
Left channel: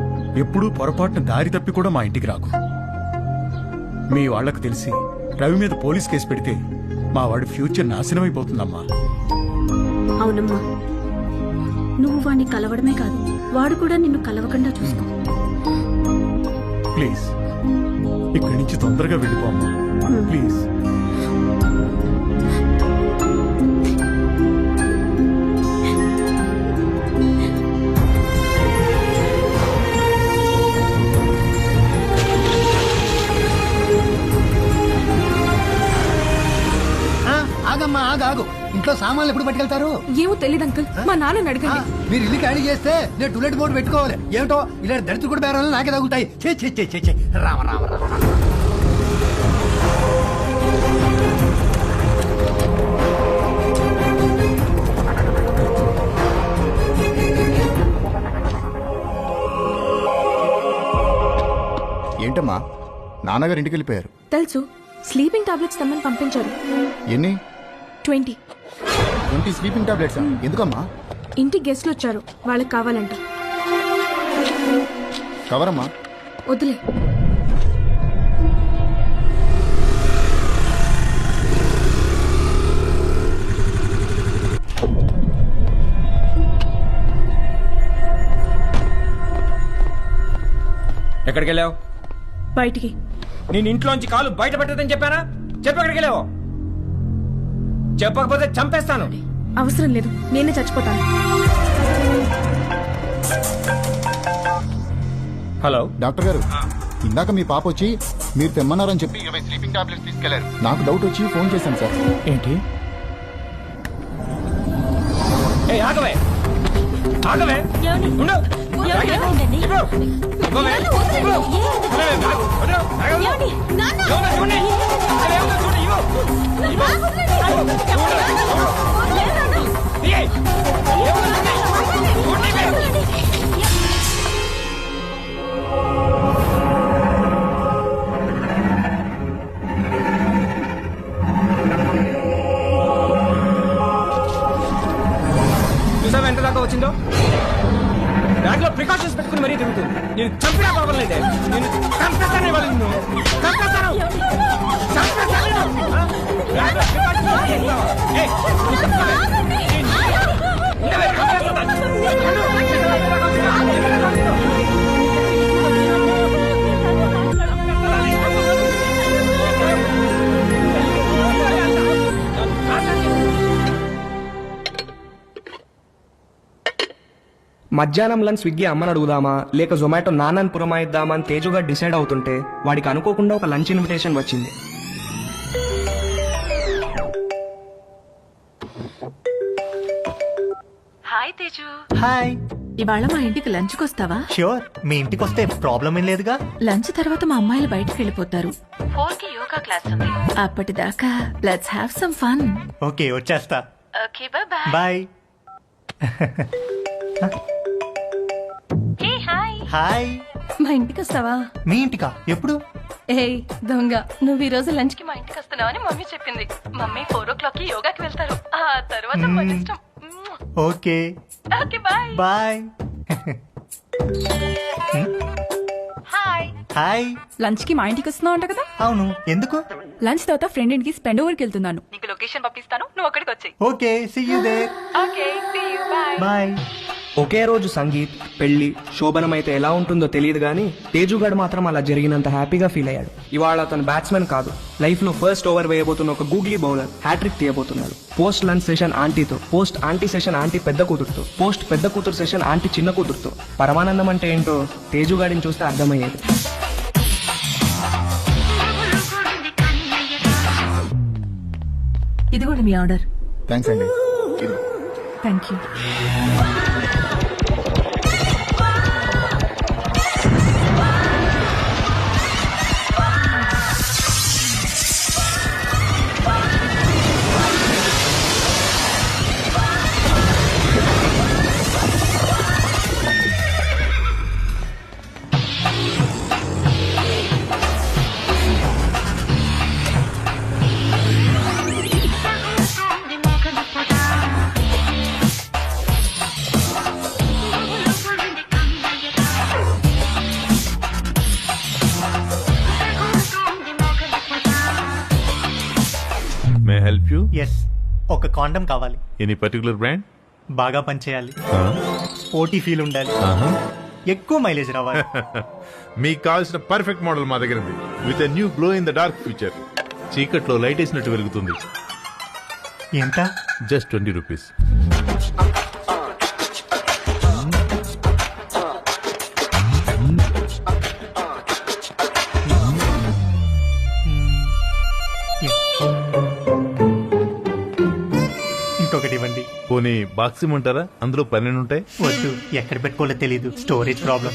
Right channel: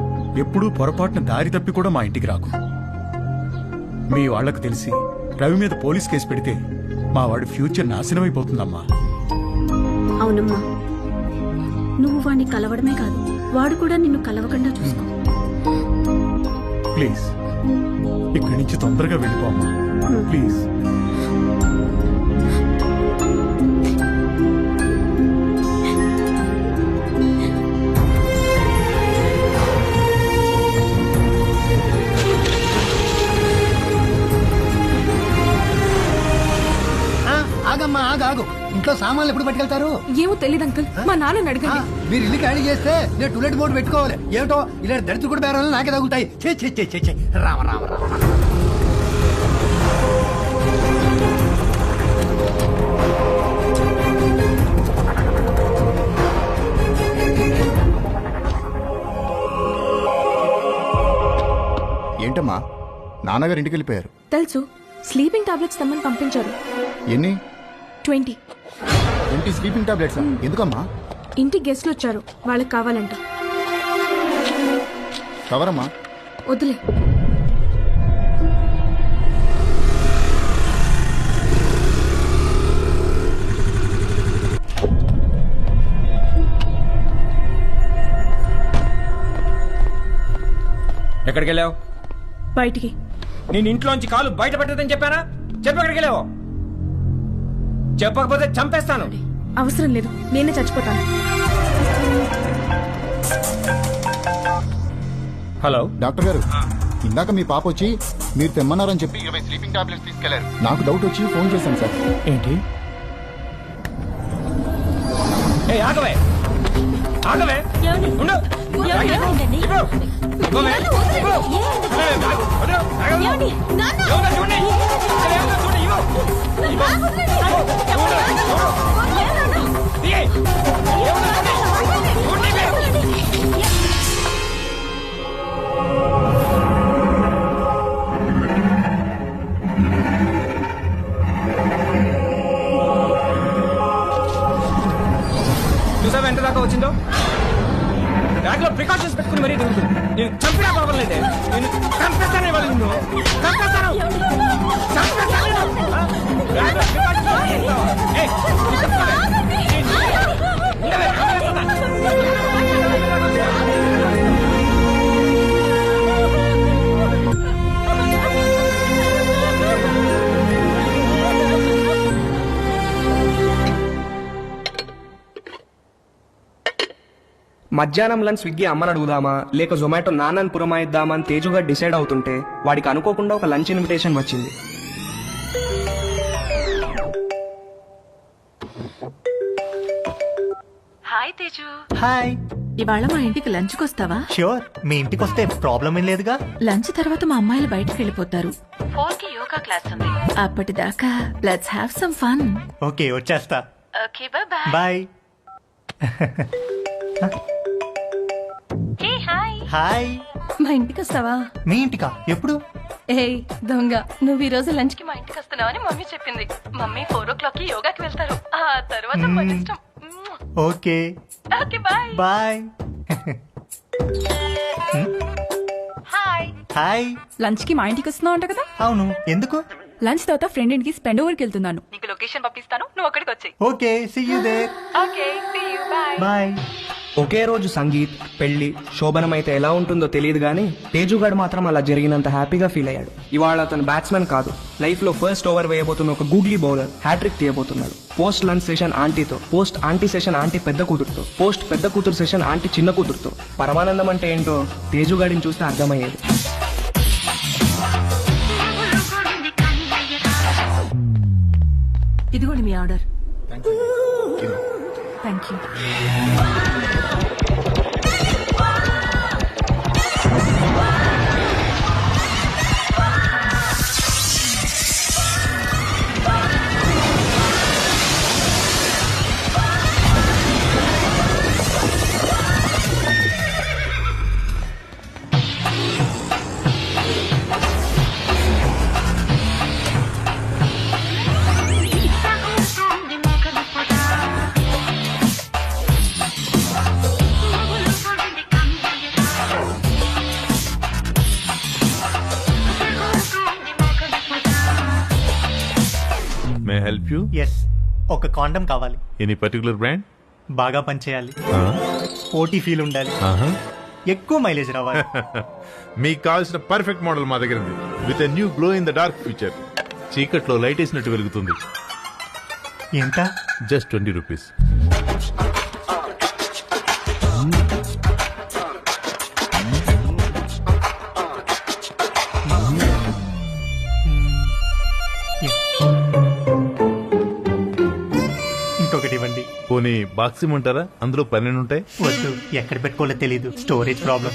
ఎప్పుడూ పొరపాటున దారి తప్పి కూడా మా ఇంటికి రాకు. మీ వాళ్లకు తెలిసి రవి మీద పోలీస్ కేసు పెడితే మా వాడి ఫ్యూచర్ నాశనమైపోతుందమ్మా. అవునమ్మా, నువ్వు వాణ్ణి కలవడమే కాదు, వాడు కూడా నిన్ను కలవకుండా చూసుకో. ప్లీజ్ ఇక్కడి నుంచి తొందరగా వెళ్ళిపో అమ్మా, ప్లీజ్. ఆగమ్మా, ఆగు. ఇంట్లో సామాన్లు ఎప్పుడు పట్టుకెళ్తారు? ఏమో తెలియదు అంకుల్, మా నాన్నని అడగండి. మీరు ఇల్లు ఖాళీ చేస్తే నేను టూలెట్ బోర్డు పెట్టుకోవాలి. ఏమిటో ఇలా దరిద్ర కూడా బేరాలు నాకే తగులుతాయి. చే రామ రామ రామ. ఏంటమ్మా, నాన్నగారు ఇంటికి వెళ్ళిపోయారు. తెలుసు, స్లీపింగ్ టాబ్లెట్స్ తెమ్మని పంపించారు. ఎన్ని? 20. 20 స్లీపింగ్ టాబ్లెట్స్? ఎందుకమ్మా? ఇంటికి గెస్ట్లు వచ్చారు, వాళ్ళకి కావాలంట. కవరమ్మా. వద్దులే. ఎక్కడికి వెళ్ళావు? బయటికి. నేను ఇంట్లోంచి కాలు బయట పెట్టదని చెప్పానా? చెప్పు, ఎక్కడికి వెళ్ళావు? చెప్పకపోతే చంపేస్తాను. అవసరం లేదు, నేనే చచ్చిపోతాను. హలో డాక్టర్ గారు, ఇందాక మీ పాప వచ్చి మీరు తెమ్మన్నారని చెప్పి 20 స్లీపింగ్ టాబ్లెట్స్ తీసుకెళ్లారు. నాకు డౌట్ వచ్చి ఫోన్ చేశాను సార్. ఏంటి? ఆగవే ఆగవే, ఉండు. చూసావా ఎంత దాకా వచ్చిందో? బ్యాగ్ లో ప్రికాషన్స్ పెట్టుకుని మరీ తిరుగుతుంది. నేను చంపినా పర్వాలేదే, నేను చంపేస్తాను. ఇవాళ నిన్ను చంపేస్తాను. బ్యాగ్ లో precautions పెట్టుకుంటావా? ఏయ్, ఉండవే, చంపేస్తాను. మధ్యాహ్నం లంచ్ స్విగ్గీ అమ్మని అడుగుదామా లేక జొమాటో నాన్నని పురమాయిద్దామా అని తేజుగా డిసైడ్ అవుతుంటే వాడికి అనుకోకుండా ఒక లంచ్ ఇన్విటేషన్ వచ్చింది. హాయ్ తేజు. హాయ్. ఇవాళ మా ఇంటికి లంచ్కి వస్తావా? ష్యూర్, మీ ఇంటికి వస్తే ప్రాబ్లం ఏం లేదుగా. లంచ్ తర్వాత మా అమ్మాయిలు బయటకు వెళ్ళిపోతారు. 4కి యోగా క్లాస్ ఉంది. అప్పటిదాకా let's have some fun. Okay, వచ్చేస్తా. Okay, bye bye. Hey hi. Hi. మా ఇంటికి వస్తావా? మీ ఇంటికా? ఎప్పుడు? ఏయ్ దొంగ, నువ్వు ఈ రోజు లంచ్ కి మా ఇంటికి వస్తున్నావని మమ్మీ చెప్పింది. మమ్మీ 4 o'clock కి యోగాకి వెళ్తారు. ఆ తర్వాత మన ఇష్టం. Okay okay, bye bye. Hi. Hi. Lunch కి మా ఇంటికి వస్తున్నావు అంట కదా? అవును, ఎందుకు? లంచ్ తర్వాత ఫ్రెండ్ ఇంటికి స్పెండ్ ఓవర్కి వెళ్తున్నాను. నీకు లొకేషన్ పంపిస్తాను, నువ్వు అక్కడికి వచ్చేయ్. Okay, see you there. Okay, see you, bye bye. ఒకే రోజు సంగీత్, పెళ్లి, శోభనం అయితే ఎలా ఉంటుందో తెలియదు గానీ తేజుగాడు మాత్రం అలా జరిగినంత హ్యాపీగా ఫీల్ అయ్యాడు. ఇవాళ అతను బ్యాట్స్మెన్ కాదు, లైఫ్ లో ఫస్ట్ ఓవర్ వేయబోతున్న ఒక గూగ్లీ బౌలర్ హ్యాట్రిక్ తీయబోతున్నాడు. పోస్ట్ లంచ్ సెషన్ ఆంటీతో, పోస్ట్ ఆంటీ సెషన్ ఆంటీ పెద్ద కూతురుతో, పోస్ట్ పెద్ద కూతురు సెషన్ ఆంటీ చిన్న కూతురుతో. పరమానందం అంటే ఏంటో తేజుగాడిని చూస్తే అర్థమయ్యేది. ఇదిగోండి మీ ఆర్డర్. థ్యాంక్స్ అండి. ఇదిగో. Thank you. Help you? Yes, ఒక కాండం కావాలి. Any particular brand? బాగా పనిచేయాలి, స్పోర్టీ ఫీల్ ఉండాలి, ఎక్కువ మైలేజ్ రావాలి. మీకు కావాల్సిన పర్ఫెక్ట్ మోడల్ మా దగ్గర ఉంది. With a new glow in the dark feature. చీకట్లో లైట్ వేసినట్టు వెలుగుతుంది. ఎంత? Just 20 rupees. ఇంకొకటి ఇవ్వండి. పోనీ బాక్స్ ఇమ్మంటారా? అందులో 12 ఉంటాయి. వద్దు, ఎక్కడ పెట్టుకోవాలో తెలీదు, స్టోరేజ్ ప్రాబ్లం.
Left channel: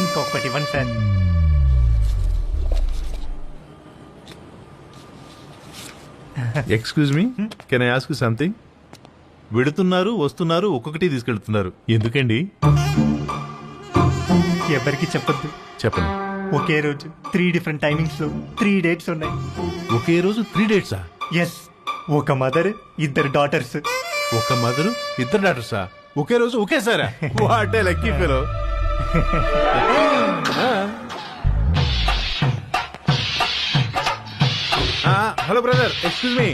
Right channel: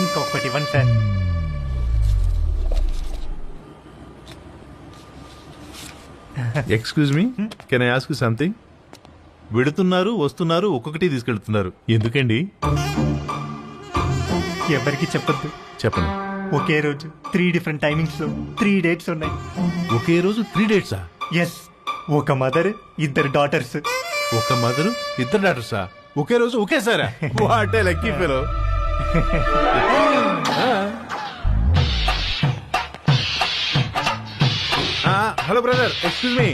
ఇంకొకటి ఇవ్వండి sir. Excuse me, can I ask you something? వెడుతున్నారు, వస్తున్నారు, ఒక్కొక్కటి తీసుకెళ్తున్నారు, ఎందుకండి? ఎవరికి చెప్పొద్దు. చెప్పను. ఒకే రోజు 3 డిఫరెంట్ టైమింగ్స్ లో 3 డేట్స్ ఉన్నాయి. ఒకే రోజు 3 డేట్సా? ఎస్, ఒక మదర్, 2 డాటర్స్. ఒక మదర్, 2 డాటర్సా? ఒకే రోజు ఒకేసారా? What a lucky fellow. Hello brother, excuse me.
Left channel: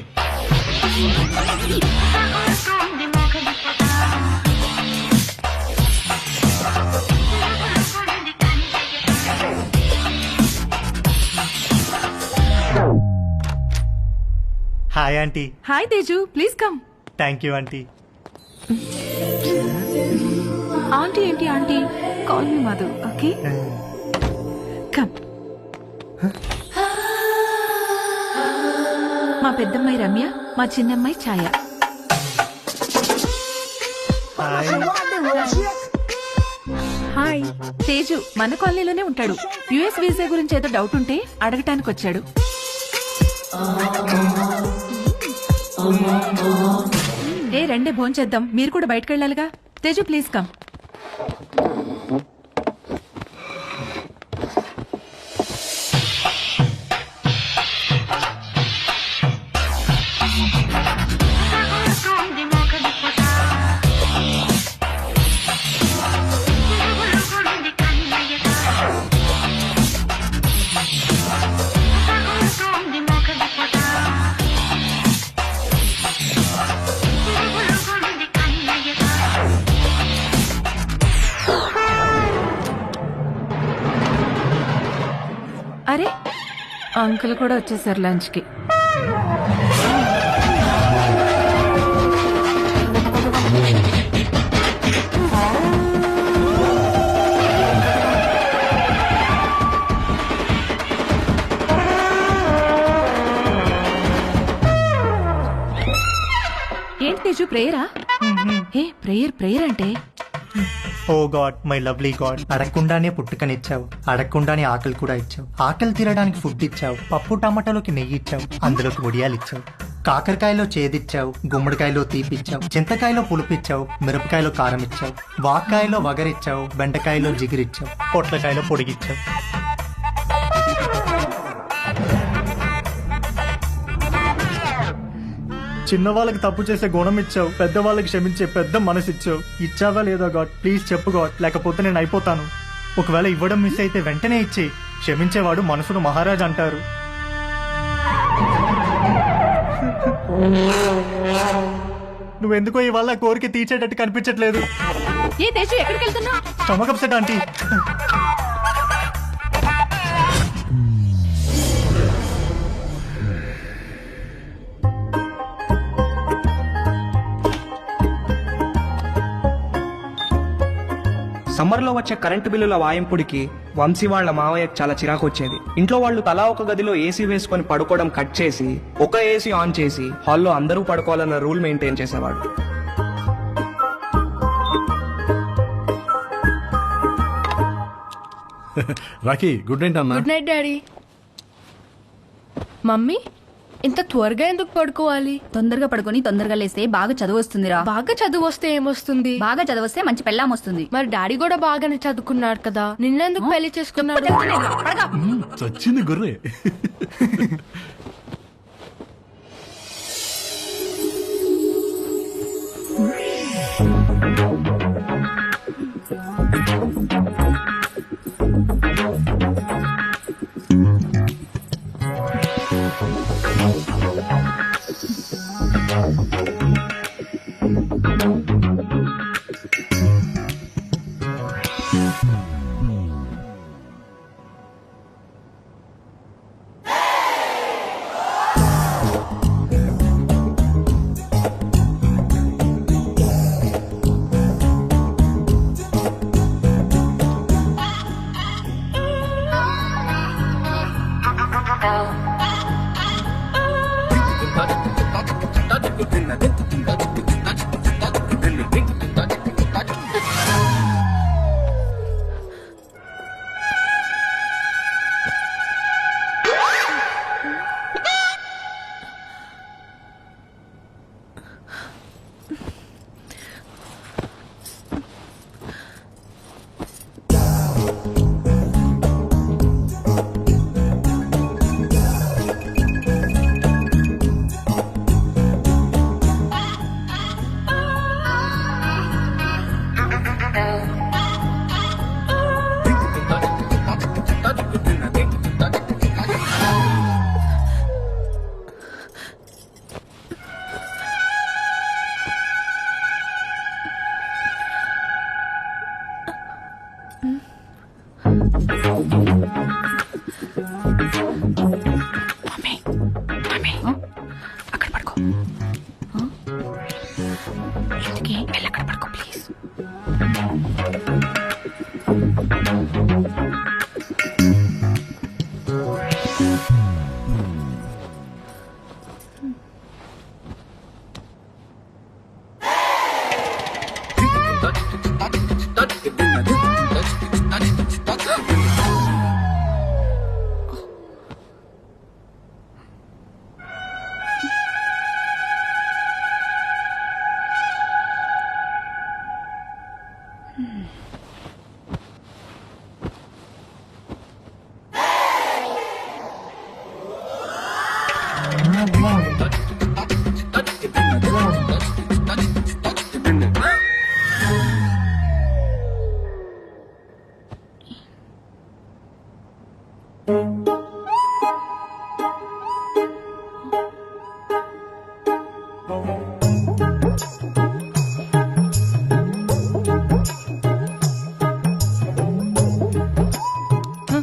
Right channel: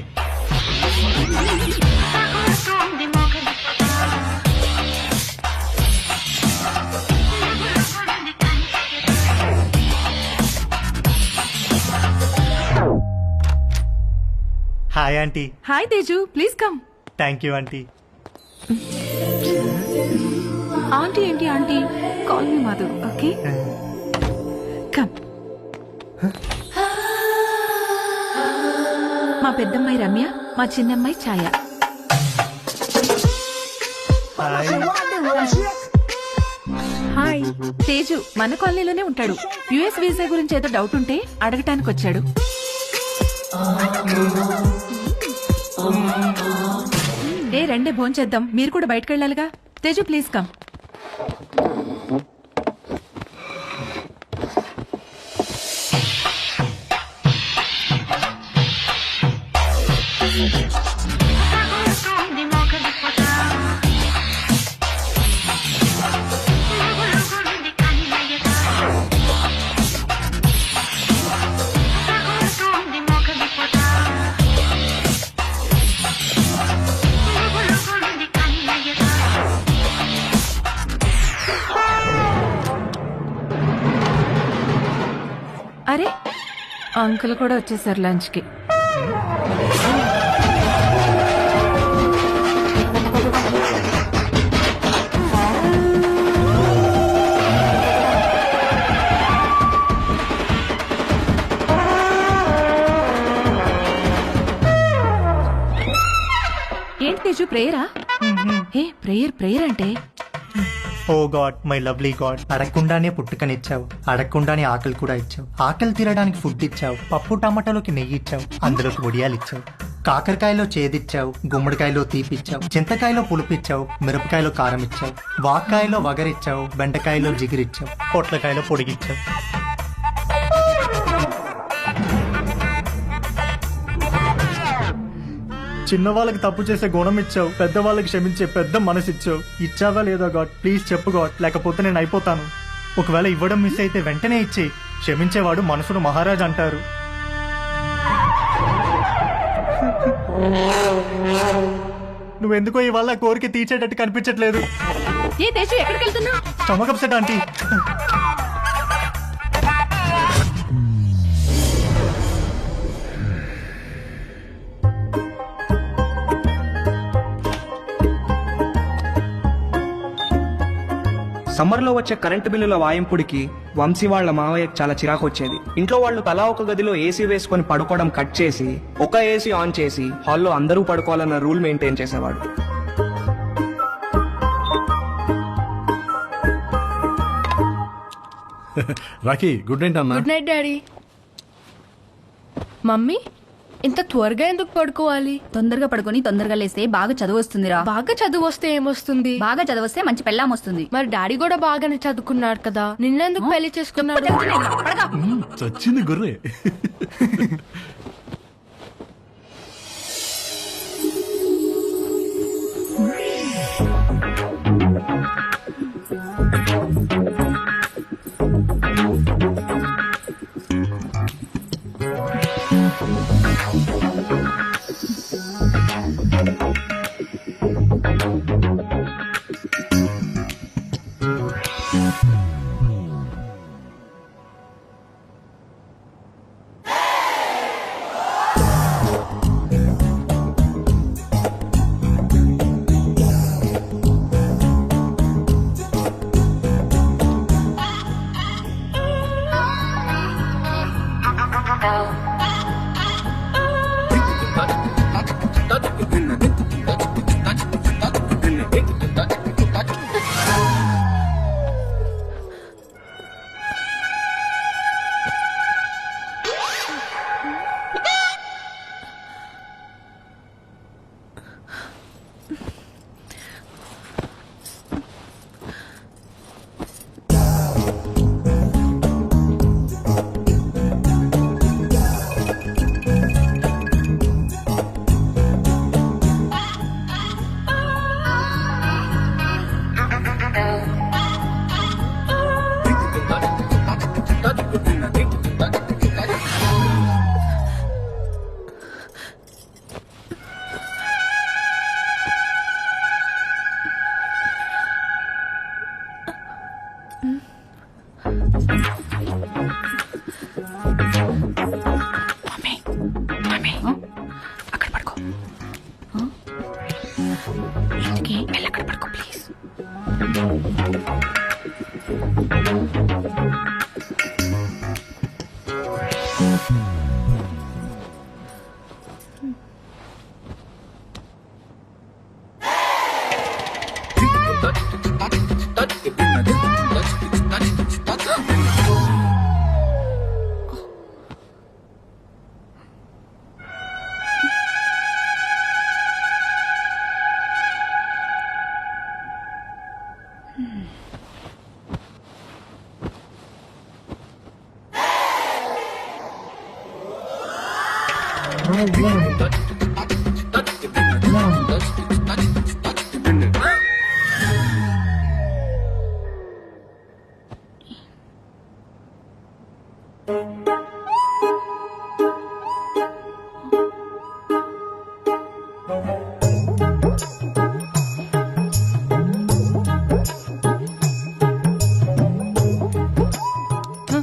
Hi aunty. Hi Teju, please come. Thank you aunty. Aunty ఏంటి aunty? Call me Madhu, okay? Come. మా పెద్దమ్మాయి రమ్య, మా చిన్నమ్మాయి Chaya. Hi. Hi. Hi. Teju మన కాలనీలోనే ఉంటాడు. యుఎస్ వీసా గురించి ఏదో డౌట్ ఉంటే అడగటానికి వచ్చాడు. ఏ రండే భోంచేద్దాం, మీరు కూడా బయటకు వెళ్ళాలిగా. Teju please come. అరే, అంకుల్ కూడా వచ్చేసారు లంచ్ కి. ఏంటి తేజు, ప్రేయరా? ఏ ప్రేయర్ అంటే? ఓ గాడ్, మై లవ్లీ గాడ్, అడగకుండానే పుట్టుకనిచ్చావు, అడగకుండానే ఆకలి కూడా ఇచ్చావు, ఆకలి తీరడానికి ఫుడ్ ఇచ్చావు, పప్పు టమాటాలోకి నెయ్యి ఇచ్చావు, అందులోకి వడియాలు ఇచ్చావు, కాకరకాయలో చేదిచ్చావు, గుమ్మడికాయలో తీపిచ్చావు, చింతకాయలో పులుపిచ్చావు, మిరపకాయలో కారం ఇచ్చావు, వాక్కాయలో వగరిచ్చావు, బెండకాయలో జిగిరిచ్చావు, పొట్లకాయలో పొడిగిచ్చావు. చిన్నవాళ్ళకి తప్పు చేసే గుణం ఇచ్చావు, పెద్దవాళ్ళకి క్షమించే పెద్ద మనసు ఇచ్చావు. ఇచ్చావా లేదా గాడ్? ప్లీజ్ చెప్పు గాడ్, లేకపోతే నేను అయిపోతాను. ఒకవేళ ఇవ్వడం మిస్ అయితే వెంటనే ఇచ్చి, క్షమించేవాడు మనసును మహారాజ్ అంటారు. నువ్వెందుకో ఇవాళ కోరిక తీర్చేటట్టు కనిపించట్లేదు. ఏ తేజు, ఎక్కడికి వెళ్తున్నావు? Stomach upset aunty. సమ్మర్లో వచ్చే కరెంటు బిల్లుల వాయింపుడికి వంశీ వాళ్ళ మావయ్యకు చాలా చిరాకు వచ్చేది. ఇంట్లో వాళ్ళు తలా ఒక గదిలో ఏసీ వేసుకొని పడుకోవడం కట్ చేసి ఒక ఏసీ ఆన్ చేసి హాల్లో అందరూ పడుకోవాలన్న రూల్ మెయింటైన్ చేసేవాడు. రాకీ, గుడ్ నైట్ అన్న. Good night daddy. మమ్మీ, ఇంత త్వరగా ఎందుకు పడుకోవాలి? తొందరగా పడుకొని తొందరగా లేస్తే బాగా చదువు వస్తుందిరా. బాగా చదువు వస్తే ఏమొస్తుంది? బాగా చదివస్తే మంచి పెళ్ళాం వస్తుంది. మరి డాడీ కూడా బాగానే చదువుకున్నాడు కదా, నిన్నెందుకు పెళ్లి చేసుకున్నాడు? చచ్చింది గుర్రే. అక్కడ పడుకో. ఇంటికి వెళ్ళి అక్కడ పడుకో ప్లీజ్.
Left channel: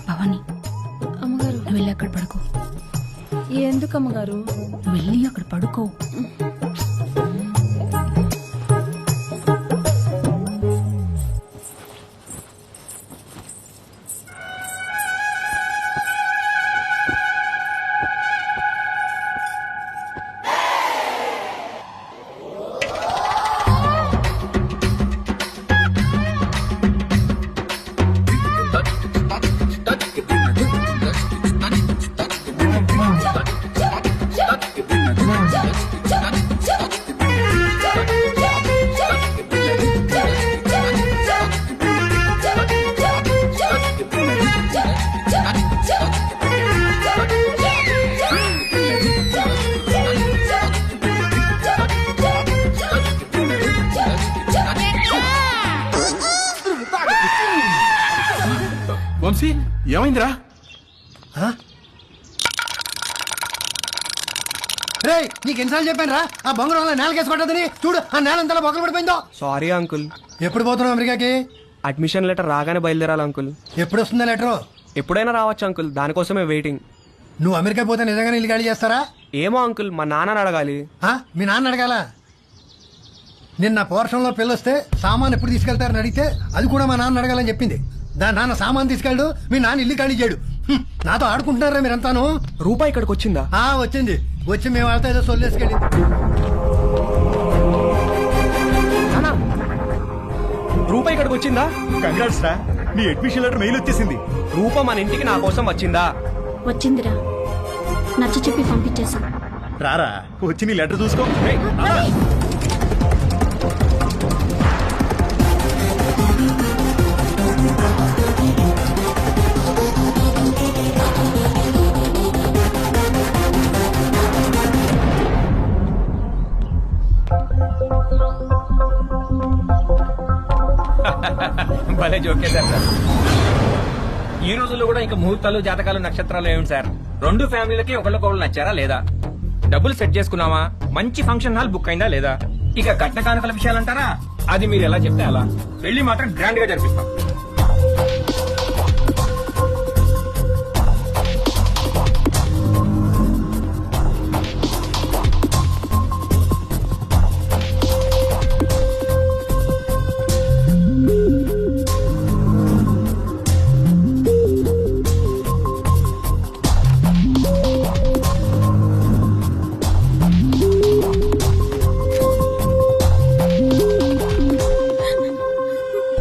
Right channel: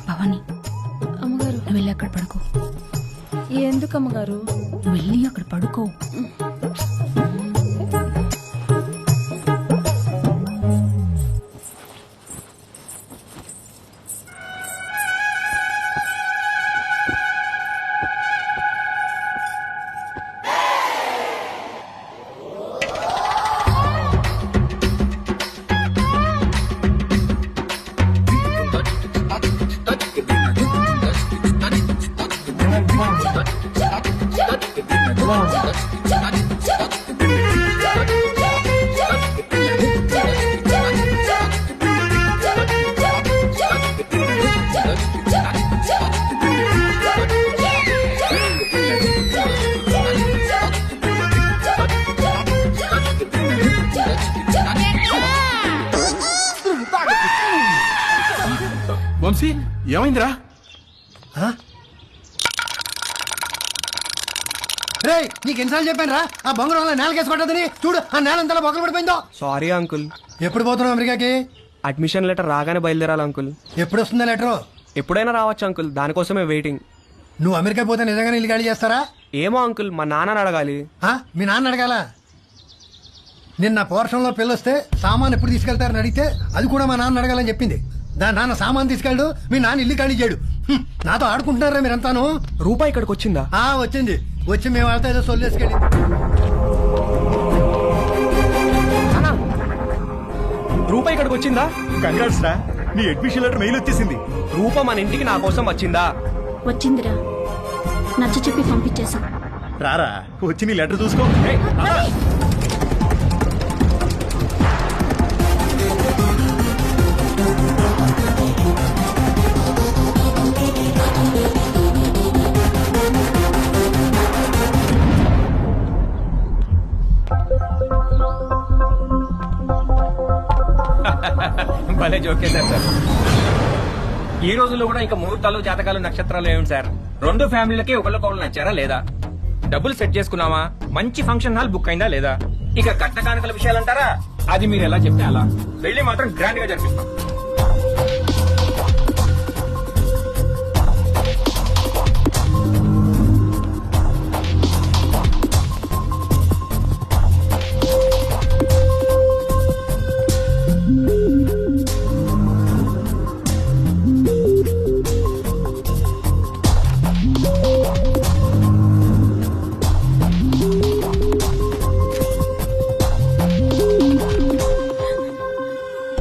భవాని, అమ్మగారు నువ్వు వెళ్ళి అక్కడ పడుకో. ఎందుకు అమ్మగారు? నువ్వు వెళ్ళి అక్కడ పడుకో. వంశీ ఏమైందిరా? రే, నీకు ఎన్నిసార్లు చెప్పాను రా ఆ బొంగరం నేలకేసి కొట్టదని. చూడు ఆ నేల అంతా బొక్కలు పడిపోయిందో. Sorry uncle. ఎప్పుడు పోతున్నావు అమెరికాకి? అడ్మిషన్ లెటర్ రాగానే బయలుదేరాలి అంకుల్. ఎప్పుడు వస్తుందా లెటర్? ఎప్పుడైనా రావచ్చు అంకుల్, దానికోసమే వెయిటింగ్. నువ్వు అమెరికా పోతే నిజంగానే ఇల్లు ఖాళీ చేస్తారా? ఏమో అంకుల్, మా నాన్నని అడగాలి. మీ నాన్న అడగాల? నిన్న పోర్షంలో పిల్లొస్తే సామాన్ ఎప్పుడు తీసుకెళ్తారని అడిగితే అది కూడా మా నాన్న అడగాలని చెప్పింది. దాని నాన్న సామాన్ తీసుకెళ్ళడు, మీ నాన్న ఇల్లు ఖాళీ చేయడు. నాతో ఆడుకుంటున్నారా మీరంతాను? రూపాయి ఇక్కడికి వచ్చిందా? వచ్చింది. వచ్చి మేము వాళ్ళతో ఏదో సొల్లేసుకెళ్ళింది. రూపాయి ఇక్కడికి వచ్చిందా? కంగ్రాట్స్ రా, నీ అడ్మిషన్ లెటర్ మెయిల్ వచ్చేసింది. రూప మన ఇంటికి నా కోసం వచ్చిందా? వచ్చిందిరా, నచ్చ చెప్పి పంపించేశాం. రారా, వచ్చి నీ లెటర్ చూసుకో. భలే జోకేశారు సార్. ఈ రోజుల్లో కూడా ఇంకా ముహూర్తాలు జాతకాలు నక్షత్రాలు ఏమిటి సార్? రెండు ఫ్యామిలీలకి ఒకళ్ళకొకళ్ళు నచ్చారా లేదా? డబ్బులు సెట్ చేసుకున్నావా? మంచి ఫంక్షన్ హాల్ బుక్ అయిందా లేదా? ఇక కట్న కానుకల విషయాలు అంటారా? అది మీరు ఎలా చెప్తే అలా. పెళ్లి మాత్రం గ్రాండ్ గా చెప్పి.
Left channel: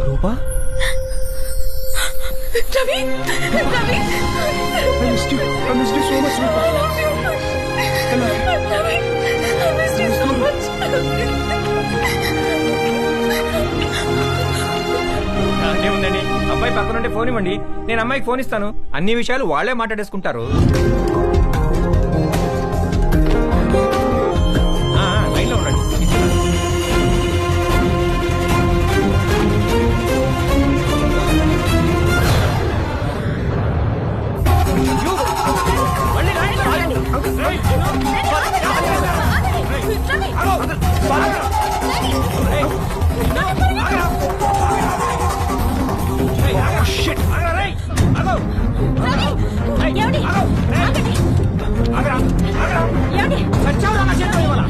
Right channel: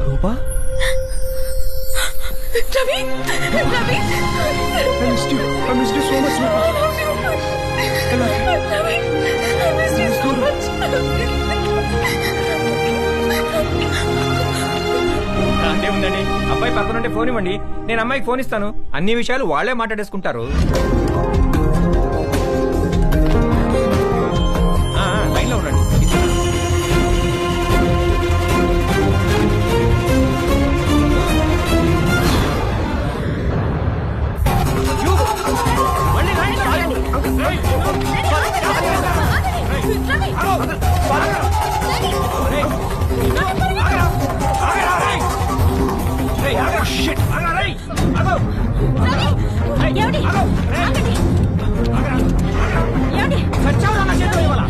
రూపా, Ravi Ravi I missed you so much, Roopa. I love you. Ravi I miss you so much. దాందే ఉందండి, అబ్బాయి పక్కన ఉంటే ఫోన్ ఇవ్వండి, నేను అమ్మాయికి ఫోన్ ఇస్తాను. అన్ని విషయాలు వాళ్లే మాట్లాడేసుకుంటారు. లైన్ లో ఉండండి, ఇస్తున్నాను. మళ్ళీ లైన్ లో ఆగండి. చచ్చావురా నా చేతిలో ఇవాళ.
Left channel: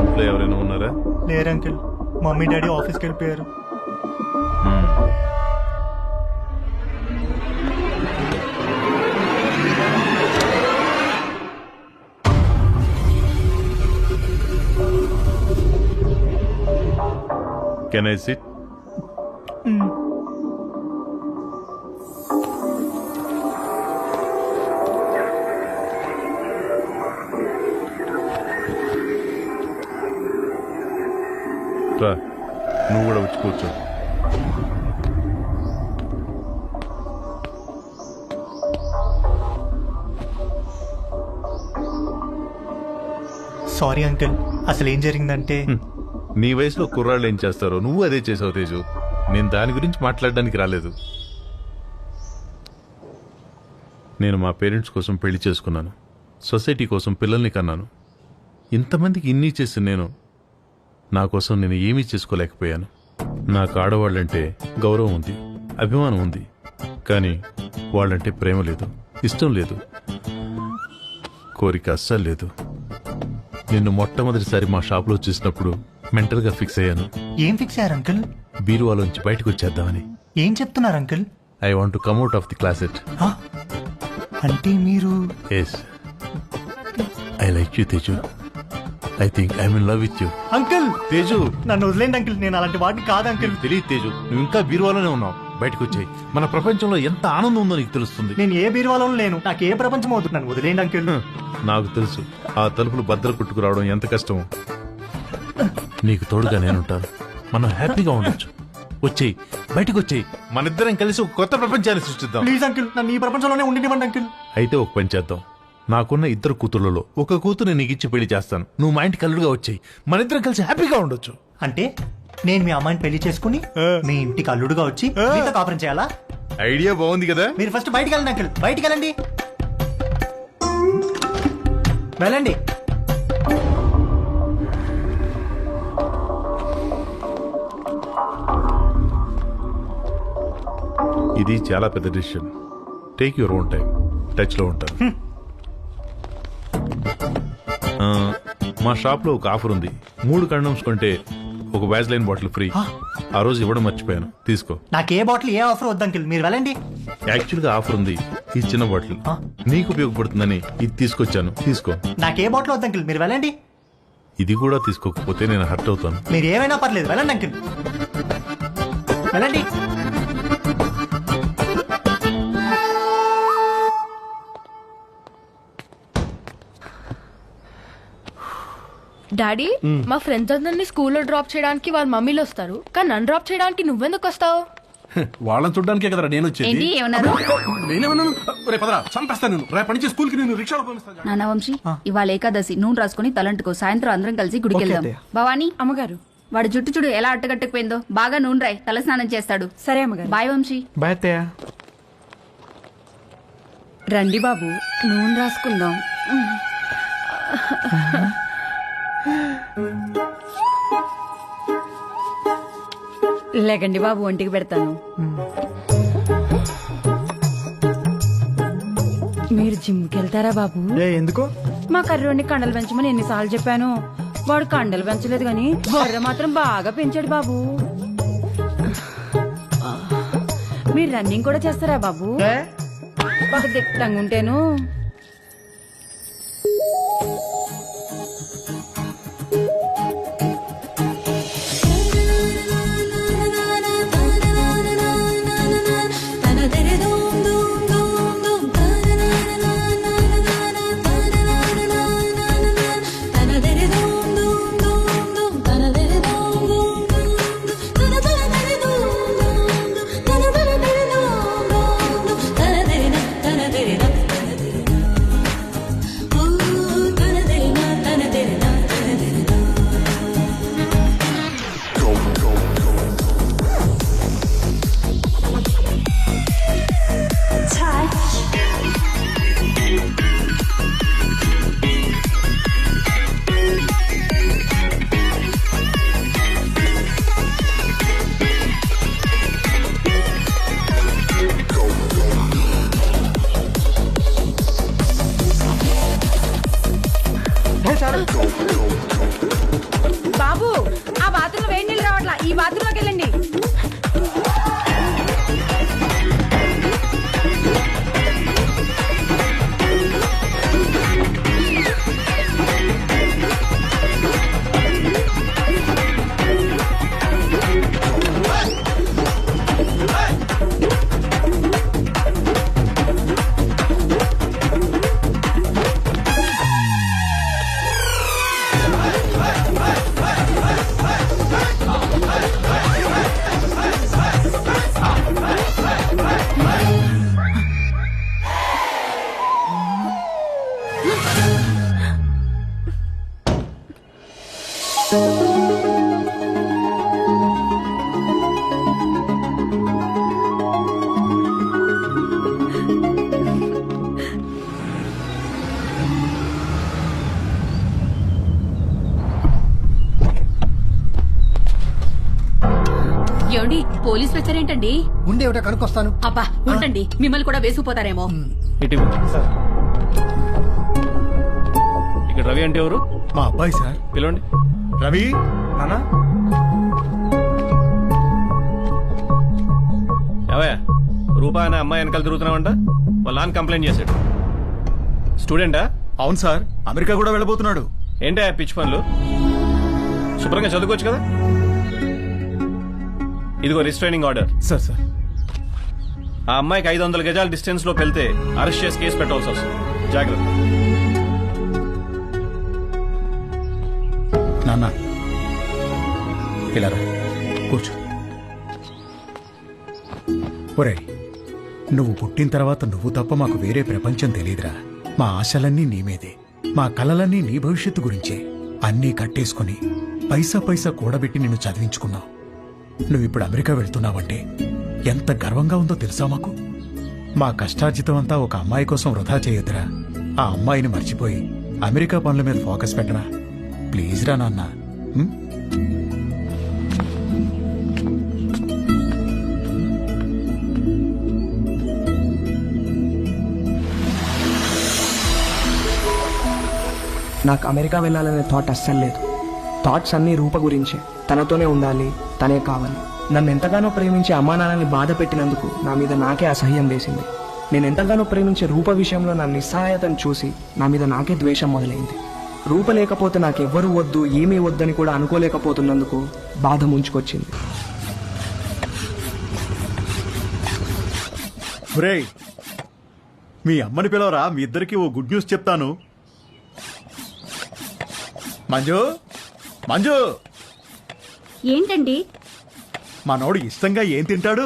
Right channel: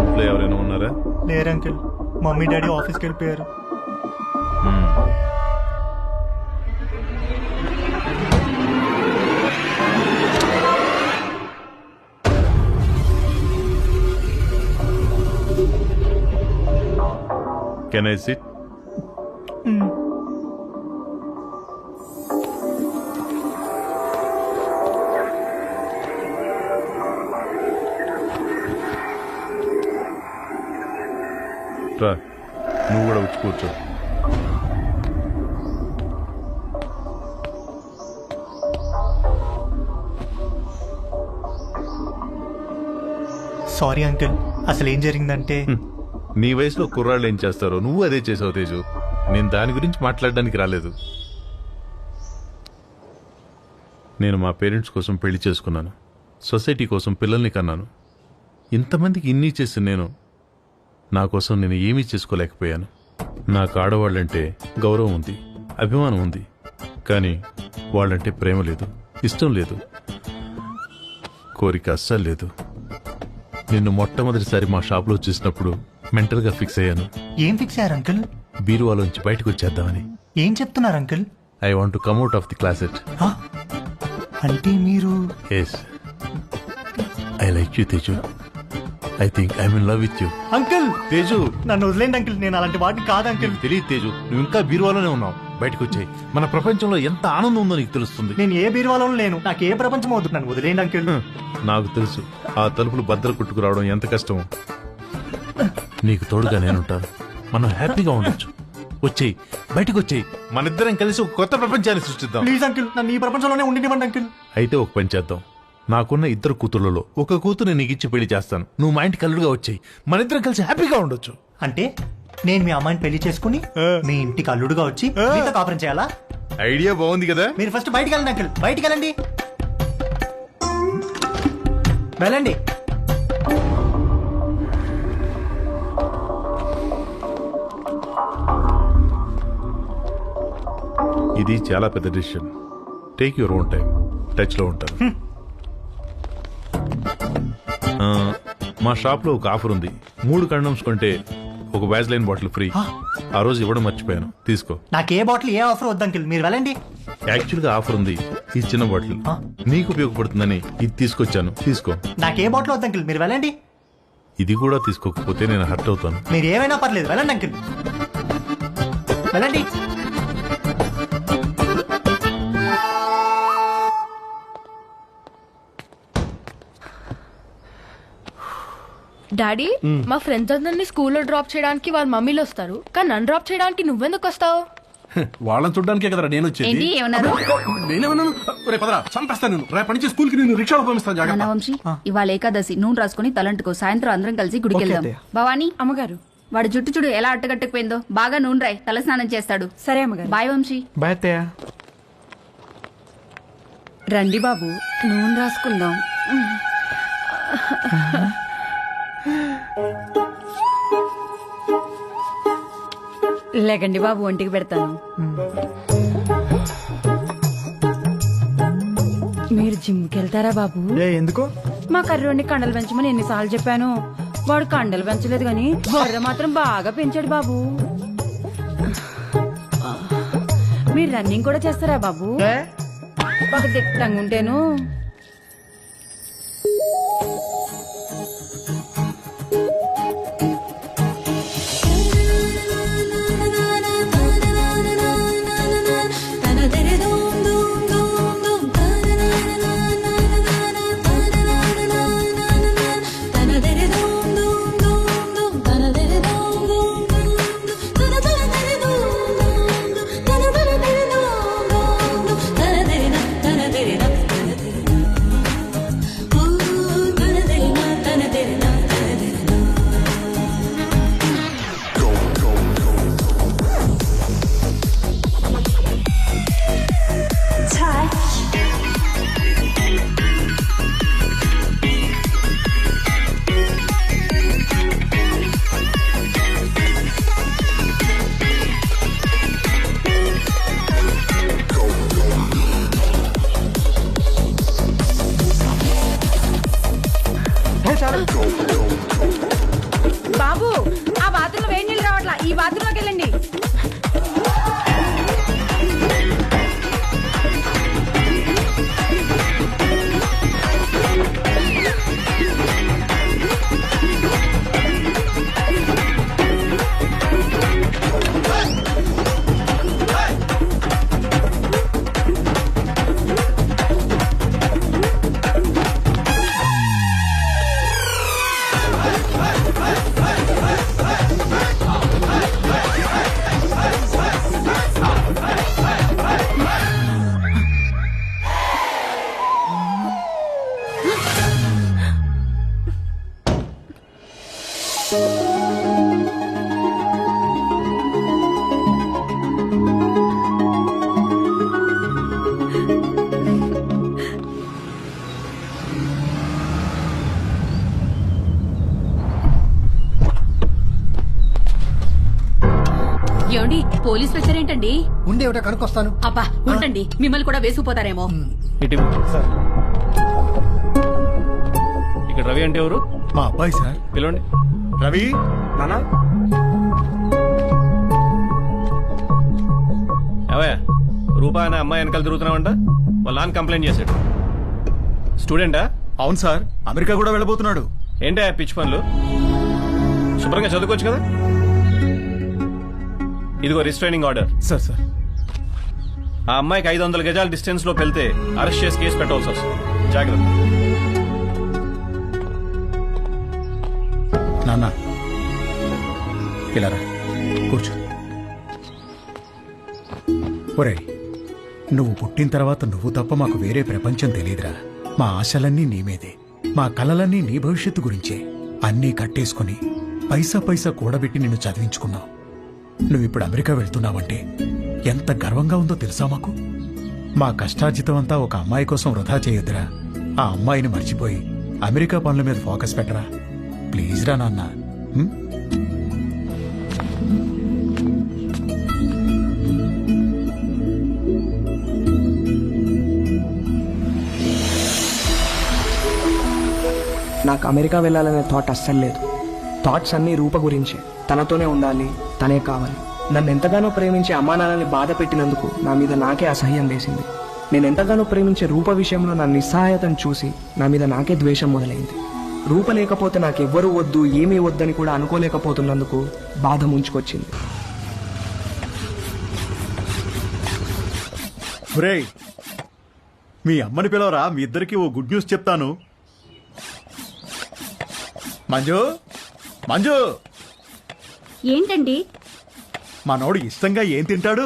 ఇంట్లో ఎవరైనా ఉన్నారా? లేరు అంకుల్, మమ్మీ డాడీ ఆఫీస్కి వెళ్ళిపోయారు. Can I SIT? రా, నువ్వు కూడా వచ్చి కూర్చో. సారీ అంకుల్, అసలు ఏం జరిగిందంటే నీ వయసులో కుర్రాళ్ళు ఏం చేస్తారో నువ్వు అదే చేసావు తేజు. నేను దాని గురించి మాట్లాడడానికి రాలేదు. నేను మా పేరెంట్స్ కోసం పెళ్లి చేసుకున్నాను, సొసైటీ కోసం పిల్లల్ని కన్నాను. ఇంతమందికి ఇన్ని చేసి నేను నా కోసం నేను ఏమీ చేసుకోలేకపోయాను. నాకు ఆడవాళ్ళంటే గౌరవం ఉంది, అభిమానం ఉంది, కానీ వాళ్ళంటే ప్రేమ లేదు, ఇష్టం లేదు, కోరిక అస్సలు లేదు. నిన్ను మొట్టమొదటిసారి మా షాప్లో చూసినప్పుడు మెంటల్గా ఫిక్స్ అయ్యాను. ఏం ఫిక్స్ అయ్యారు అంకుల్? బీరువాలోంచి బయటకు వచ్చేద్దామని. ఏం చెప్తున్నారు uncle? I want to come out of the closet. అంటే మీరు? Yes, I like you Teju. I think I'm in love with you. Uncle Teju నన్ను వదిలేండి అంకుల్, నేను అలాంటి వాడిని కాదు అంకుల్. నీకు తెలియదు తేజు, నువ్వు ఇంకా బీరువాలోనే ఉన్నావు. బయటకు వచ్చాయి, మన ప్రపంచంలో ఎంత ఆనందం ఉందో నీకు తెలుస్తుంది. నేను ఏ బీరువాలోనూ లేను, నాకు ఏ ప్రపంచం అవుతుంది, నన్ను వదిలేండి అంకుల్. నాకు తెలుసు ఆ తలుపులు భద్ర కుట్టుకురావడం ఎంత కష్టమో. నీకు తోడుగా నేనుంటాను, మనం హ్యాపీగా ఉండొచ్చు. వచ్చేయి, బయటకు వచ్చేయి, మనిద్దరం కలిసి ఒక కొత్త ప్రపంచాన్ని సృష్టిద్దాం. ప్లీజ్ అంకుల్, నన్ను ఈ ప్రపంచంలోనే ఉండినివ్వండి అంకుల్. అయితే ఒక పని చేద్దాం, నాకున్న 2 కూతుర్లలో ఒక కూతురు నీకు ఇచ్చి పెళ్లి చేస్తాను. నువ్వు మా ఇంటికి అల్లుడుగా వచ్చేయి, మనిద్దరం కలిసి హ్యాపీగా ఉండొచ్చు. అంటే నేను మీ అమ్మాయిని పెళ్లి చేసుకుని మీ ఇంటికి అల్లుడుగా వచ్చి మీతో కాపురం చేయాలా? ఐడియా బాగుంది కదా. మీరు ఫస్ట్ బయటికి వెళ్ళండి అంకుల్, బయటికి వెళ్ళండి. వెళ్ళండి. ఇది చాలా పెద్ద decision. Take your own time. Touch లో ఉంటాను. మా షాప్ లో ఒక ఆఫర్ ఉంది. 3 కండమ్స్ కొంటే ఒక వ్యాజ్లైన్ బాటిల్ ఫ్రీ. ఆ రోజు ఇవ్వడం మర్చిపోయాను, తీసుకో. నాకు ఏ బాటిల్ ఏ ఆఫర్ వద్దు అంకుల్, మీరు వెళ్ళండి. యాక్చువల్ గా ఆఫర్ ఉంది, ఈ చిన్న బాటిల్ నీకు ఉపయోగపడుతుందని ఇది తీసుకొచ్చాను, తీసుకో. నాకే బాటిల్ వద్దు అంకుల్, మీరు వెళ్ళండి. ఇది కూడా తీసుకోకపోతే నేను హర్ట్ అవుతాను. మీరు ఏమైనా పర్లేదు, వెళ్ళండి అంకుల్, వెళ్ళండి. డాడీ మా ఫ్రెండ్స్ అందరినీ స్కూల్లో డ్రాప్ చేయడానికి వాళ్ళ మమ్మీలు వస్తారు, కానీ నన్ను డ్రాప్ చేయడానికి నువ్వెందుకు వస్తావు? వాళ్ళని చూడడానికే కదరా నేను వచ్చేది. ఏంటి ఏమన్నారు? నేనేమన్నాను? రే పదరా, చంపేస్తాను నేను. రేపటి నుంచి స్కూల్ కి నేను రిక్షాలో పంపిస్తాను. జాగ్రత్త. నాన్న వంశీ, ఇవాళ ఏకాదశి, నూనె రాసుకుని తలంటుకో. సాయంత్రం అందరం కలిసి గుడికి వెళ్దాం. భవానీ అమ్మగారు, వాడు జుట్టు చూడు ఎలా అట్టగట్టుకుపోయిందో. బాగా నూనె రాయి, తల స్నానం చేస్తాడు. సరే అమ్మగారు. బాయ్ వంశీ. బాయ్ అత్తయ్య. రండి బాబు. నూనె రాసుకుందాం. లేకండి బాబు, ఒంటికి పెడతాను. మీరు జిమ్కి వెళ్తారా బాబు? ఎందుకు? మా కర్రోడిని కండలు పెంచమని ఎన్నిసార్లు చెప్పాను. వాడు కండలు పెంచలేదు గాని బొర్ర మాత్రం బాగా పెంచాడు బాబు. మీరు రన్నింగ్ కూడా చేస్తారా బాబు? ఒక దిట్టంగా ఉంటేను. బాబు, ఆ బాత్రూంలో వేడి నీళ్ళు రావట్లా, ఈ బాత్రూంలోకి వెళ్ళండి. ఏమండి, పోలీస్ వచ్చారేంటండి? ఉండేవిట కనుక్కొస్తాను. అబ్బా ఉండండి, మిమ్మల్ని కూడా వేసుకుపోతారేమో. ఇక్కడ రవి అంటే ఎవరు? మా అబ్బాయి సార్. పిలవండి. రవి, నానా ఏవయ్యా, రూపా అనే అమ్మాయి వెనకాల తిరుగుతున్నావంట. వాళ్ళ నాన్న కంప్లైంట్ చేశాడు. స్టూడెంటా? అవును సార్, అమెరికా కూడా వెళ్ళబోతున్నాడు. ఏంటా పిచ్చి పనులు? శుభ్రంగా చదువుకోవచ్చు కదా. ఇదిగో రిస్ట్రైనింగ్ ఆర్డర్. సార్ సార్ ఆ అమ్మాయికి 500 గజాల డిస్టెన్స్ లో వెళ్తే అరెస్ట్ చేసి కేసు పెట్టాల్సి వస్తుంది. జాగ్రత్త. నాన్న ఇలా రా, కూర్చో. ఒరే, నువ్వు పుట్టిన తర్వాత నువ్వు తప్ప మాకు వేరే ప్రపంచం తెలియదురా. మా ఆశలన్నీ నీ మీదే, మా కలలన్నీ నీ భవిష్యత్తు గురించే. అన్నీ కట్టేసుకుని పైసా పైసా కూడబెట్టి నిన్ను చదివించుకున్నావు. నువ్విప్పుడు అమెరికా వెళ్తున్నావంటే ఎంత గర్వంగా ఉందో తెలుసా మాకు. మా కష్టార్జితం అంతా ఒక అమ్మాయి కోసం వృధా చేయొద్దురా. ఆ అమ్మాయిని మర్చిపోయి అమెరికా పనుల మీద ఫోకస్ పెట్టరా. ప్లీజ్ రా నాన్న. నాకు అమెరికా వెళ్ళాలనే థాట్ అస్సలు లేదు. థాట్స్ అన్నీ రూప గురించే. తనతోనే ఉండాలి, తనే కావాలి. నన్ను ఎంతగానో ప్రేమించే అమ్మా నాన్నల్ని బాధ పెట్టినందుకు నా మీద నాకే అసహ్యం వేసింది. నేను ఎంతగానో ప్రేమించే రూప విషయంలో నా నిస్సహాయతను చూసి నా మీద నాకే ద్వేషం మొదలైంది. రూప లేకపోతే నాకెవ్వరూ వద్దు, ఏమీ వద్దని కూడా అనుకోలేకపోతున్నందుకు బాధ ముంచుకొచ్చింది. ఒరేయ్, మీ అమ్మని పిలవరా, మీ ఇద్దరికి ఓ గుడ్ న్యూస్ చెప్తాను. మంజు, మంజు, ఏంటండి? మనోడు ఇష్టంగా ఏం తింటాడు?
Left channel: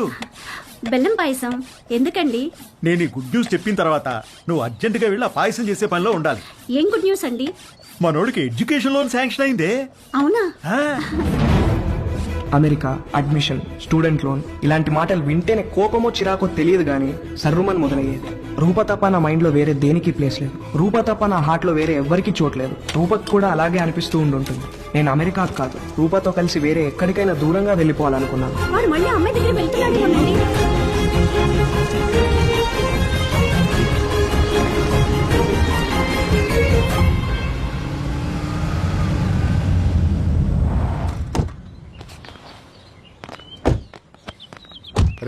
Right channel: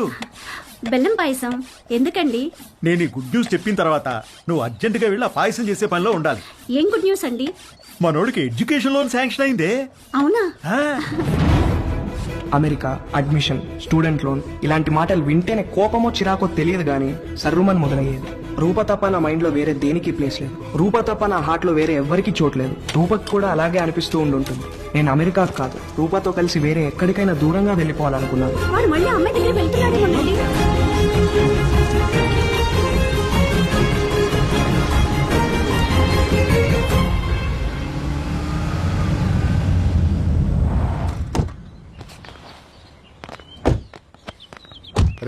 బెల్లం పాయసం. ఎందుకండి? నేను ఈ గుడ్ న్యూస్ చెప్పిన తర్వాత నువ్వు అర్జెంటుగా వెళ్ళి ఆ పాయసం చేసే పనిలో ఉండాలి. ఏం గుడ్ న్యూస్ అండి? మనోడికి ఎడ్యుకేషన్ లోన్ శాంక్షన్ అయిందే. అవునా? అమెరికా, అడ్మిషన్, స్టూడెంట్ లోన్ ఇలాంటి మాటలు వింటేనే కోపమో చిరాకో తెలియదు గానీ సర్రుమని మొదలయ్యేది. రూప తప్ప నా మైండ్ లో వేరే దేనికి ప్లేస్ లేదు. రూప తప్ప నా హార్ట్ లో వేరే ఎవ్వరికి చోట్లేదు. రూపకు కూడా అలాగే అనిపిస్తూ ఉండుంటుంది. నేను అమెరికాకు కాదు, రూపతో కలిసి వేరే ఎక్కడికైనా దూరంగా వెళ్ళిపోవాలనుకున్నాను. వాడు మళ్ళీ అమ్మాయి దగ్గర వెళ్తున్నాడేమోనండి.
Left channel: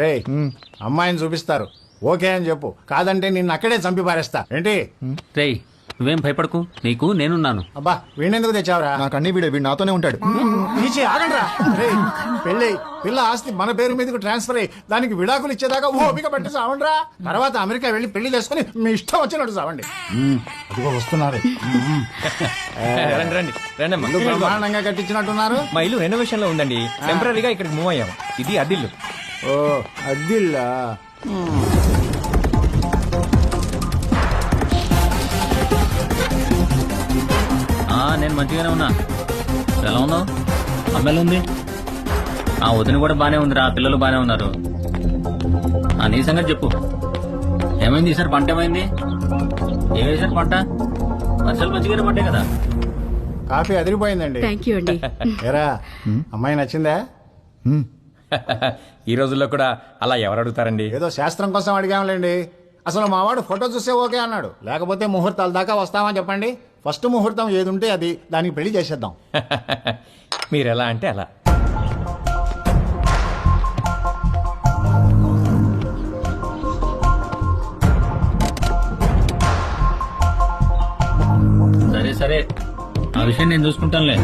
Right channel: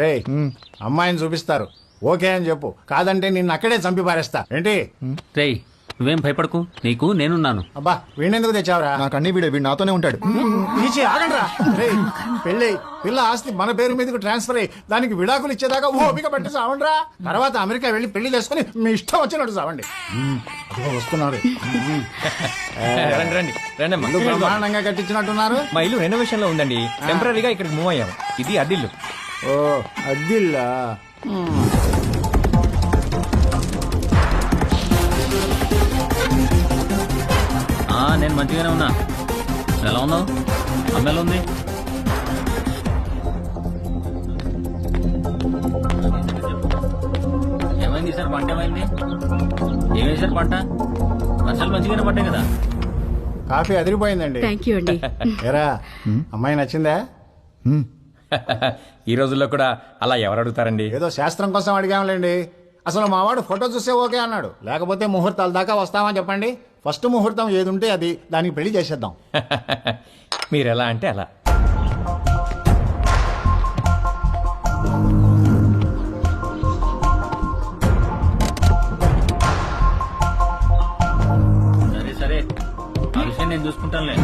రే, అమ్మాయిని చూపిస్తారు, ఓకే అని చెప్పు. కాదంటే నిన్ను అక్కడే చంపి పారేస్తా. ఏంటి? రేయ్, నువ్వేం భయపడకు, నీకు నేనున్నాను. అబ్బా, వీణెందుకు తెచ్చావురా? నాకు అన్ని వీడు నాతోనే ఉంటాడు. నీచే ఆగండ్రా. రే, పెళ్ళై పిల్ల ఆస్తి మన పేరు మీదకి ట్రాన్స్ఫర్ అయ్యి దానికి విడాకులు ఇచ్చేదాకా ఓపిక పట్టి సావండ్రా. తర్వాత అమెరికా వెళ్ళి పెళ్లి చేసుకుని మీ ఇష్టం వచ్చినట్టు సావండి. రండి రండి రండి అమ్మా. ఎందుకు బ్రహ్మాండంగా కట్టించినట్టున్నారు? మా ఇల్లు రెనోవేషన్ లో ఉందండి. టెంపరీగా ఇక్కడికి మూవ్ అయ్యాము. ఇది అద్దిల్లు. ఓ, అద్దిల్లా? నేను మంచిగానే ఉన్నా. ఎలా ఉన్నావు? అమ్మ ఎలా ఉంది? వదిన కూడా బానే ఉందిరా, పిల్లలు బానే ఉన్నారు. నీ సంగతి చెప్పు. ఏమైంది ఈసారి? పంట ఏమైంది? ఏ వేసారు పంట? వర్షాలు మంచిగానే పడ్డాయి కదా. కాఫీ అదిరిపోయిందండి. థ్యాంక్ యూ అండి. ఏరా, అమ్మాయి నచ్చిందా? ఈ రోజుల్లో కూడా అలా ఎవరు అడుగుతారండి? ఏదో శాస్త్రం కోసం అడిగాంలేండి. అసలు మావాడు ఫోటో చూసే ఓకే అన్నాడు. లేకపోతే ముహూర్తాల దాకా వస్తామని చెప్పండి. ఫస్ట్ ముహూర్తం ఏది ఉంటే అది, దానికి పెళ్లి చేసేద్దాం. మీరు ఎలా అంటే అలా. సరే సరే, ఆ విషయం నేను చూసుకుంటానులే.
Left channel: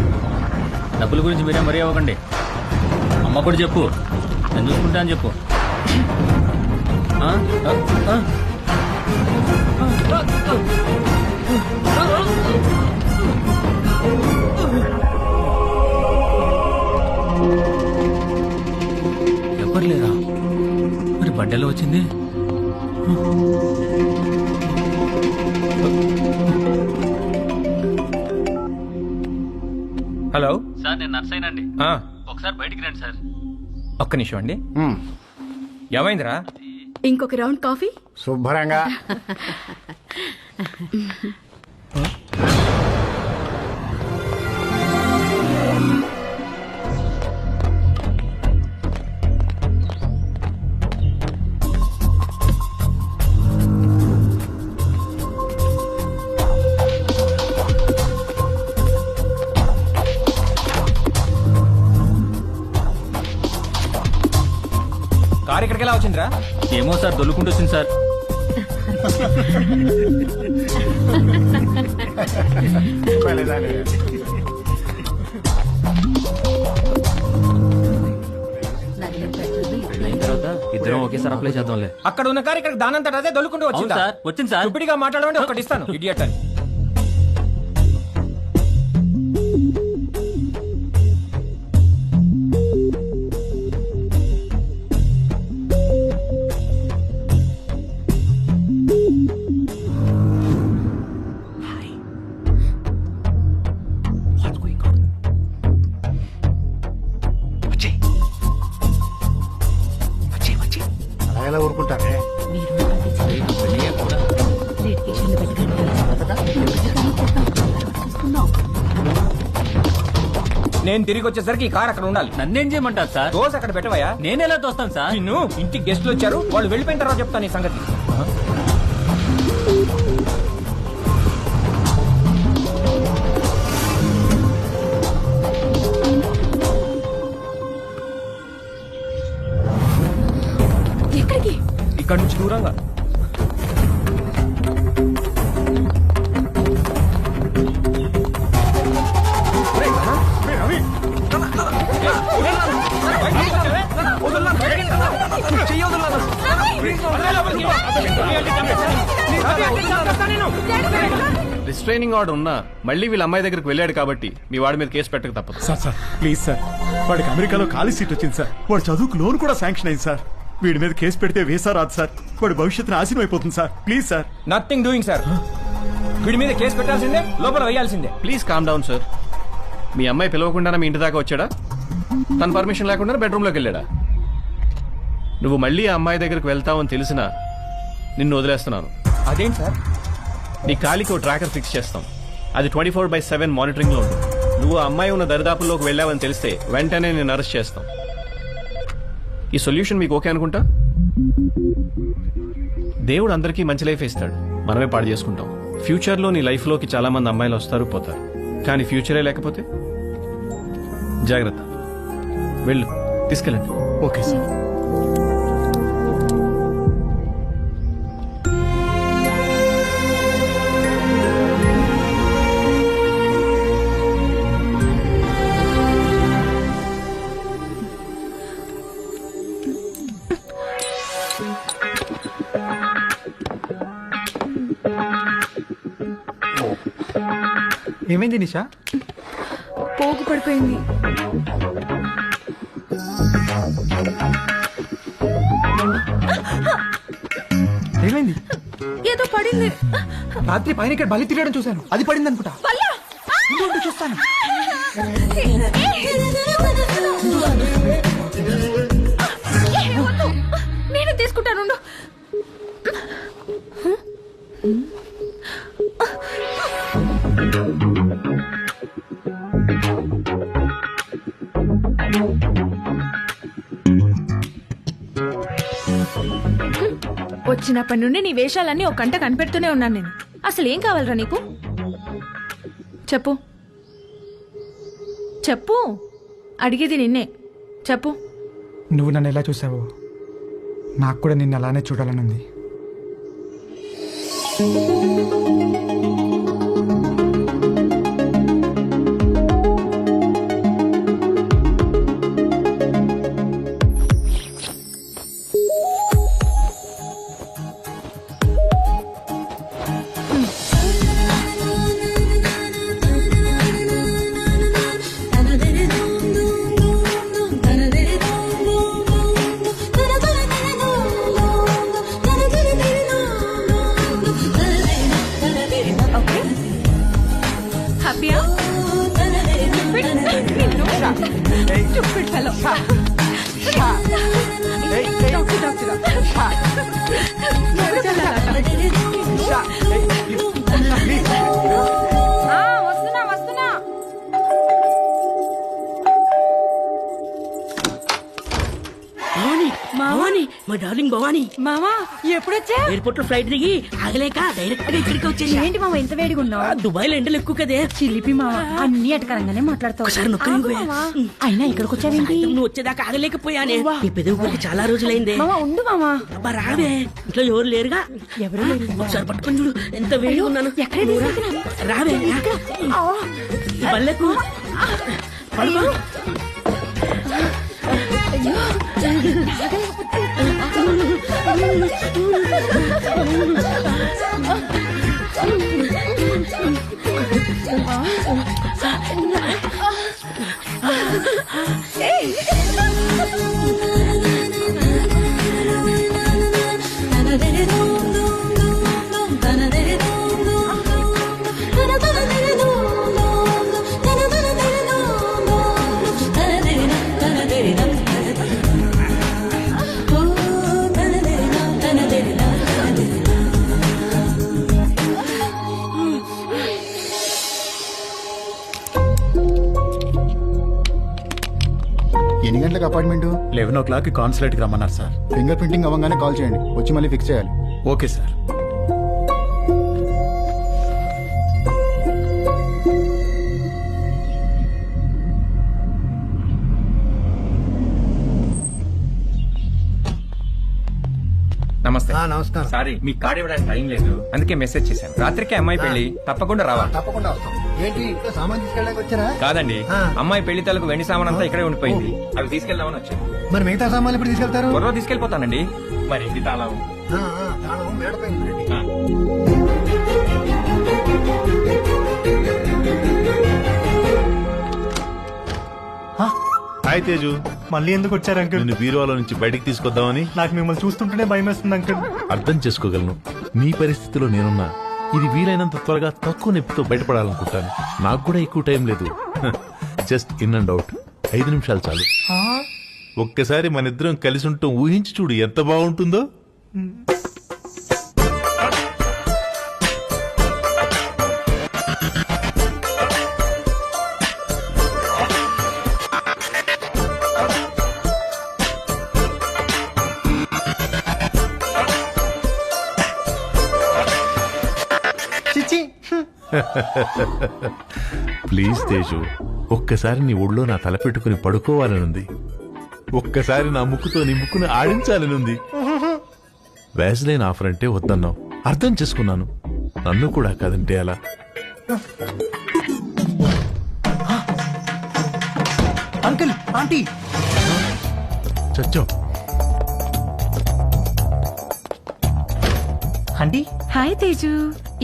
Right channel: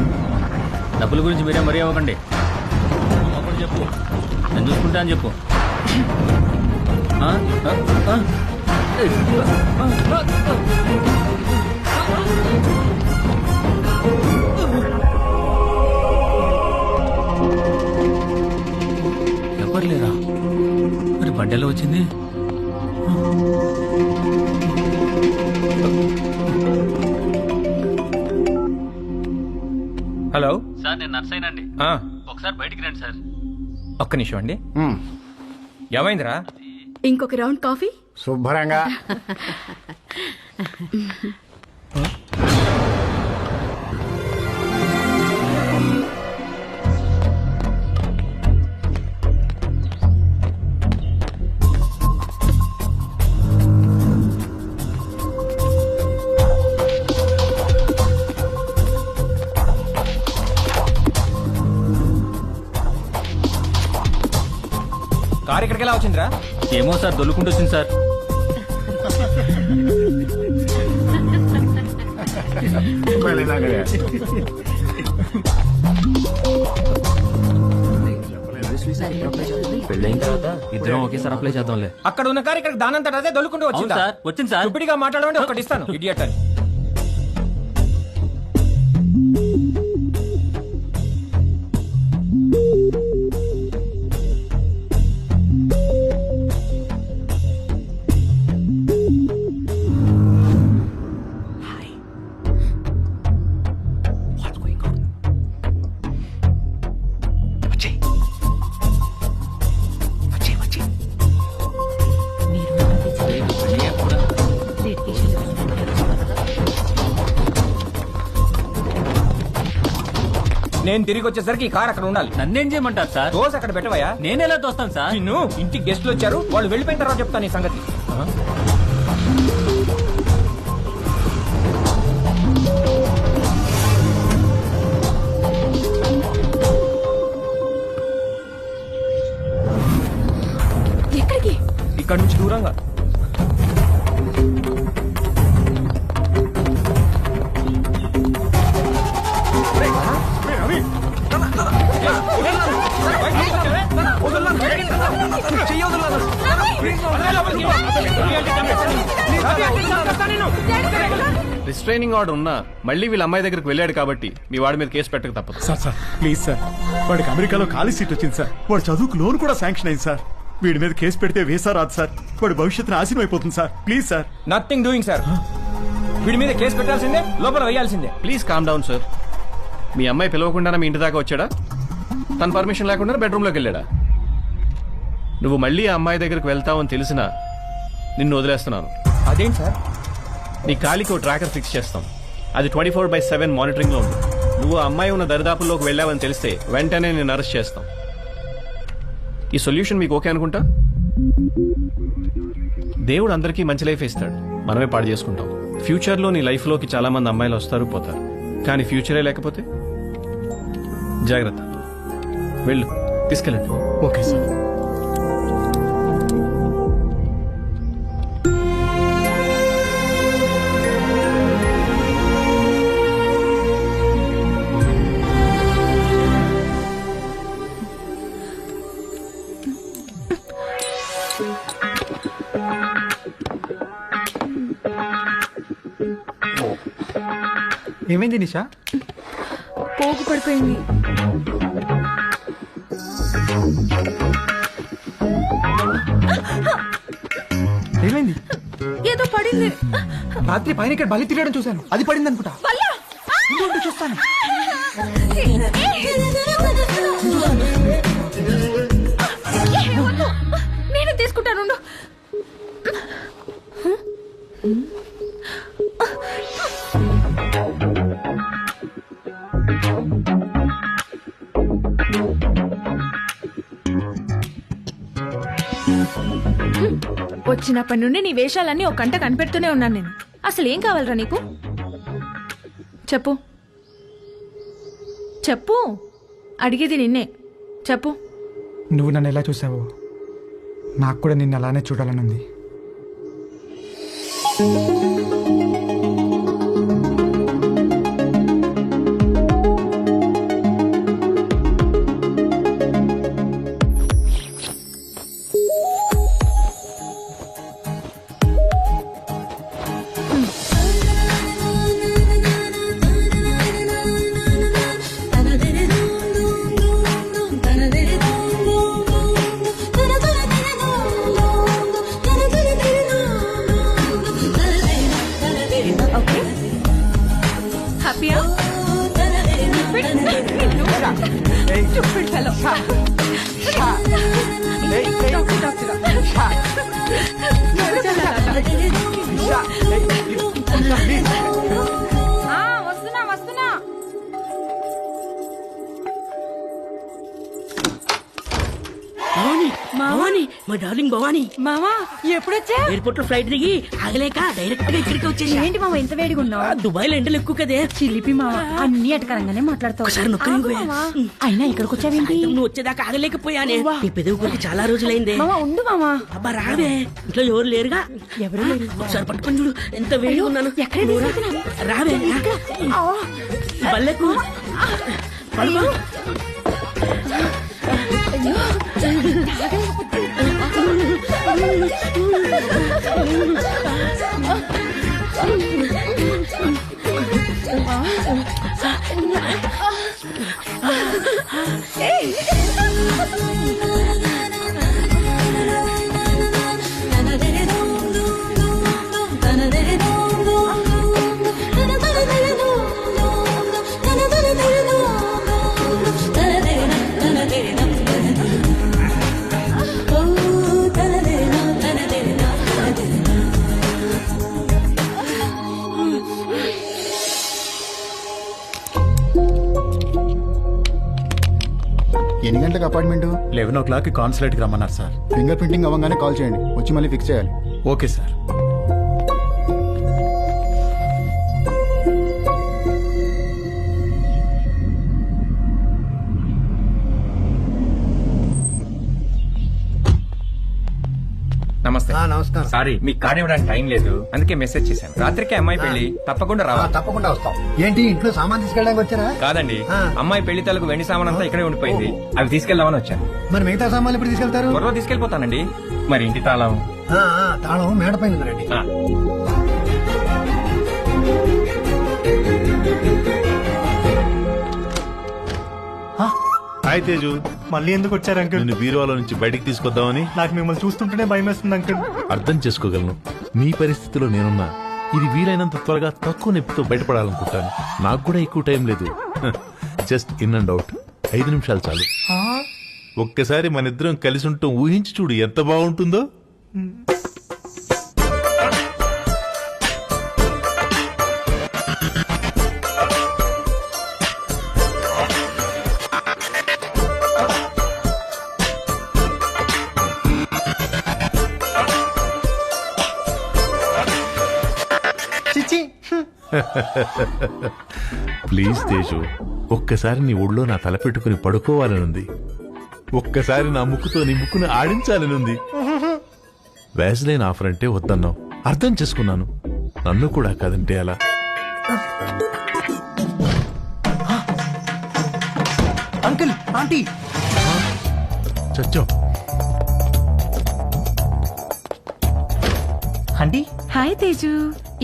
డబ్బుల గురించి మీరేం మరీ అవ్వకండి. అమ్మ కూడా చెప్పు, నేను చూసుకుంటా అని చెప్పు. ఎవరు లేరా? మరి బండెలో వచ్చింది? హలో సార్, నేను నర్సైనండి. ఒకసారి బయటికి రండి సార్. ఒక్క నిమిషం అండి. ఏమైందిరా? ఇంకొక రౌండ్ కాఫీ. శుభ్రంగా. కారు ఇక్కడికి ఎలా వచ్చిందిరా? ఏమో సార్, దొల్లుకుంటూ వచ్చింది సార్. పెళ్ళైన తర్వాత ఇద్దరం ఒకేసారి అప్లై చేద్దాంలే. అక్కడ ఉన్న కారు ఇక్కడ దానంతట అదే దొల్లుకుంటూ వచ్చిందా? సార్ వచ్చింది సార్. ఇప్పటిగా మాట్లాడమంటే ఒకటి ఇస్తాను ఇడియట్ అని. ఎలా ఊరుకుంటారే? నేను తిరిగి వచ్చేసరికి ఈ కార్ అక్కడ ఉండాలి. నన్నేం చేయమంటారు సార్? దోశ అక్కడ పెట్టవయ్యా. నేను ఎలా తోస్తాను సార్? నిన్ను ఇంటికి గెస్ట్లు వచ్చారు, వాళ్ళు వెళ్ళిపోయిన తర్వాత చెప్తాను ఈ సంగతి. ఎక్కడికి? ఇక్కడ నుంచి దూరంగా. రవి రిస్ట్రైనింగ్ ఆర్డర్ ఉన్నా మళ్ళీ వీళ్ళ అమ్మాయి దగ్గరికి వెళ్ళాడు కాబట్టి మీ వాడి మీద కేసు పెట్టక తప్పదు. సార్ ప్లీజ్ సార్, వాడికి అమెరికాలో ఖాళీ సీట్ వచ్చింది సార్. వాడు చదువుకు లోన్ కూడా శాంక్షన్ అయింది సార్. వీడి మీద కేసు పెడితే వేసా రాదు సార్. వాడి భవిష్యత్తు నాశనం అయిపోతుంది sir. Please sir. Nothing doing sir. వీడి మీద కేసు పెట్టాల్సిందే, లోపల వేయాల్సిందే. Please calm down sir. మీ అమ్మాయి పిలవకుండా మీ ఇంటి దాకా వచ్చాడా? తన పర్మిషన్ లేకుండా బెడ్రూమ్లోకి వెళ్ళాడా? నువ్వు మళ్ళీ ఆ అమ్మాయి దగ్గరికి వెళ్తావని తెలిసినా నిన్ను వదిలేస్తున్నాను. అదేంటి సార్? నీ కాలికి ఓ ట్రాకర్ ఫిక్స్ చేస్తాం. అది 24/7 మానిటరింగ్ లో ఉంటుంది. నువ్వు ఆ అమ్మాయి ఉన్న దరిదాపుల్లోకి వెళ్ళావని తెలిస్తే వెంటనే నేను అరెస్ట్ చేస్తాం. ఈ సొల్యూషన్ మీకు ఓకే అనుకుంటా? దేవుడు అందరికీ మంచి లైఫ్ ఇస్తాడు, మనమే పాడు చేసుకుంటాం. ఫ్యూచర్ లో నీ లైఫ్ లోకి చాలా మంది అమ్మాయిలు వస్తారు పోతారు, కానీ ఫ్యూచరే లేకపోతే జాగ్రత్త. వెళ్ళు, తీసుకెళ్ళండి. Okay sir. ఏమైంది నిషా? పోగు పడిపోయింది. ఏమైంది? ఏదో పడింది. రాత్రి పైన ఇక్కడ బలి తిరగడం చూశాను, అది పడింది అనుకుంటా. చూస్తాను నేను చూస్తాను. నేను తీసుకుంటాను. వచ్చినప్పటి నుండి నీ వేషాలన్నీ ఒక కంట కనిపెడుతూనే ఉన్నాను నేను. అసలు ఏం కావాలరా నీకు? చెప్పు చెప్పు, అడిగేది నిన్నే. చెప్పు. నువ్వు నన్ను ఎలా చూసావో నాకు కూడా నిన్ను అలానే చూడాలనుంది. ఓకే, హ్యాపీయా? Stupid fellow. Doctor. వస్తున్నా. భవాని భవాని మా డార్లింగ్ భవాని మామా ఎప్పుడొచ్చా? ఎయిర్పోర్ట్ లో ఫ్లైట్ దిగి ఆగలేక డైరెక్ట్ గా ఇక్కడికి వచ్చేసి. ఏంటి మామ ఇంత వేడిగా ఉన్నావు? దుబాయ్ లో ఎండలు ఎక్కువ కదే. చిలిపి మామ అన్ని అటకరంగానే మాట్లాడతావు. ఒకసారి నొక్కని అయినా ఇక్కడికి వచ్చావేంటి? నువ్వు వచ్చేదాకా ఆగలేకపోయానే. నీ పెదవి కొరికి చాలా రోజులైందే. మామ ఉండు మామ. అబ్బా రావే, ఇంట్లో ఎవరు లేరుగా. ఎవరు లేరు. ఒకసారి పట్టుకొని చూడు ఎంత వేడిగా ఉన్నాను. రావే ఈ బల్లెకు అయ్యో అయ్యో తాగలేకపోతే ఎన్ని గంటలకు అపార్ట్మెంట్? 11 కాన్సులేట్కి రమ్మన్నారు సార్. ఫింగర్ ప్రింటింగ్ అవ్వగానే కాల్ చేయండి, వచ్చి మళ్ళీ ఫిక్స్ చేయాలి. Okay sir. నమస్తే. నమస్కారం. సారీ మీకు కార్డు ఇవ్వడానికి టైం లేదు, అందుకే మెసేజ్ చేశాను. రాత్రికి అమ్మాయి పెళ్లి, తప్పకుండా రావాలి. తప్పకుండా వస్తాం. ఏంటి ఇంట్లో సామాన్ తీసుకెళ్ళడానికి వచ్చారా? కాదండి, అమ్మాయి పెళ్లి తలకు వెండి సామాన్ అంతా ఇక్కడే ఉండిపోయింది, అవి తీసుకెళ్దామని వచ్చాను. మరి మిగతా సామాన్లు ఎప్పుడు తీసుకెళ్తారు? త్వరలో తీసుకెళ్లిపోతానండి. మరి ఇంటి తాళం? తాళం మేడపై ఉందండి. హాయ్ తేజు, మళ్ళీ ఎందుకు వచ్చారు అంకుల్? నిన్ను బీరువాలో నుంచి బయటికి తీసుకొద్దామని. నాకు మిమ్మల్ని చూస్తుంటేనే భయం వేస్తుంది అంకుల్. అర్థం చేసుకోగలను, నీ పరిస్థితిలో నేనున్నా. ఇది వీలైనంత త్వరగా తక్కువ నొప్పితో బయటపడాలనుకుంటాను. నాకు కూడా ఎక్కువ టైం లేదు. జస్ట్ ఇన్ అండ్ అవుట్ 5 నిమిషాలు చాలు. ఒక్కసారి మన ఇద్దరం కలిసి ఉంటాం ఊహించి చూడు ఎంత బాగుంటుందో. చిచి ప్లీజ్ తేజు, ఒక్కసారి నీ ఒళ్ళో నా తల పెట్టుకుని పడుకోవాలనుంది. ఒక్కసారి నా ముక్కుతో నీ ముక్కును ఆడించాలనుంది. వ్యాజ్లైన్ ఆఫర్ అంటే వద్దన్నావు, అర్థం చేసుకున్నాను. నన్ను కూడా కాదంటే అలా. అంకుల్, ఆంటీ చచ్చో. Aunty hi Teju.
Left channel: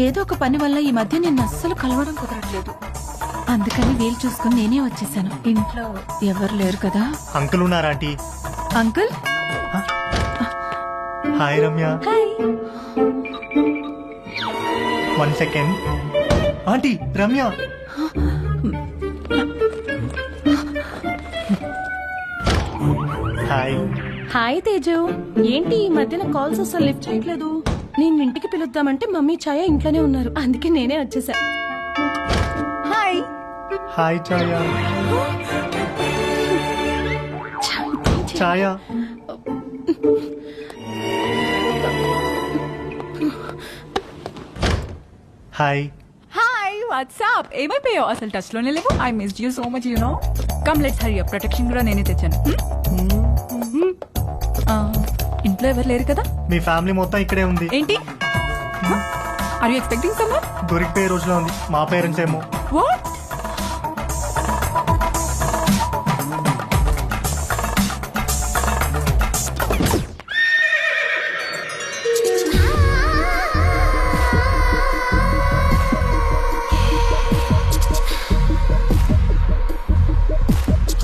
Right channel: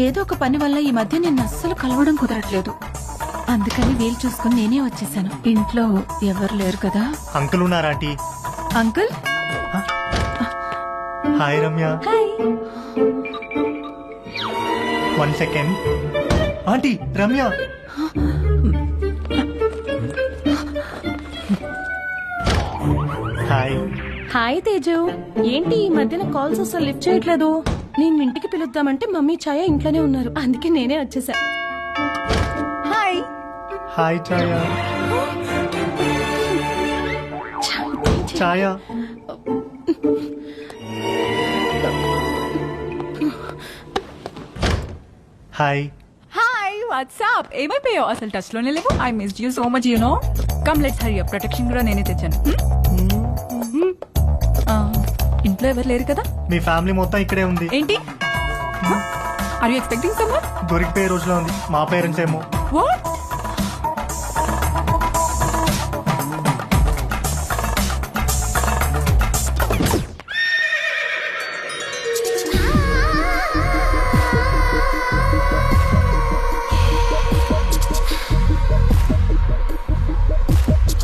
ఏదో ఒక పని వల్ల ఈ మధ్య నిన్ను అస్సలు కలవడం కుదరట్లేదు, అందుకని వీలు చూసుకుని నేనే వచ్చేసాను. ఇంట్లో ఎవరు లేరు కదా? అంకుల్ ఉన్నారా aunty? Uncle hi Ramya. Hi. 1 second. Aunty Ramya. Hi. Hi Teju. ఏంటి ఈ మధ్యన కాల్స్ అసలు లిఫ్ట్ చేయట్లేదు? నేను ఇంటికి పిలుద్దామంటే మమ్మీ ఛాయ ఇంట్లోనే ఉన్నారు, అందుకే నేనే వచ్చేసా. Hi. Hi Chaya. Chaya. Hi. Hi, what's up? ఏమైపోయావు? అసలు టచ్ లోనే లేవు. I missed you so much, you know. Come let's hurry up. Protection కూడా నేనే తెచ్చాను. ఇంట్లో ఎవరు లేరు కదా? మీ ఫ్యామిలీ మొత్తం ఇక్కడే ఉంది. ఏంటి? Are you expecting someone? దొరికిపోయే రోజులో ఉంది. మా పేరెంట్స్ ఏమో. వాట్?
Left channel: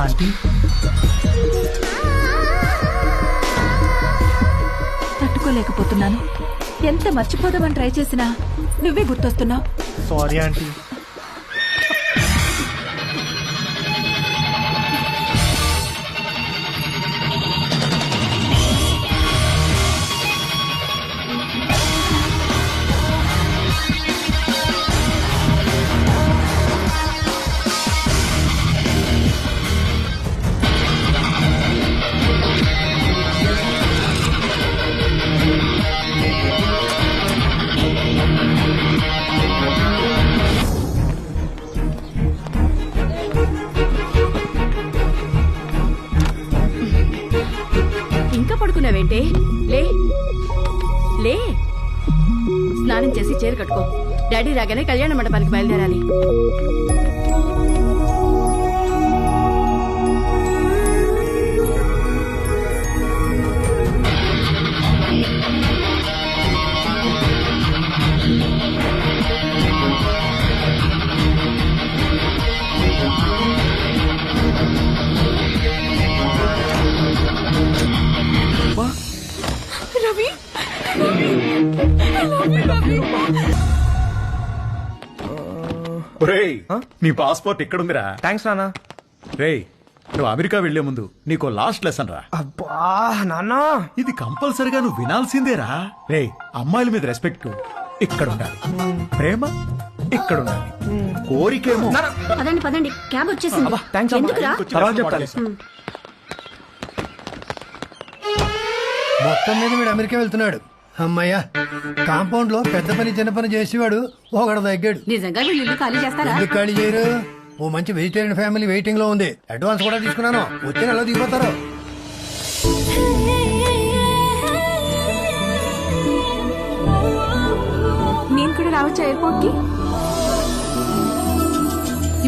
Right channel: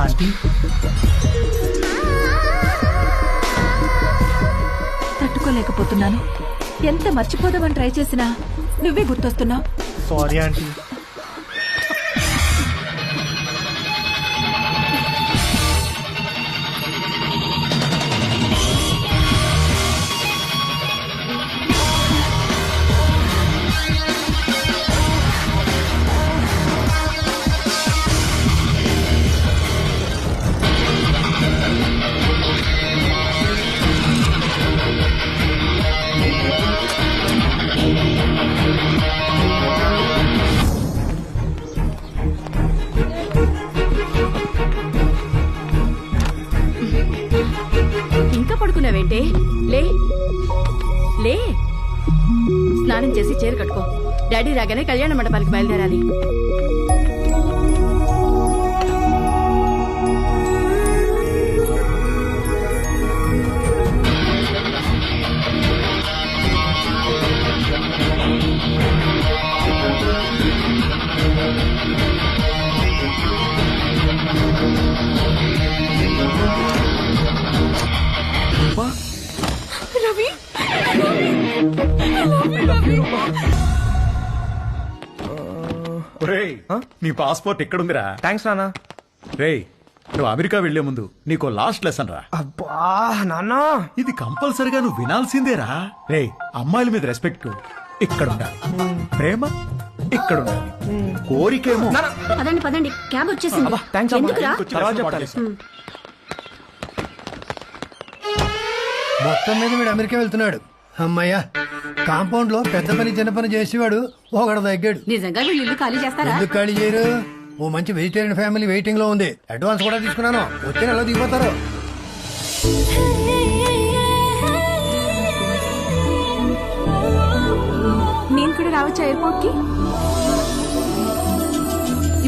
ఆంటీ తట్టుకోలేకపోతున్నాను. ఎంత మర్చిపోదామని ట్రై చేసినా నువ్వే గుర్తొస్తున్నావు. Sorry aunty. ఇంకా పడుకున్నావేంటే? లే లే, స్నానం చేసి చీర కట్టుకో. డాడీ రాగానే కళ్యాణ మండపానికి బయలుదేరాలి. రవి, ఒరేయ్, నీ పాస్పోర్ట్ ఎక్కడుందిరా? థ్యాంక్స్ నాన్న. రేయ్, నువ్వు అమెరికా వెళ్లే ముందు నీకో లాస్ట్ లెసన్ రా. అబ్బా నాన్న, ఇది కంపల్సరిగా నువ్వు వినాల్సిందేరా. రేయ్, అమ్మాయిల మీద రెస్పెక్ట్ ఇక్కడ ఉండాలి, ప్రేమ ఇక్కడ ఉండాలి, కోరికేమో. పదండి పదండి, క్యాబ్ వచ్చేసింది. ఎందుకురా? మొత్తం మీద వీడు అమెరికా వెళ్తున్నాడు. అమ్మయ్యా, కాంపౌండ్ లో పెద్ద పని చిన్న పని చేసేవాడు ఒకడు తగ్గాడు. నిజంగా వీళ్ళు ఇల్లు ఖాళీ చేస్తారా? ఎందుకు ఖాళీ చేయరు? ఓ మంచి వెజిటేరియన్ ఫ్యామిలీ వెయిటింగ్ లో ఉంది. అడ్వాన్స్ కూడా తీసుకున్నాను, వచ్చే నెలలో దిగిపోతారు. నేను కూడా రావచ్చా ఎయిర్పోర్ట్ కి?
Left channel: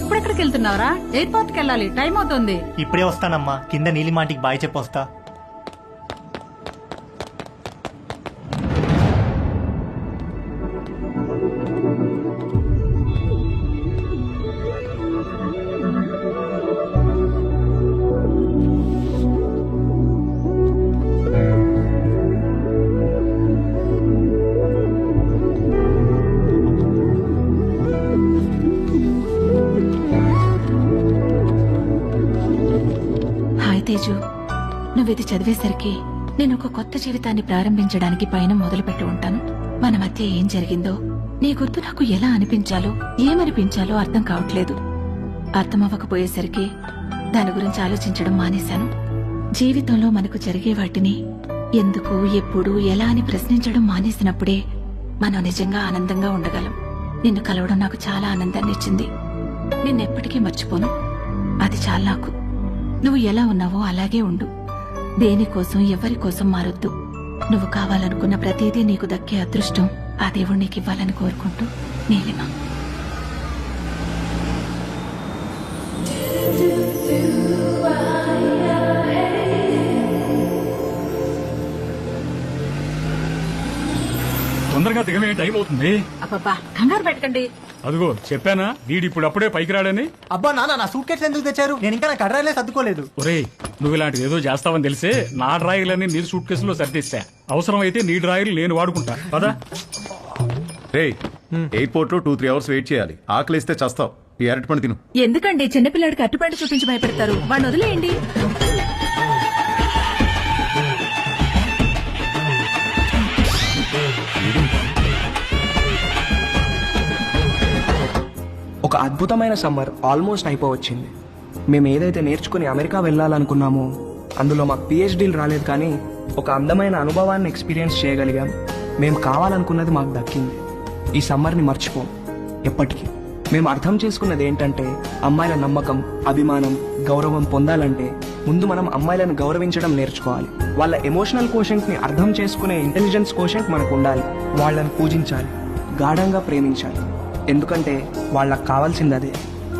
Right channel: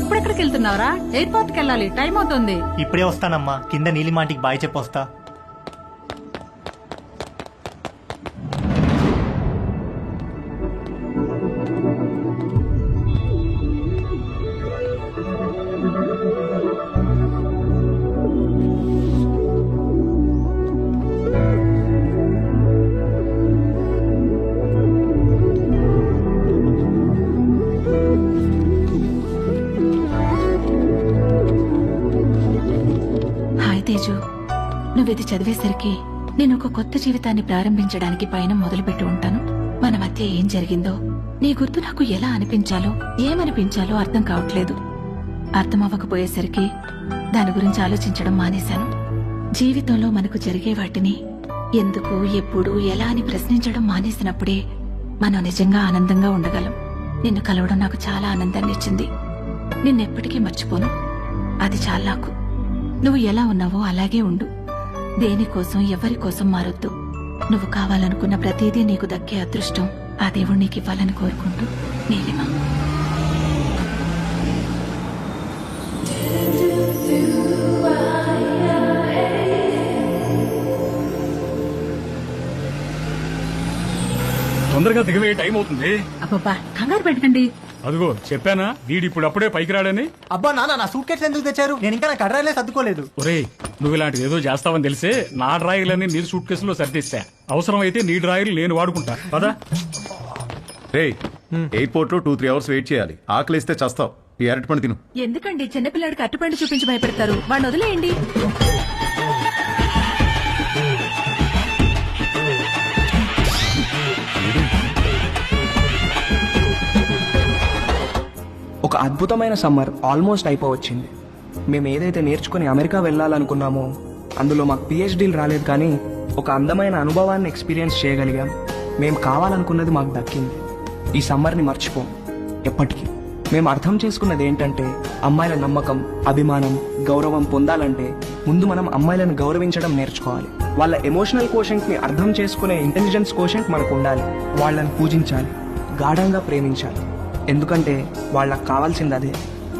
ఇప్పుడెక్కడికి వెళ్తున్నావురా? ఎయిర్పోర్ట్ కి వెళ్ళాలి, టైం అవుతుంది. ఇప్పుడే వస్తానమ్మా, కింద నీలిమాంటికి బాయ్ చెప్పొస్తా. హాయ్ తేజు, నువ్విది చదివేసరికి నేను ఒక కొత్త జీవితాన్ని ప్రారంభించడానికి పైన మొదలుపెట్టి ఉంటాను. మన మధ్య ఏం జరిగిందో నీ గుర్తు నాకు ఎలా అనిపించాలో ఏమనిపించాలో అర్థం కావట్లేదు. అర్థమవ్వకపోయేసరికి దాని గురించి ఆలోచించడం మానేశాను. జీవితంలో మనకు జరిగే వాటిని ఎందుకు, ఎప్పుడు, ఎలా అని ప్రశ్నించడం మానేసినప్పుడే మనం నిజంగా ఆనందంగా ఉండగలం. నిన్ను కలవడం నాకు చాలా ఆనందాన్ని ఇచ్చింది. నిన్నెప్పటికీ మర్చిపోను. అది చాలా నాకు. నువ్వు ఎలా ఉన్నావో అలాగే ఉండు. దేనికోసం ఎవరి కోసం మారొద్దు. నువ్వు కావాలనుకున్న ప్రతిదీ నీకు దక్కే అదృష్టం ఆ దేవుడు నీకు ఇవ్వాలని కోరుకుంటూ, నీలిమ. తొందరగా దిగవే, టైం అవుతుంది. అబ్బబ్బా, కంగారు పెట్టకండి. అదిగో చెప్పానా, వీడి ఇప్పుడు అప్పుడే పైకి రాడని. అబ్బా నాన్న, నా సూట్ కేసు ఎందుకు తెచ్చారు? నేను ఇంకా నా కడ్రాయిలే సర్దుకోలేదు. ఒరేయ్, నువ్వు ఇలాంటిది ఏదో చేస్తావని తెలిసే నా డ్రాయర్లన్నీ నీ సూట్ కేసులో సర్దిస్తా. అవసరం అయితే నీ డ్రాయర్లు నేను వాడుకుంటా పదా. రేయ్, ఎయిర్పోర్ట్ లో 2-3 అవర్స్ వెయిట్ చేయాలి. ఆకలిస్తే చస్తావు. ఈ అరటి పండు తిను. ఎందుకండి చిన్నపిల్లాడికి అట్టుపండు చూపించి భయపెడతారు? వాడిని వదిలేయండి. ఒక అద్భుతమైన సమ్మర్ ఆల్మోస్ట్ అయిపోవచ్చింది. మేము ఏదైతే నేర్చుకుని అమెరికా వెళ్ళాలనుకున్నామో అందులో మాకు పిహెచ్డీలు రాలేదు, కానీ ఒక అందమైన అనుభవాన్ని ఎక్స్పీరియన్స్ చేయగలిగాం. మేము కావాలనుకున్నది మాకు దక్కింది. ఈ సమ్మర్ని మర్చిపోం ఎప్పటికీ. మేము అర్థం చేసుకున్నది ఏంటంటే, అమ్మాయిల నమ్మకం, అభిమానం, గౌరవం పొందాలంటే ముందు మనం అమ్మాయిలను గౌరవించడం నేర్చుకోవాలి. వాళ్ళ ఎమోషనల్ కోషెంట్ ని అర్థం చేసుకునే ఇంటెలిజెన్స్ కోషెంట్ మనకు ఉండాలి. వాళ్ళని పూజించాలి, గాఢంగా ప్రేమించాలి. ఎందుకంటే వాళ్ళకు కావాల్సింది అదే.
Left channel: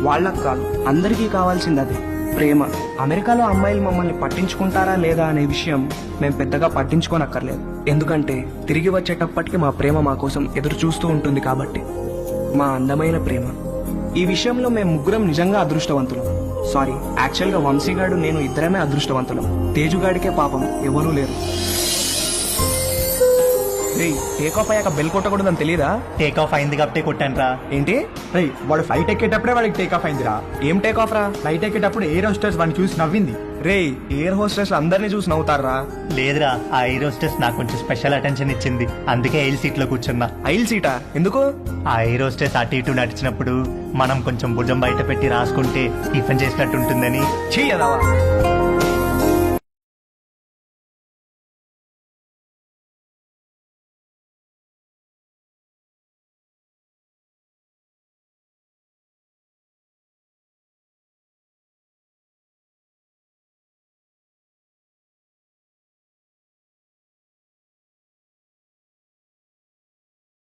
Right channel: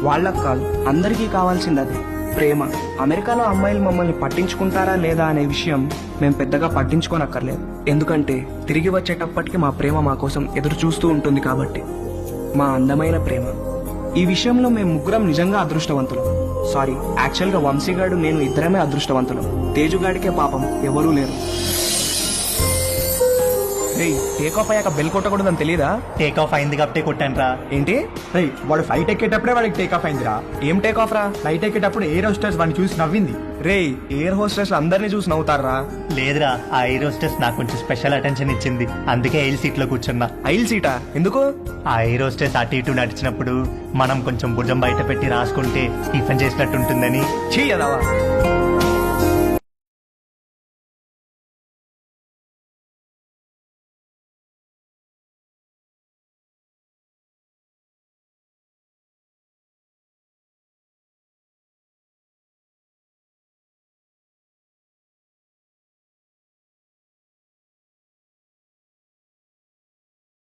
వాళ్ళకు కాదు, అందరికీ కావాల్సింది అదే, ప్రేమ. అమెరికాలో అమ్మాయిలు మమ్మల్ని పట్టించుకుంటారా లేదా అనే విషయం మేము పెద్దగా పట్టించుకోనక్కర్లేదు. ఎందుకంటే తిరిగి వచ్చేటప్పటికి మా ప్రేమ మా కోసం ఎదురు చూస్తూ ఉంటుంది కాబట్టి. మా అందమైన ప్రేమ. ఈ విషయంలో మేము ముగ్గురం నిజంగా అదృష్టవంతులం. సారీ, యాక్చువల్గా వంశీగాడు నేను ఇద్దరమే అదృష్టవంతులం. తేజుగాడికే పాపం ఎవరూ లేరు. టేక్ ఆఫ్ అయ్యాక బెల్ కొట్టకూడదని తెలీదా? టేక్ ఆఫ్ అయింది కాబట్టి కొట్టాను రా. ఏంటి? వాడు ఫ్లైట్ ఎక్కేటప్పుడే వాడికి టేక్ ఆఫ్ అయిందిరా. ఏం టేక్ ఆఫ్ రా? ఫ్లైట్ ఎక్కేటప్పుడు ఎయిర్ హోస్టెస్ వాడిని చూసి నవ్వింది. ఎయిర్ హోస్టెస్ అందరినీ చూసి నవ్వుతారా? లేదురా, ఆ ఎయిర్ హోస్టెస్ నాకు కొంచెం స్పెషల్ అటెన్షన్ ఇచ్చింది. అందుకే ఐల్ సీట్ లో కూర్చున్నా. ఐల్ సీటా? ఎందుకు? ఆ ఎయిర్ హోస్టెస్ అటు ఇటు నడిచినప్పుడు మనం కొంచెం భుజం బయట పెట్టి రాసుకుంటే టిఫిన్ చేసినట్టు ఉంటుందని. చెయ్యదావా?